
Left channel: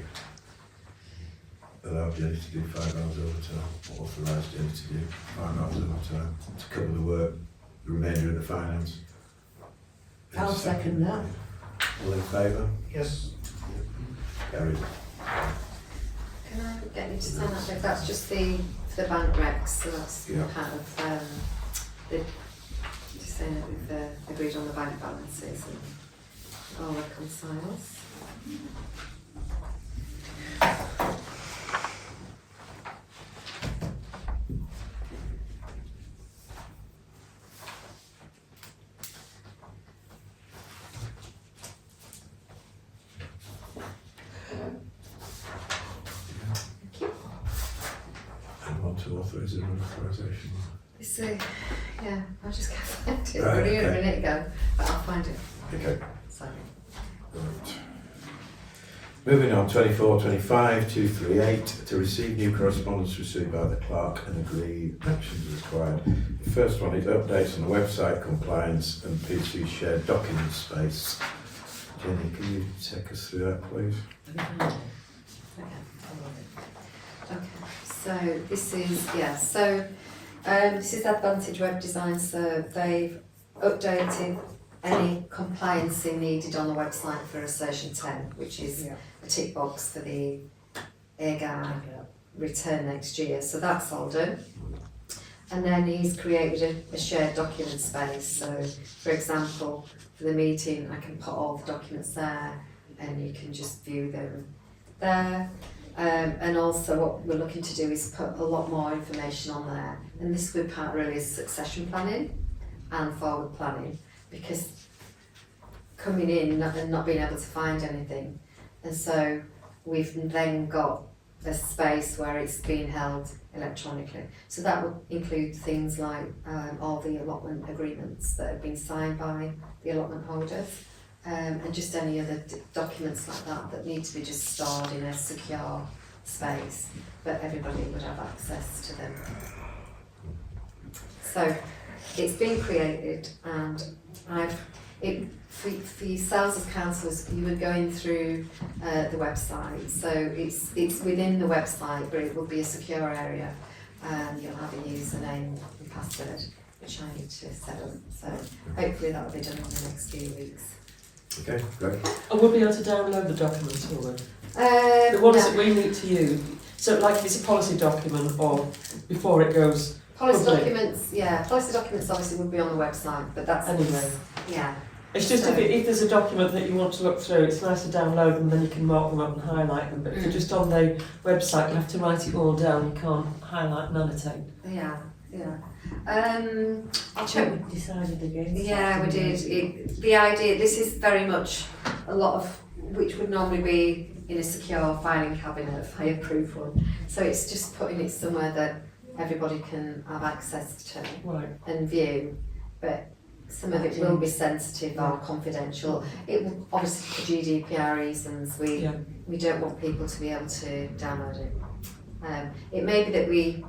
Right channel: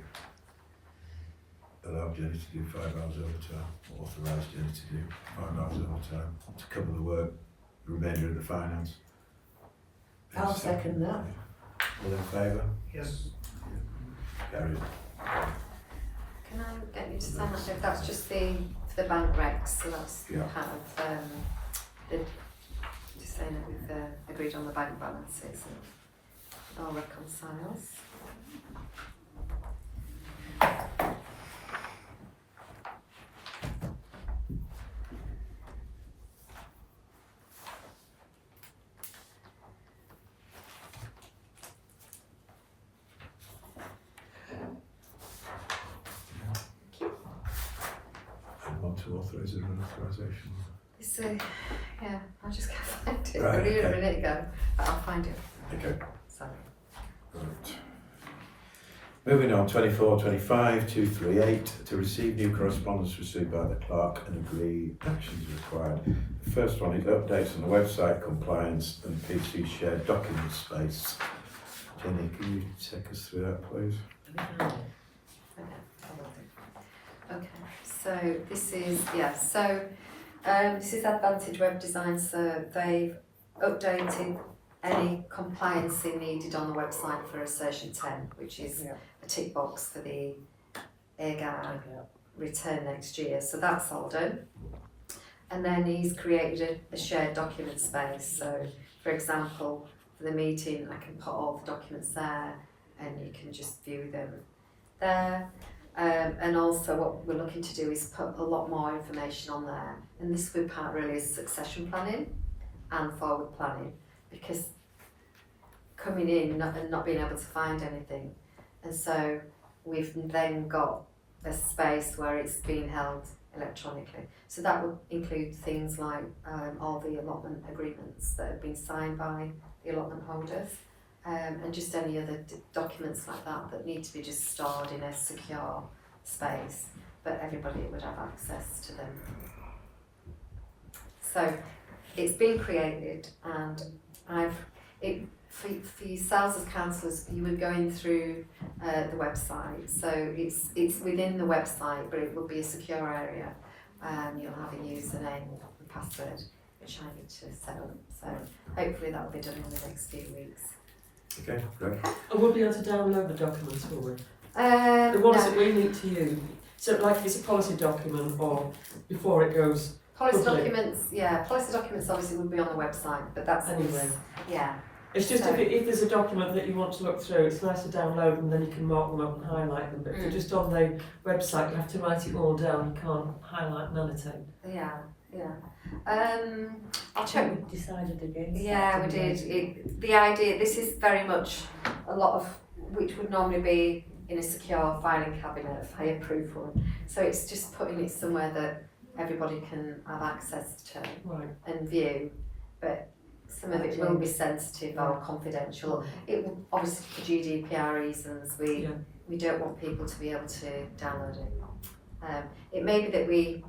allow Jenny to do 5 hours overtime, authorise Jenny to do 5 hours overtime to cover the work, the remainder of the finance. I'll second that. All in favour? Yes. Carried. Can I get you to sign that? If that's just the bank recs, so that's Yeah. part of the, just saying that we've agreed on the bank balances and all reconciles. And want to authorise an authorisation. It's yeah, I just can't find it. Right, I got it a okay. minute ago, but I'll find it. Okay. Sorry. Right. Moving on, 24-25-238, to receive new correspondence received by the clerk and agree actions required. The first one is updates on the website compliance and PC shared document space. Jenny, can you take us through that, please? Okay, so this is, this is Advantage Web Design, so they've updated any compliancing needed on the website for Assertion 10, which is Yeah. a tick box for the AirGuard return next year, so that's all done. And then he's created a shared document space, so for example, for the meeting, I can put all the documents there and you can just view them there. And also what we're looking to do is put a lot more information on there, and this will be part really is succession planning and forward planning, because coming in and not being able to find anything, and so we've then got a space where it's being held electronically. So that would include things like all the allotment agreements that have been signed by the allotment holders, and just any other documents like that that need to be just stored in a secure space, but everybody would have access to them. So it's been created, and for yourselves as councillors, you were going through the website, so it's within the website, but it will be a secure area, and you'll have a username and password, which I need to set up, so hopefully that will be done in the next few weeks. Okay, great. And we'll be able to download the documents, will we? The ones that we need to use. So like if it's a policy document or before it goes Policy public. documents, policy documents obviously will be on the website, but that's Anyway. yeah. It's just So- if there's a document that you want to look through, it's nice to download them, then you can mark them up and highlight them. But if they're just on the website, you have to write it all down. You can't highlight and annotate. Yeah, yeah. I'll I check. think we decided against Yeah, that, we didn't did. The idea, this is very much a lot of, which would normally be in a secure filing cabinet, a fireproof one. So it's just putting it somewhere that everybody can have access to Right. and view, but some of it will be sensitive or confidential. It will, obviously for GDPR reasons, Yeah. we don't want people to be able to download it. It may be that we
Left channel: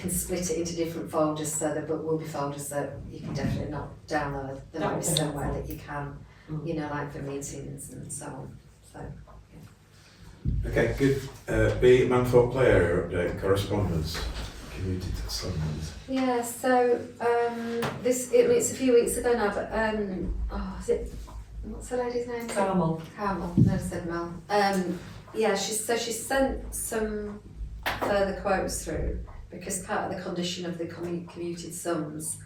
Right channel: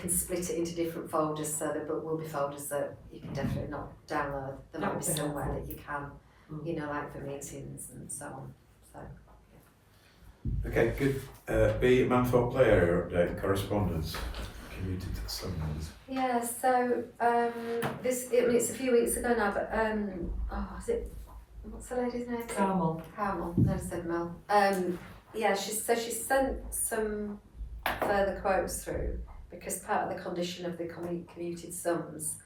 can split it into different folders so that but will be folders that you can definitely not download. There That might would be be somewhere helpful. that you can, Mm. you know, like for meetings and so on. So Okay, good. B, Manthorpe Play Area update, correspondence, community summons. yeah, so it's a few weeks ago now, but is it, what's the lady's name? Carmel. Carmel, no, I said Mel. Yeah, she sent some further quotes through because part of the condition of the commuted sums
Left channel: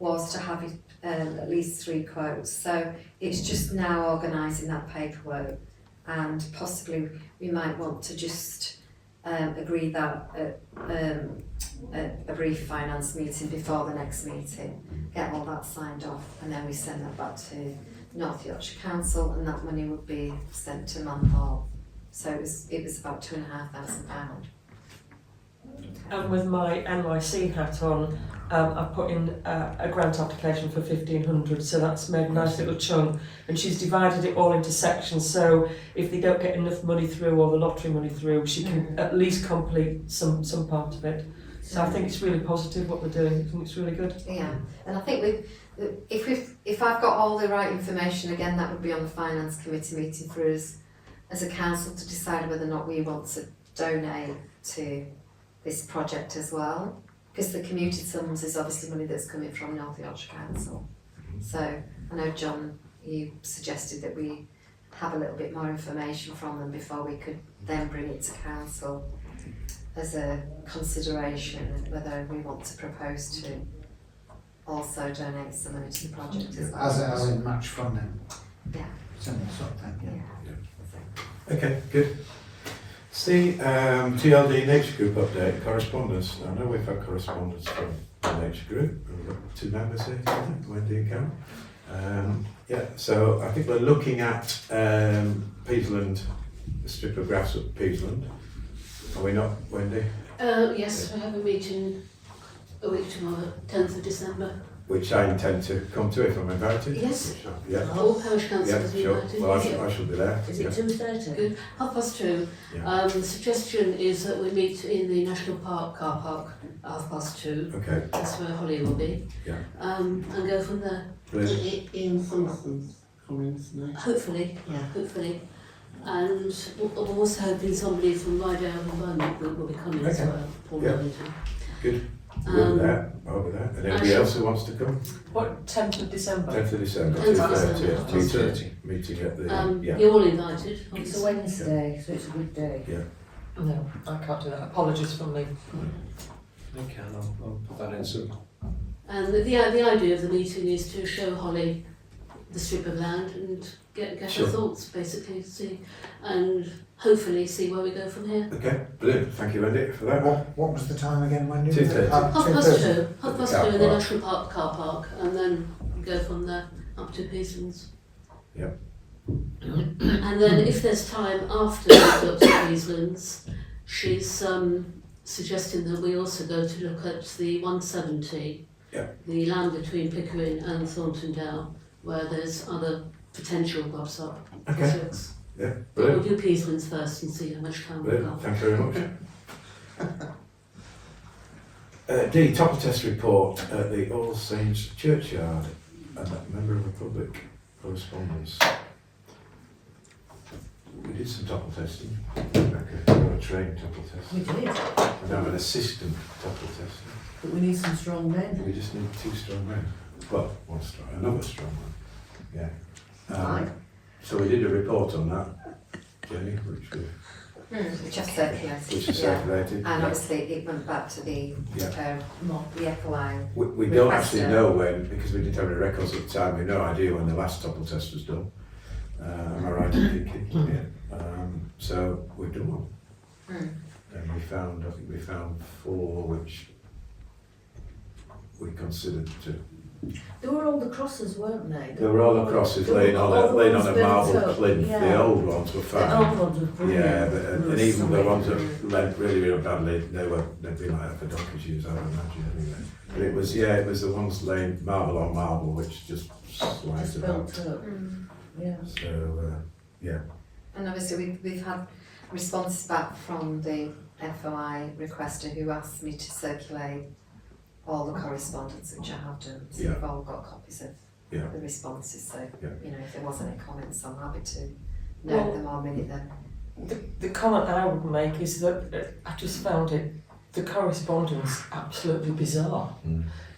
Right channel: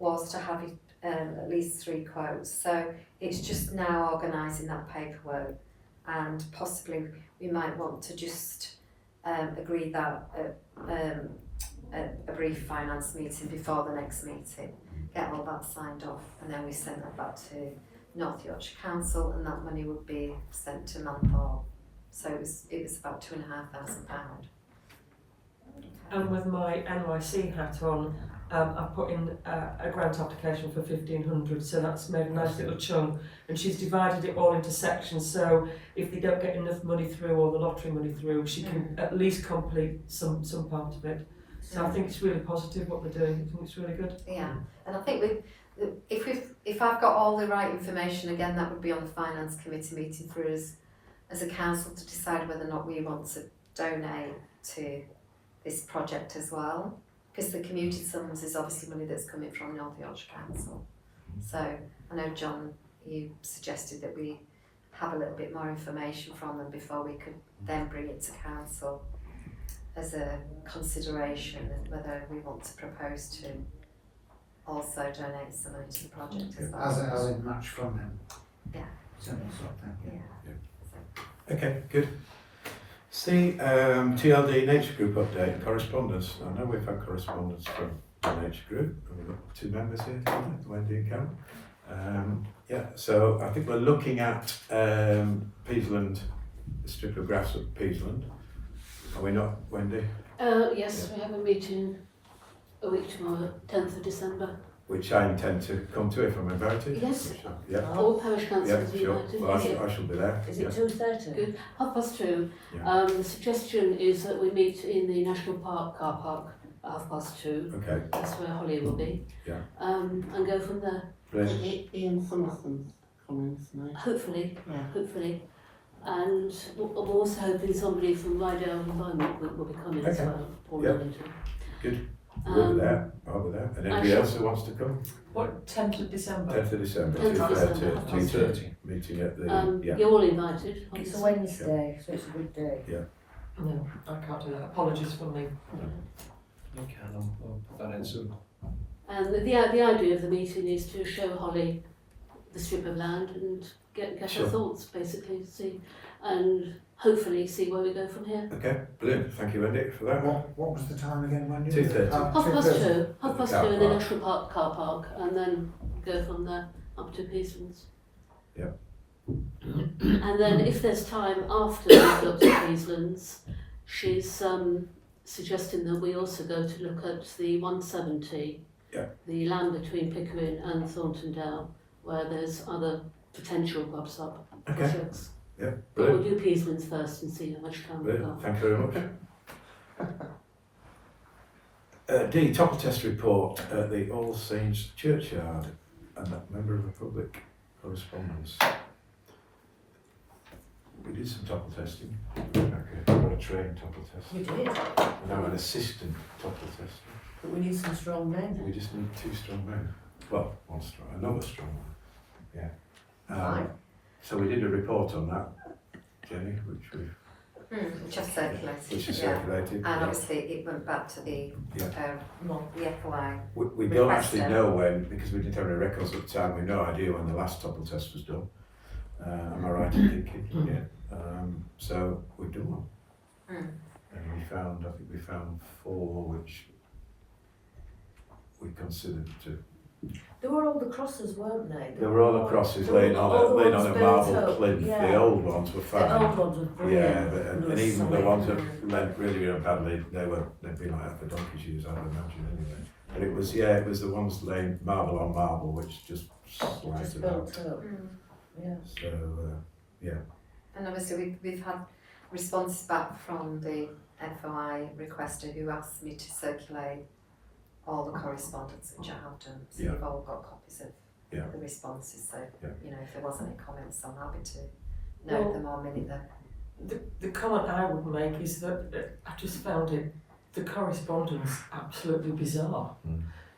was to have at least 3 quotes. So it's just now organising that paperwork, and possibly we might want to just agree that at a brief finance meeting before the next meeting, get all that signed off, and then we send that back to North Yorkshire Council, and that money would be sent to Manthorpe. So it was about £2,500. And with my NYC hat on, I've put in a grant application for 1,500, so that's made a nice little chunk. And she's divided it all into sections, so if they don't get enough money through or the lottery money through, she can at least complete some part of it. So I think it's really positive what they're doing. I think it's really good. Yeah, and I think if I've got all the right information, again, that would be on the finance committee meeting for us as a council to decide whether or not we want to donate to this project as well, because the commuted sums is obviously money that's coming from North Yorkshire Council. So I know, John, you suggested that we have a little bit more information from them before we could then bring it to council as a consideration of whether we want to propose to also donate some money to the project as well. As in match funding. Yeah. Similar sort of thing, yeah. Okay, good. C, TLD Nature Group update, correspondence. I know we've had correspondence from the Nature Group, and we've got 2 members here tonight, Wendy and Karen. Yeah, so I think we're looking at Peasland, a strip of grass at Peasland. Are we not, Wendy? Yes, we have a meeting a week tomorrow, 10th of December. Which I intend to come to if I'm invited. Yes. Which yeah, All parish councils yeah, are sure. invited. Well, I shall be there. Is Yeah. it 2:30? Good. 2:30. Yeah. The suggestion is that we meet in the National Park car park at 2:30. Okay, That's where Holly will be. Yeah. And go from there. brilliant. Ian Summerson's coming tonight. Hopefully. Yeah. Hopefully. And I'm also hoping somebody from Rydale Environment will be coming as Okay. well. Paul Yeah. Wellington. Good. We'll be there. I'll be there. And anybody else who wants to come? What, 10th of December? 10th of December, 10th of 2:30. December. 2:30. Meeting at the, yeah. You're all invited. It's a Wednesday, so it's a good day. No, I can't do that. Apologies from me. Okay, I'll put that in soon. And the idea of the meeting is to show Holly the strip of land and get Sure. her thoughts, basically, and hopefully see where we go from here. Okay, brilliant. Thank you, Wendy, for that. What was the time again, Wendy? 2:30. 2:30. Half past car two in the park. National Park car park, and then go from there up to Peaslands. Yep. And then if there's time after we go to Peaslands, she's suggesting that we also go to look at the 170, the land between Pickering and Thornton Dale, where there's other potential Okay, projects. yeah, But we'll brilliant. do Peaslands first and see how much time we've Brilliant. got. Thank you very much. D, topple test report at the All Saints Churchyard, and that member of the public correspondence. We did some topple testing. Okay, we got a trained topple test. We did, And now an assistant topple tester. but we need some strong men. We just need 2 strong men. Well, one strong, another strong one. Yeah. Right. So we did a report on that, Jenny, which we Which I've circulated. which is yeah. circulated. And obviously it went back to the Yeah. the FOI. We don't requester. actually know when, because we didn't have any records at the time, we have no idea when the last topple test was done. Am I right in thinking? Yeah. So we've done one. And I think we found 4 which we considered to. There were all the crosses, weren't they? They were all the crosses laying on all the a ones marble built up, plinth. yeah. The old ones were The found. old ones were brilliant. Yeah, but, and They were even the so ones that brilliant. went really, really badly, they'd been like that for donkey's years, I would imagine, anyway. But it was the ones laying marble on marble, which just sliced Just it out. built up. Yeah. So, yeah. And obviously we've had responses back from the FOI requester who asked me to circulate all the correspondence, which I have done. So Yeah. we've all got copies of Yeah. the responses. So Yeah. you know, if there was any comments, I'm happy to Well- note them or minute them. The comment I would make is that I just found the correspondence absolutely bizarre.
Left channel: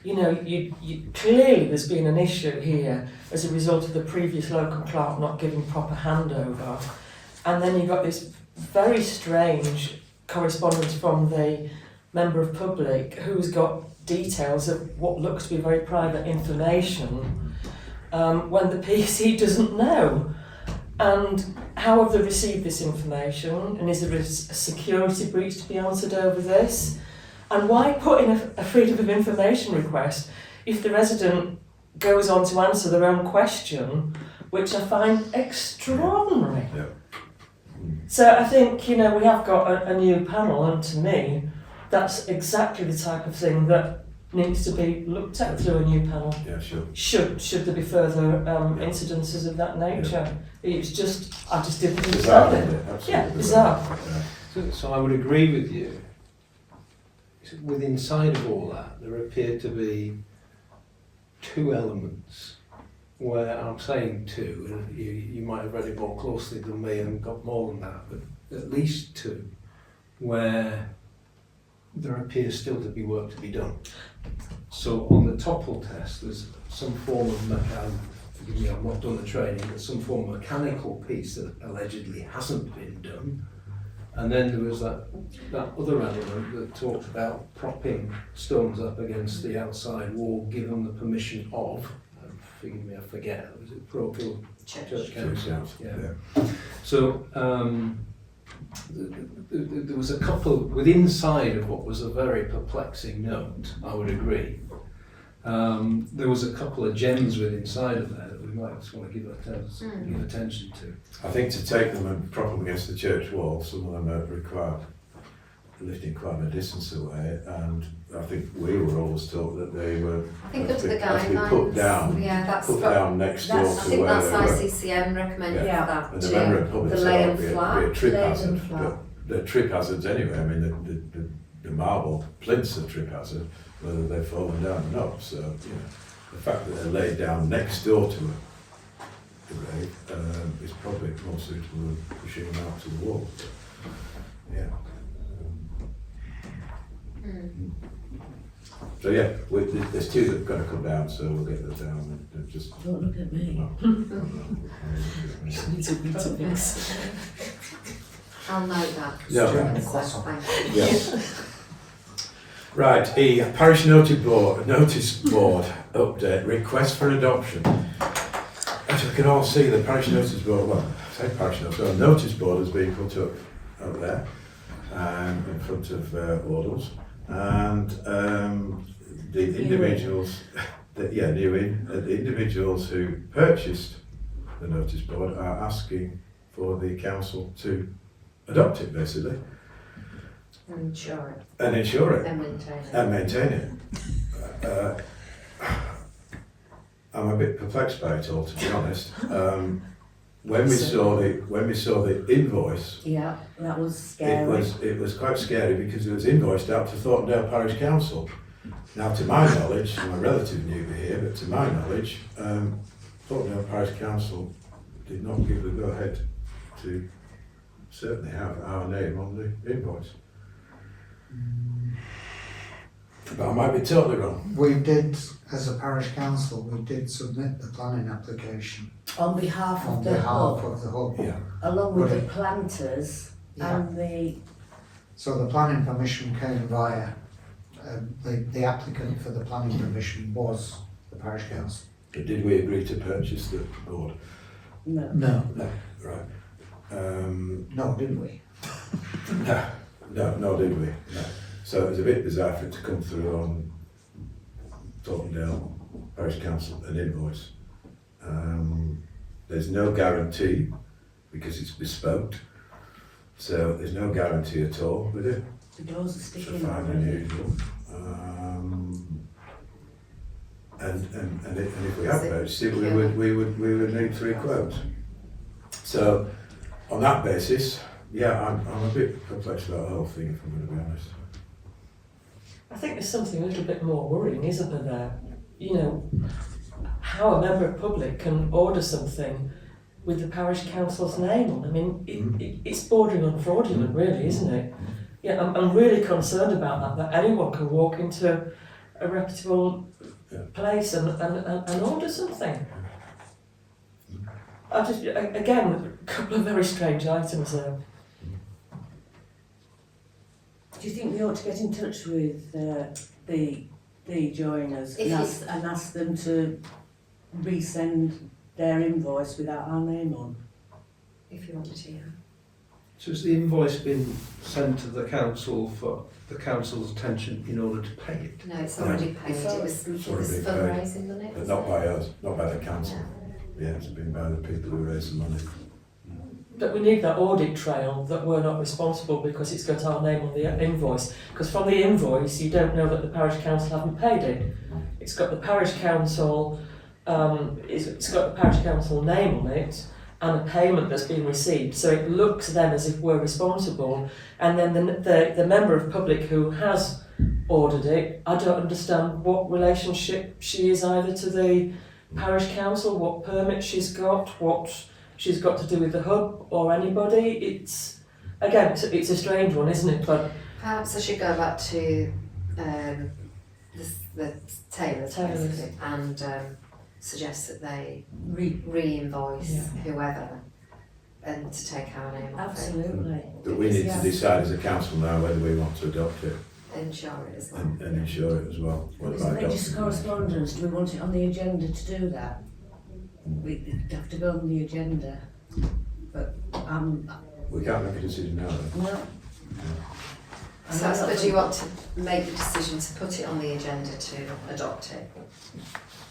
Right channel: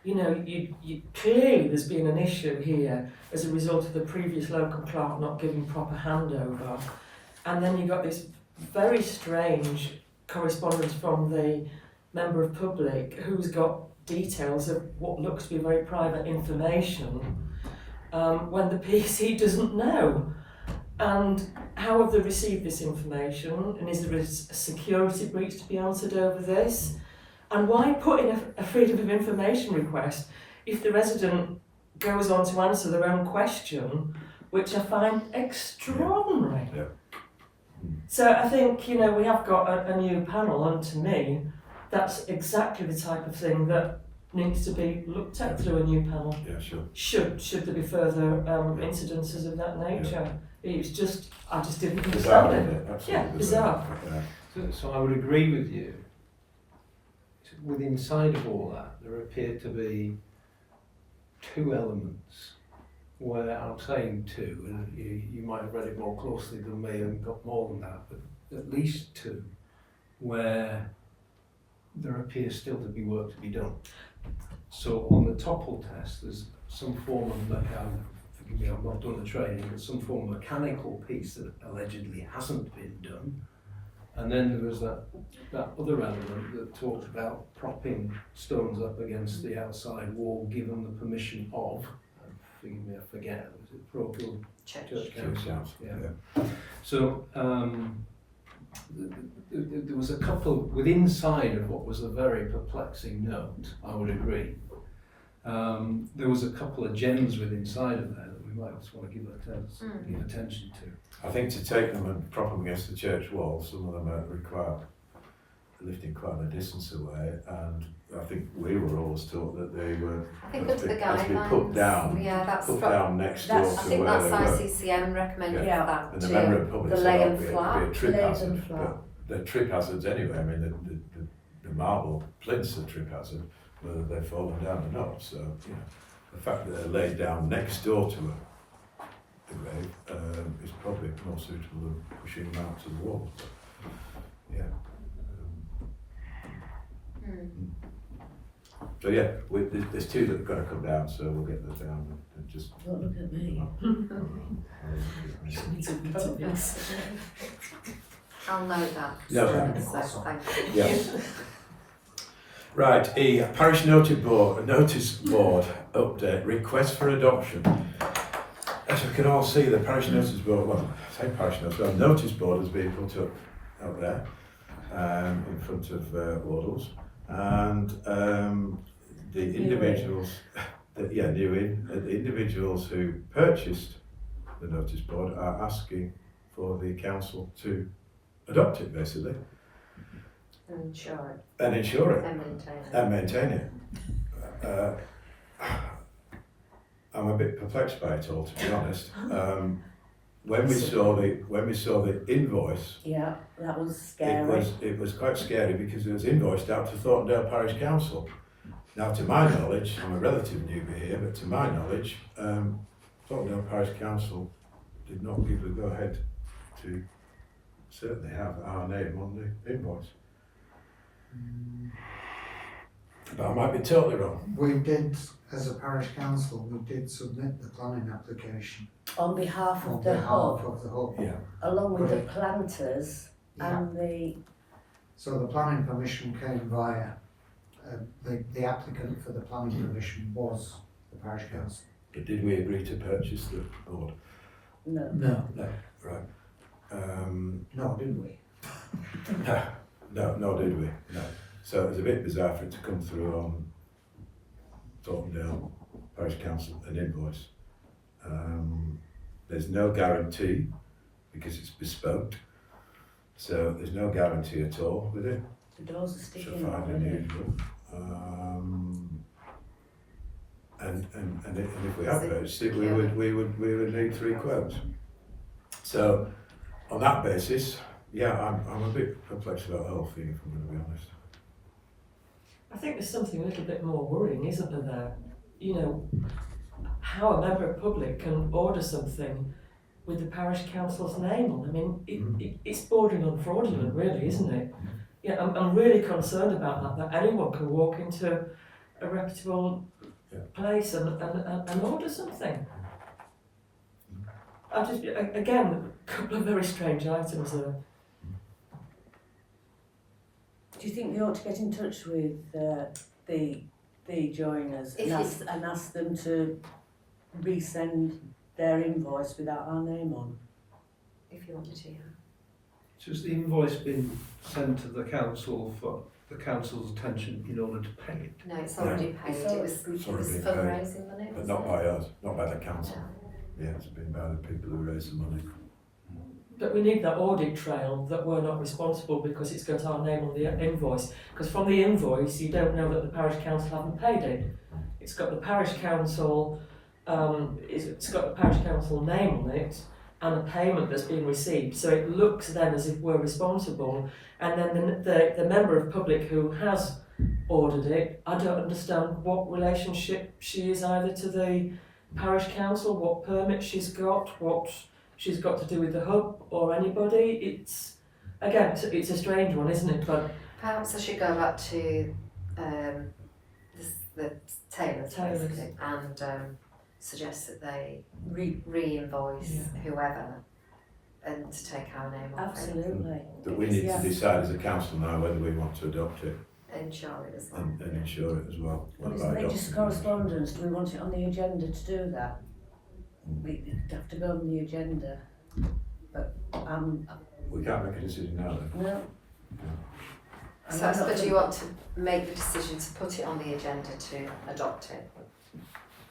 You know, you clearly there's been an issue here as a result of the previous local clerk not giving proper handover, and then you've got this very strange correspondence from the member of public who's got details of what looks to be very private information when the PC doesn't know. And how have they received this information? And is there a security breach to be answered over this? And why put in a freedom of information request if the resident goes on to answer their own question, which I find extraordinary. Yeah. So I think, you know, we have got a new panel, and to me, that's exactly the type of thing that needs to be looked at through a new panel. Yeah, sure. Should there be further incidences of that nature? It's just, I just didn't Bizarre, understand isn't it. it? Absolutely Yeah, bizarre. Yeah. So I would agree with you. Within inside of all that, there appear to be 2 elements where I'm saying 2, and you might have read it more closely than me and got more than that, but at least 2 where there appears still to be work to be done. So on the topple test, there's some form of forgive me, I've not done the training, but some form of mechanical piece that allegedly hasn't been done. And then there was that other element that talks about propping stones up against the outside wall, given the permission of, forgive me, I forget, was it parochial church council? Yeah. So there was a couple within inside of what was a very perplexing note, I would agree. There was a couple of gems within inside of there that we might just want to give attention to. I think to take them and prop them against the church wall, some of them are required lifting quite a distance away, and I think we were always taught that they were I think as under the as we guidelines. put down, Yeah, that's put down next door I to think where that's they were. ICCM recommended Yeah. for that And the too. member of public the said lay it'd and be a flat. trip Laid hazard, and flat. but they're trip hazards anyway. I mean, the marble plinths are trip hazard, whether they've fallen down or not. So, you know, the fact that they're laid down next door to a grave is probably more suitable than pushing them out to the wall. But, yeah. So yeah, there's 2 that have got to come down, so we'll get them down and just. Don't look at me. I'll note that. Yeah. Thank you. Yeah. Right, parish notice board update, request for adoption. As we can all see, the parish notice board, well, I say parish notice board has been put up there in front of Wardles, and the individuals, the individuals who purchased the notice board are asking for the council to adopt it, basically. And insure it. And insure it. And maintain it. And maintain it. I'm a bit perplexed by it all, to be honest. When we saw the invoice, Yeah, that was scary. it was quite scary because it was invoiced out to Thornton Parish Council. Now, to my knowledge, I'm a relative newbie here, but to my knowledge, Thornton Parish Council did not give the go-ahead to certainly have our name on the invoice. But I might be totally wrong. We did, as a parish council, we did submit the planning application On behalf on of the behalf hub, of the hub. Yeah. along with But the planters Yeah. and So the planning permission came via, the applicant for the planning permission was the parish council. But did we agree to purchase the board? no. No, Right. no, didn't we? No, did we? No. So it was a bit bizarre for it to come through on Thornton Parish Council, an invoice. There's no guarantee because it's bespoke. So there's no guarantee at all with it. The doors are So sticking fine out. and usual. And if we have purchased it, we would need 3 quotes. So on that basis, yeah, I'm a bit perplexed about the whole thing, if I'm going to be honest. I think there's something a little bit more worrying, isn't there? You know, how a member of public can order something with the parish council's name on. I mean, it's bordering on fraudulent, really, isn't it? Yeah, I'm really concerned about that anyone can walk into a reputable place and order something. I just, again, a couple of very strange items there. Do you think we ought to get in touch with the joiners and ask them to resend their invoice without our name on? If you wanted to, yeah. So has the invoice been sent to the council for the council's attention in order to pay it? No, it's already paid. It's It was It's already been paid. fundraising money. But wasn't not it? by us, not by the council. Yeah, it's been by the people who raised the money. But we need that audit trail that we're not responsible because it's got our name on the invoice. Because from the invoice, you don't know that the parish council haven't paid it. It's got the parish council, it's got the parish council name on it and a payment that's been received. So it looks then as if we're responsible. And then the member of public who has ordered it, I don't understand what relationship she is either to the parish council, what permit she's got, what she's got to do with the hub or anybody. It's, again, it's a strange one, isn't it? But Perhaps I should go back to the tailors basically, and suggest that they re-invoice whoever and to take our name off it. Absolutely. But we need to decide as a council now whether we want to adopt it Insure it as well. and insure it as well. What There's about religious adopting it? correspondence. Do we want it on the agenda to do that? We have to go on the agenda. But We can't make a decision now then. no. So I suppose you want to make the decision to put it on the agenda to adopt it.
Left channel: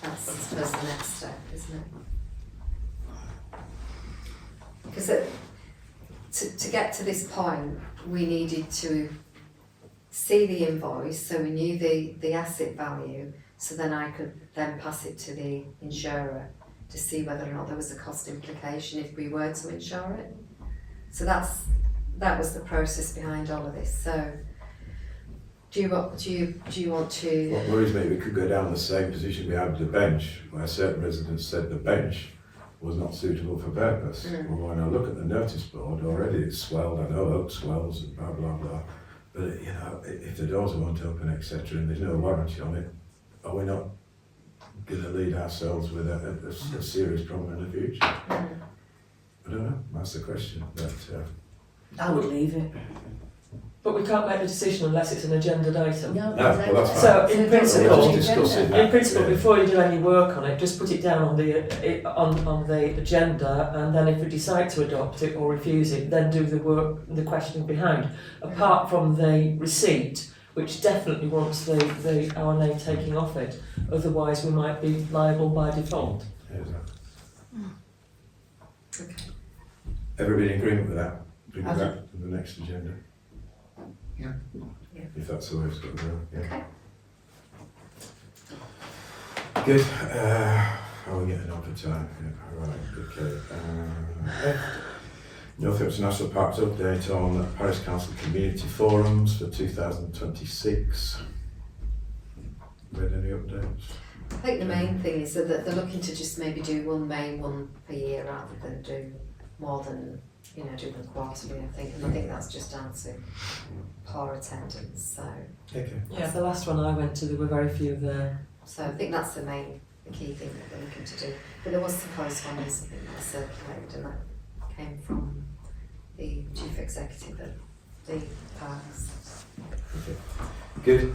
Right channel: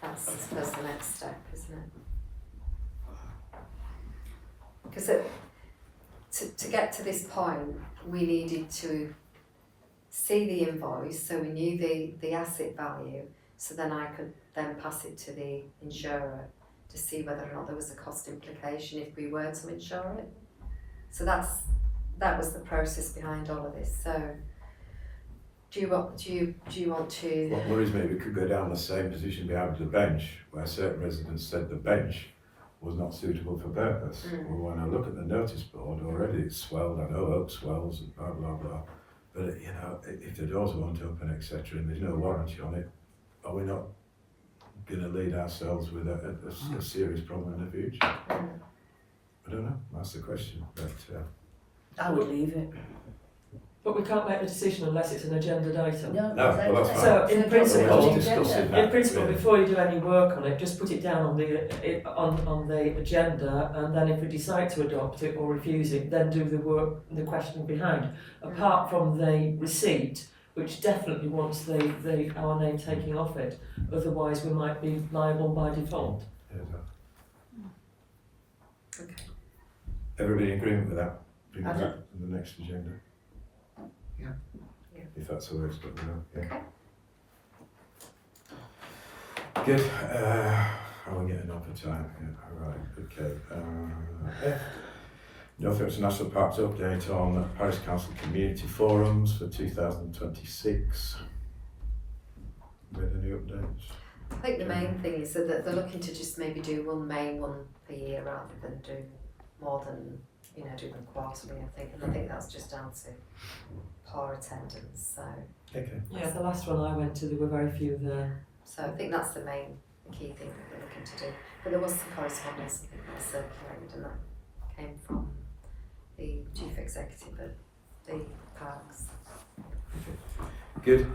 That's, I suppose, the next step, isn't it? Because to get to this point, we needed to see the invoice, so we knew the asset value, so then I could then pass it to the insurer to see whether or not there was a cost implication if we were to insure it. So that was the process behind all of this. So do you want to? What worries me, we could go down the same position we had with the bench, where certain residents said the bench was not suitable for purpose. Well, when I look at the notice board, already it's swelled, I know oak swells and blah, blah, blah. But, you know, if the doors won't open, etc., and there's no warranty on it, are we not going to lead ourselves with a serious problem in the future? I don't know, that's the question. But I would leave it. But we can't make the decision unless it's an agenda item. No, well, that's fine. So in principle, We'll just discuss it now. in principle, Yeah. before you do any work on it, just put it down on the agenda, and then if we decide to adopt it or refuse it, then do the work, the questioning behind. Apart from the receipt, which definitely wants our name taking off it, otherwise we might be liable by default. Yeah, exactly. Everybody in agreement with that? Bring it back to the next agenda? Yeah. If that's the way it's got to go, yeah. Okay. Good. Are we getting on for time? Yeah, right, okay. Northampton National Parks update on Parish Council Community Forums for 2026. Read any updates? I think the main thing is that they're looking to just maybe do one main one a year rather than do more than, do them quarterly, I think. And I think that's just down to poor attendance. So Okay. Yeah, the last one I went to, there were very few there. I think that's the key thing that they're looking to do. But there was some correspondence I think that was circulated, and that came from the chief executive of the parks. Good.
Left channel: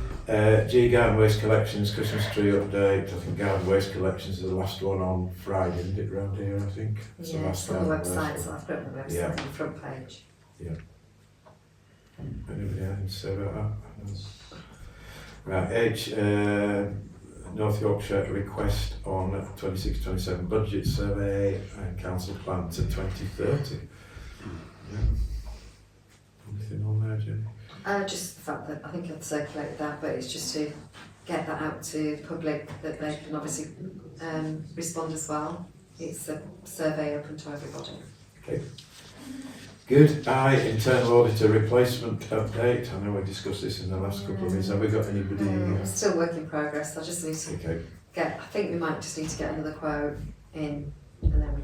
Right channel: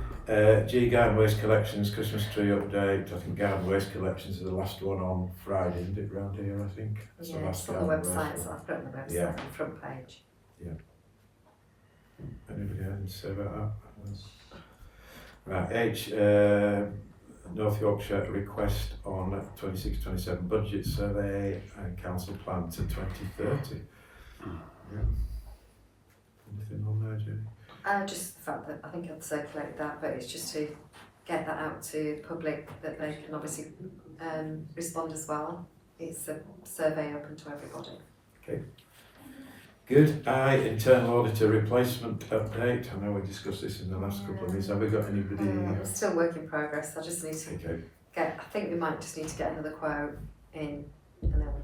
G Garden Waste Collections, Christmas tree update. I think Garden Waste Collections is the last one on Friday, isn't it, round here, I think? It's the Yeah, last it's on the Garden Waste website, one. so I've got it on the website, Yeah. on the front page. Anybody have anything to say about that? Right, H, North Yorkshire request on 26-27 budget survey and council plan to 2030. Yeah. Anything on there, Jenny? Just the fact that I think I've circulated that, but it's just to get that out to the public that they can obviously respond as well. It's a survey open to everybody. Good. I, internal auditor replacement update. I know we discussed this in the last couple of minutes. Have we got anybody? It's still work in progress. I just need to Okay. I think we might just need to get another quote in, and then we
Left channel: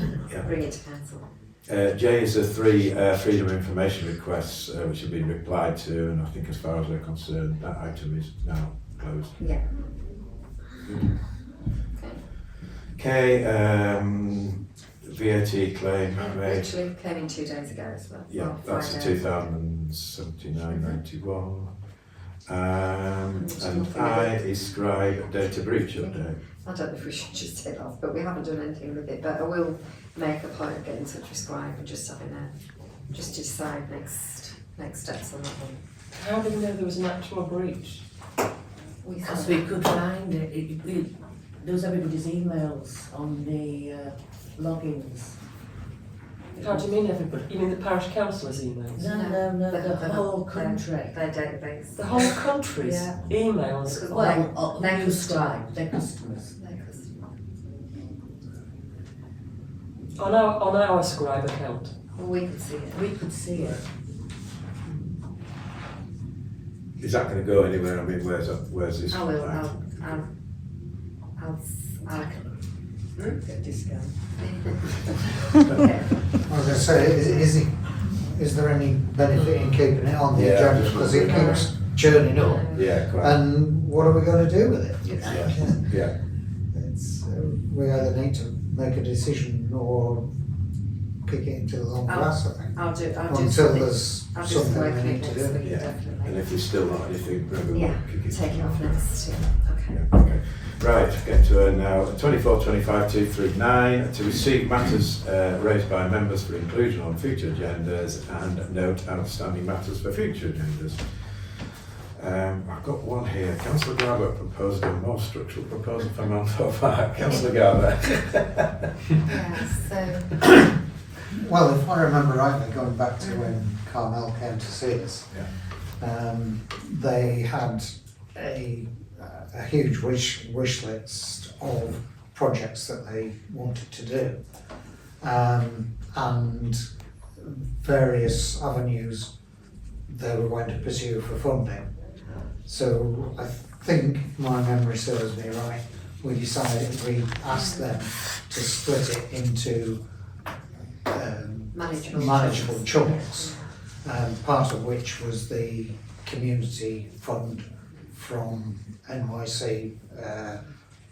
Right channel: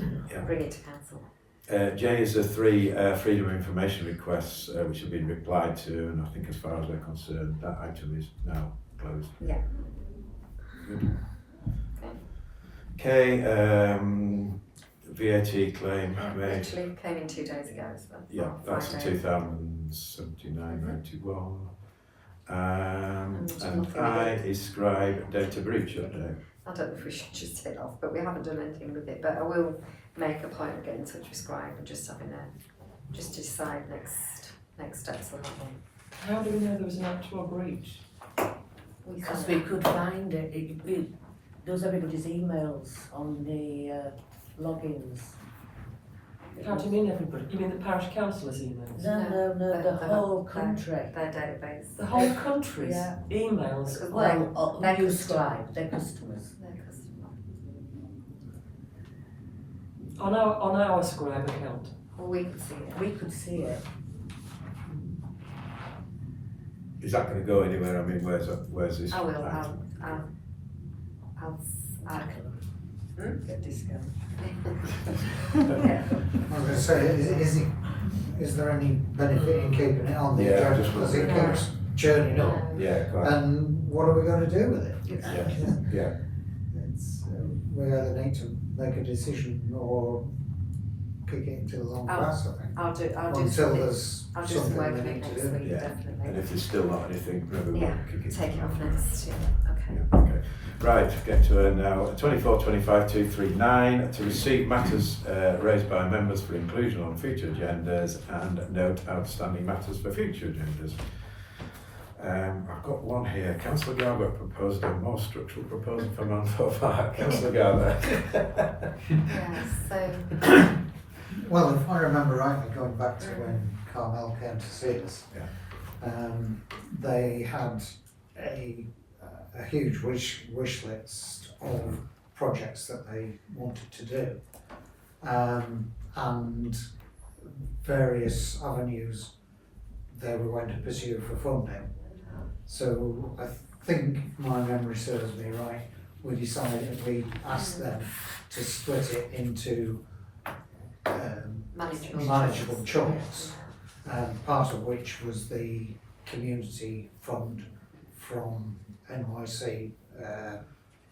can Yeah. bring it to council. J is the three freedom of information requests which have been replied to, and I think as far as we're concerned, that item is now closed. Yeah. Good. Okay. K, VAT claim made. Literally came in 2 days ago as well. Yeah, Well, that's a Friday. 2079-91. And I is scribe data breach update. I don't know if we should just take off, but we haven't done anything with it. But I will make a point of getting in touch with Scribe and just having just to decide next steps on that one. How do we know there was an actual breach? Because we could find it, there was everybody's emails on the logins. How do you mean everybody? You mean the parish councillor's emails? No, They're the not- whole country. Their database. The whole country's Yeah. emails? Well, Their new customer. Scribe, their customers. Their customer. On our Scribe account? Well, we can see it. We could see it. Is that going to go anywhere? I mean, where's this? I will. item? I'll Get discount. yeah. I was going to say, is there any benefit in keeping it on the Yeah, agenda just because it wondering. keeps churning up? Yeah, quite. And what are we going to do with it? Yeah. It's, we either need to make a decision or kick it into the long grass, I think. I'll do Until something. there's I'll do something some work we in need it to next do. week, Yeah. definitely. And if there's still not anything, maybe we'll Yeah, kick it. take it off next. Okay. Yeah, okay. Right, get to her now. 24-25-239 to receive matters raised by members for inclusion on future agendas and note outstanding matters for future agendas. I've got one here. Councillor Garbutt proposed a more structural proposal for Manthorpe Park. Councillor Garbutt. Yeah, so Well, if I remember rightly, going back to when Carmel came to see us, they had a huge wish list of projects that they wanted to do, and various avenues they were going to pursue for funding. So I think, if my memory serves me right, we decided we asked them to split it into manageable chunks, part of which was the community fund from NYC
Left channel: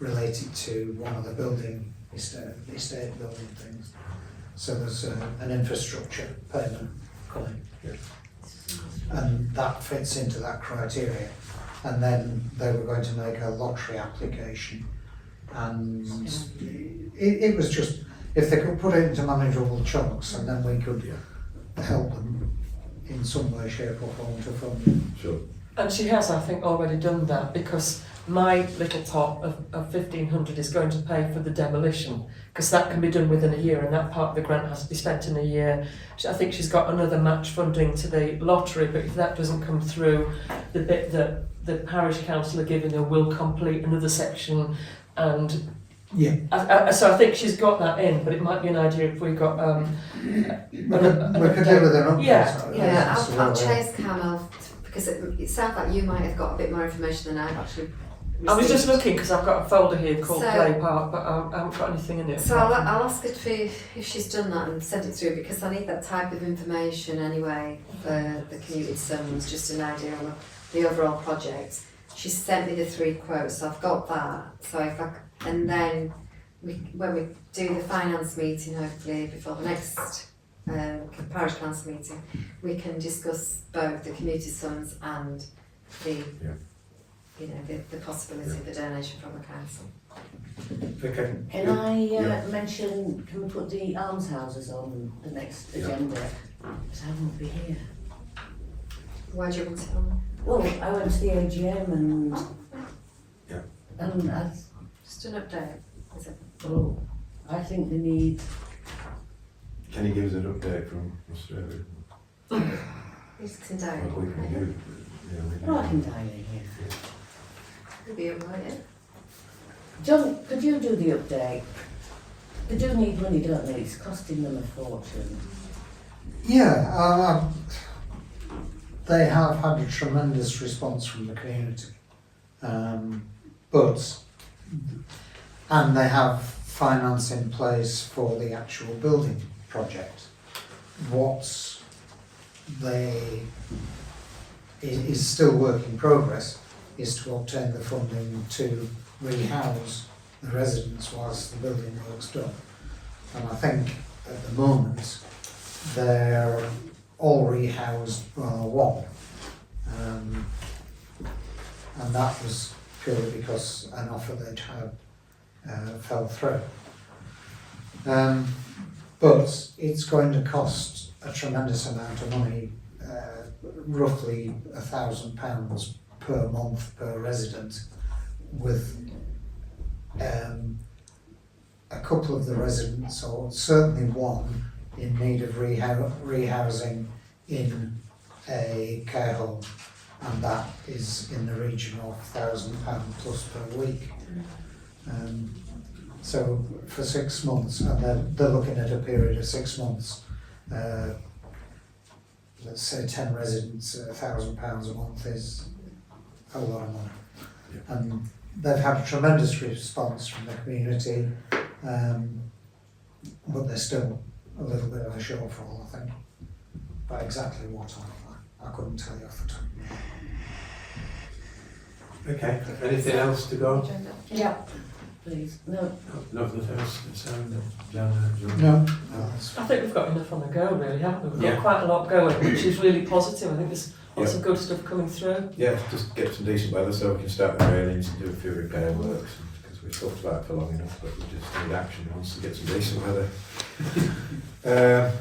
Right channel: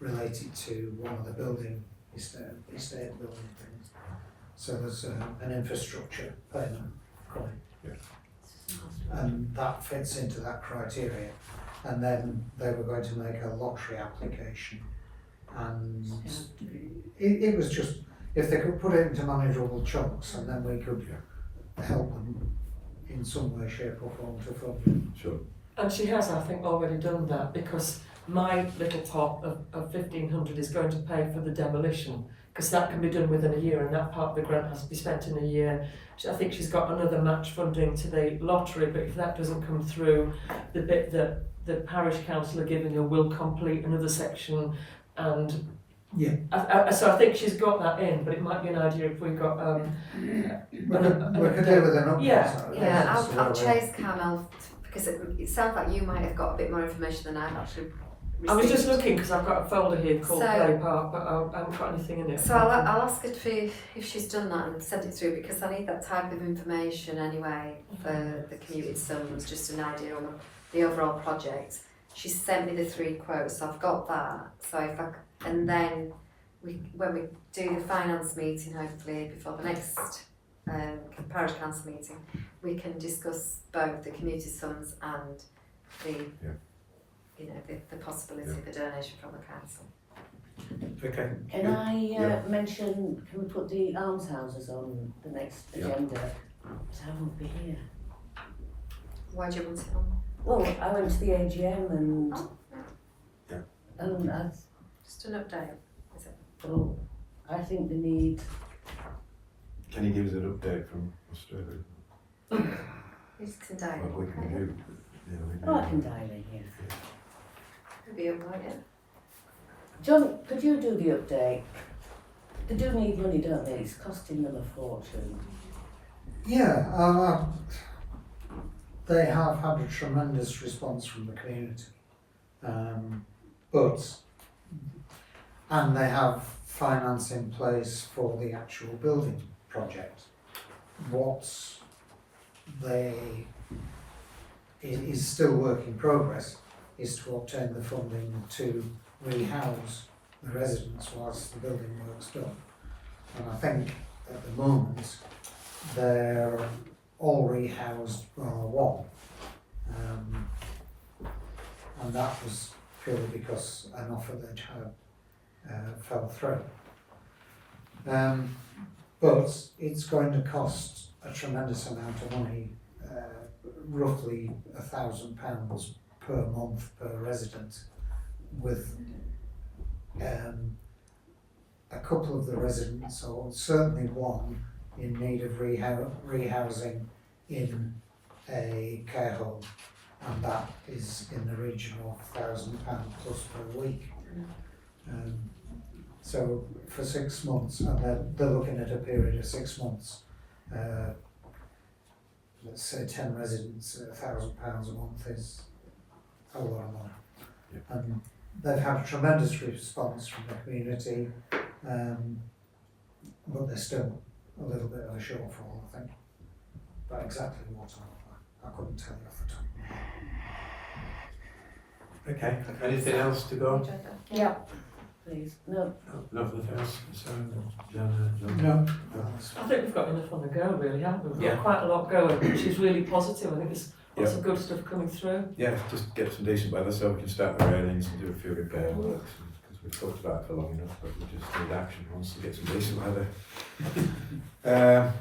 related to one of the estate building things. So there's an infrastructure payment coming. And that fits into that criteria. And then they were going to make a lottery application. And it was just, if they could put it into manageable chunks and then we could help them in some way, shape or form to fund it. Sure. And she has, I think, already done that because my little pot of 1,500 is going to pay for the demolition because that can be done within a year and that part of the grant has to be spent in a year. I think she's got another match funding to the lottery, but if that doesn't come through, the bit that the parish council are giving her will complete another section and so I think she's got that in, but it might be an idea if we got we could do with an update. yeah, I'll chase Carmel because it sounds like you might have got a bit more information than I've actually received. I was just looking because I've got a folder here called So- Play Park, but I haven't got anything in it. So I'll ask her if she's done that and send it through because I need that type of information anyway for the community summons, just an idea on the overall project. She sent me the 3 quotes, so I've got that. So and then when we do the finance meeting, hopefully before the next parish council meeting, we can discuss both the community sums and the, you know, the possibility of a donation from the council. Okay. Can I mention, can we put the almshouses on the next agenda? Because I won't be here. Why do you want it on? Well, I went to the AGM and I, Just an update, is it? well, I think they need, Can you give us an update from Australia? Risks and diet. What we can do? well, I can dial in here. Could be alright, yeah. John, could you do the update? They do need money, don't they? It's costing them a fortune. Yeah, they have had a tremendous response from the community, and they have finance in place for the actual building project. What is still work in progress is to obtain the funding to rehouse the residents whilst the building work's done. And I think at the moment they're all rehoused bar one. And that was purely because an offer they'd had fell through. But it's going to cost a tremendous amount of money, roughly £1,000 per month per resident, with a couple of the residents, or certainly one, in need of rehousing in a care home, and that is in the region of £1,000 plus per week. So for 6 months, and they're looking at a period of 6 months, let's say 10 residents, £1,000 a month is a lot of money. And they've had a tremendous response from the community, but there's still a little bit of a shortfall, I think. But exactly what, I couldn't tell you off the top of my head. Okay, anything else to go? Agenda? Yeah. Please, no. Nothing else, John? No. I think we've got enough on the go, really, haven't we? We've Yeah. got quite a lot going, which is really positive. I think there's lots of good stuff coming through. Yeah, just get some decent weather so we can start the railings and do a few repair works, because we've talked about it for long enough, but we just need action once to get some decent weather.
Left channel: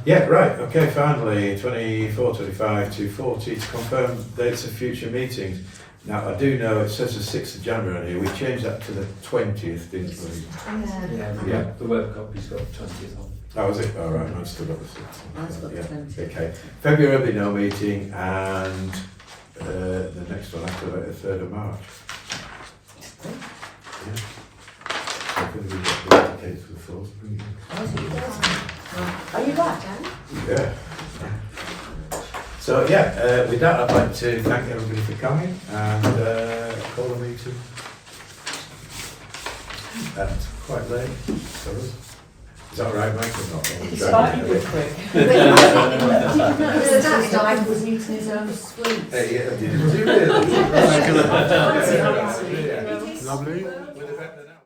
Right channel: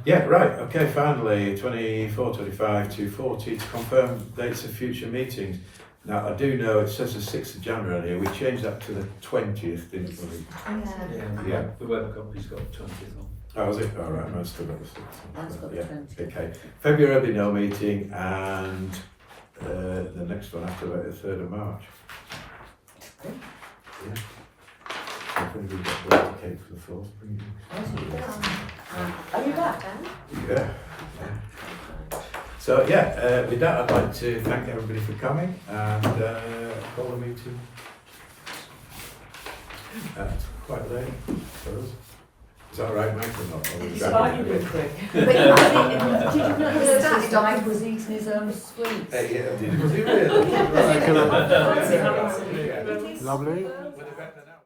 Yeah, right, okay, finally, 24, 25, 240, to confirm dates of future meetings. Now, I do know it says the 6th of January on here, we changed that to the 20th, didn't we? Yeah, the web copy's got 20th on. Oh, was it? Oh, right, no, I've still got the 6th. Mine's got the 20th. Okay, February will be no meeting, and the next one after that, the 3rd of March. Yeah. I think we've got the tickets for the 4th. Are you back? Yeah. So yeah, with that I'd like to thank everybody for coming and call the meeting at quite late for us. Is that all right, Mike, or not? Or It's driving slightly a bit? quick. Did you not notice his dad was eating his own sweets? Yeah, did he really? Fancy, fancy. Yeah. Lovely.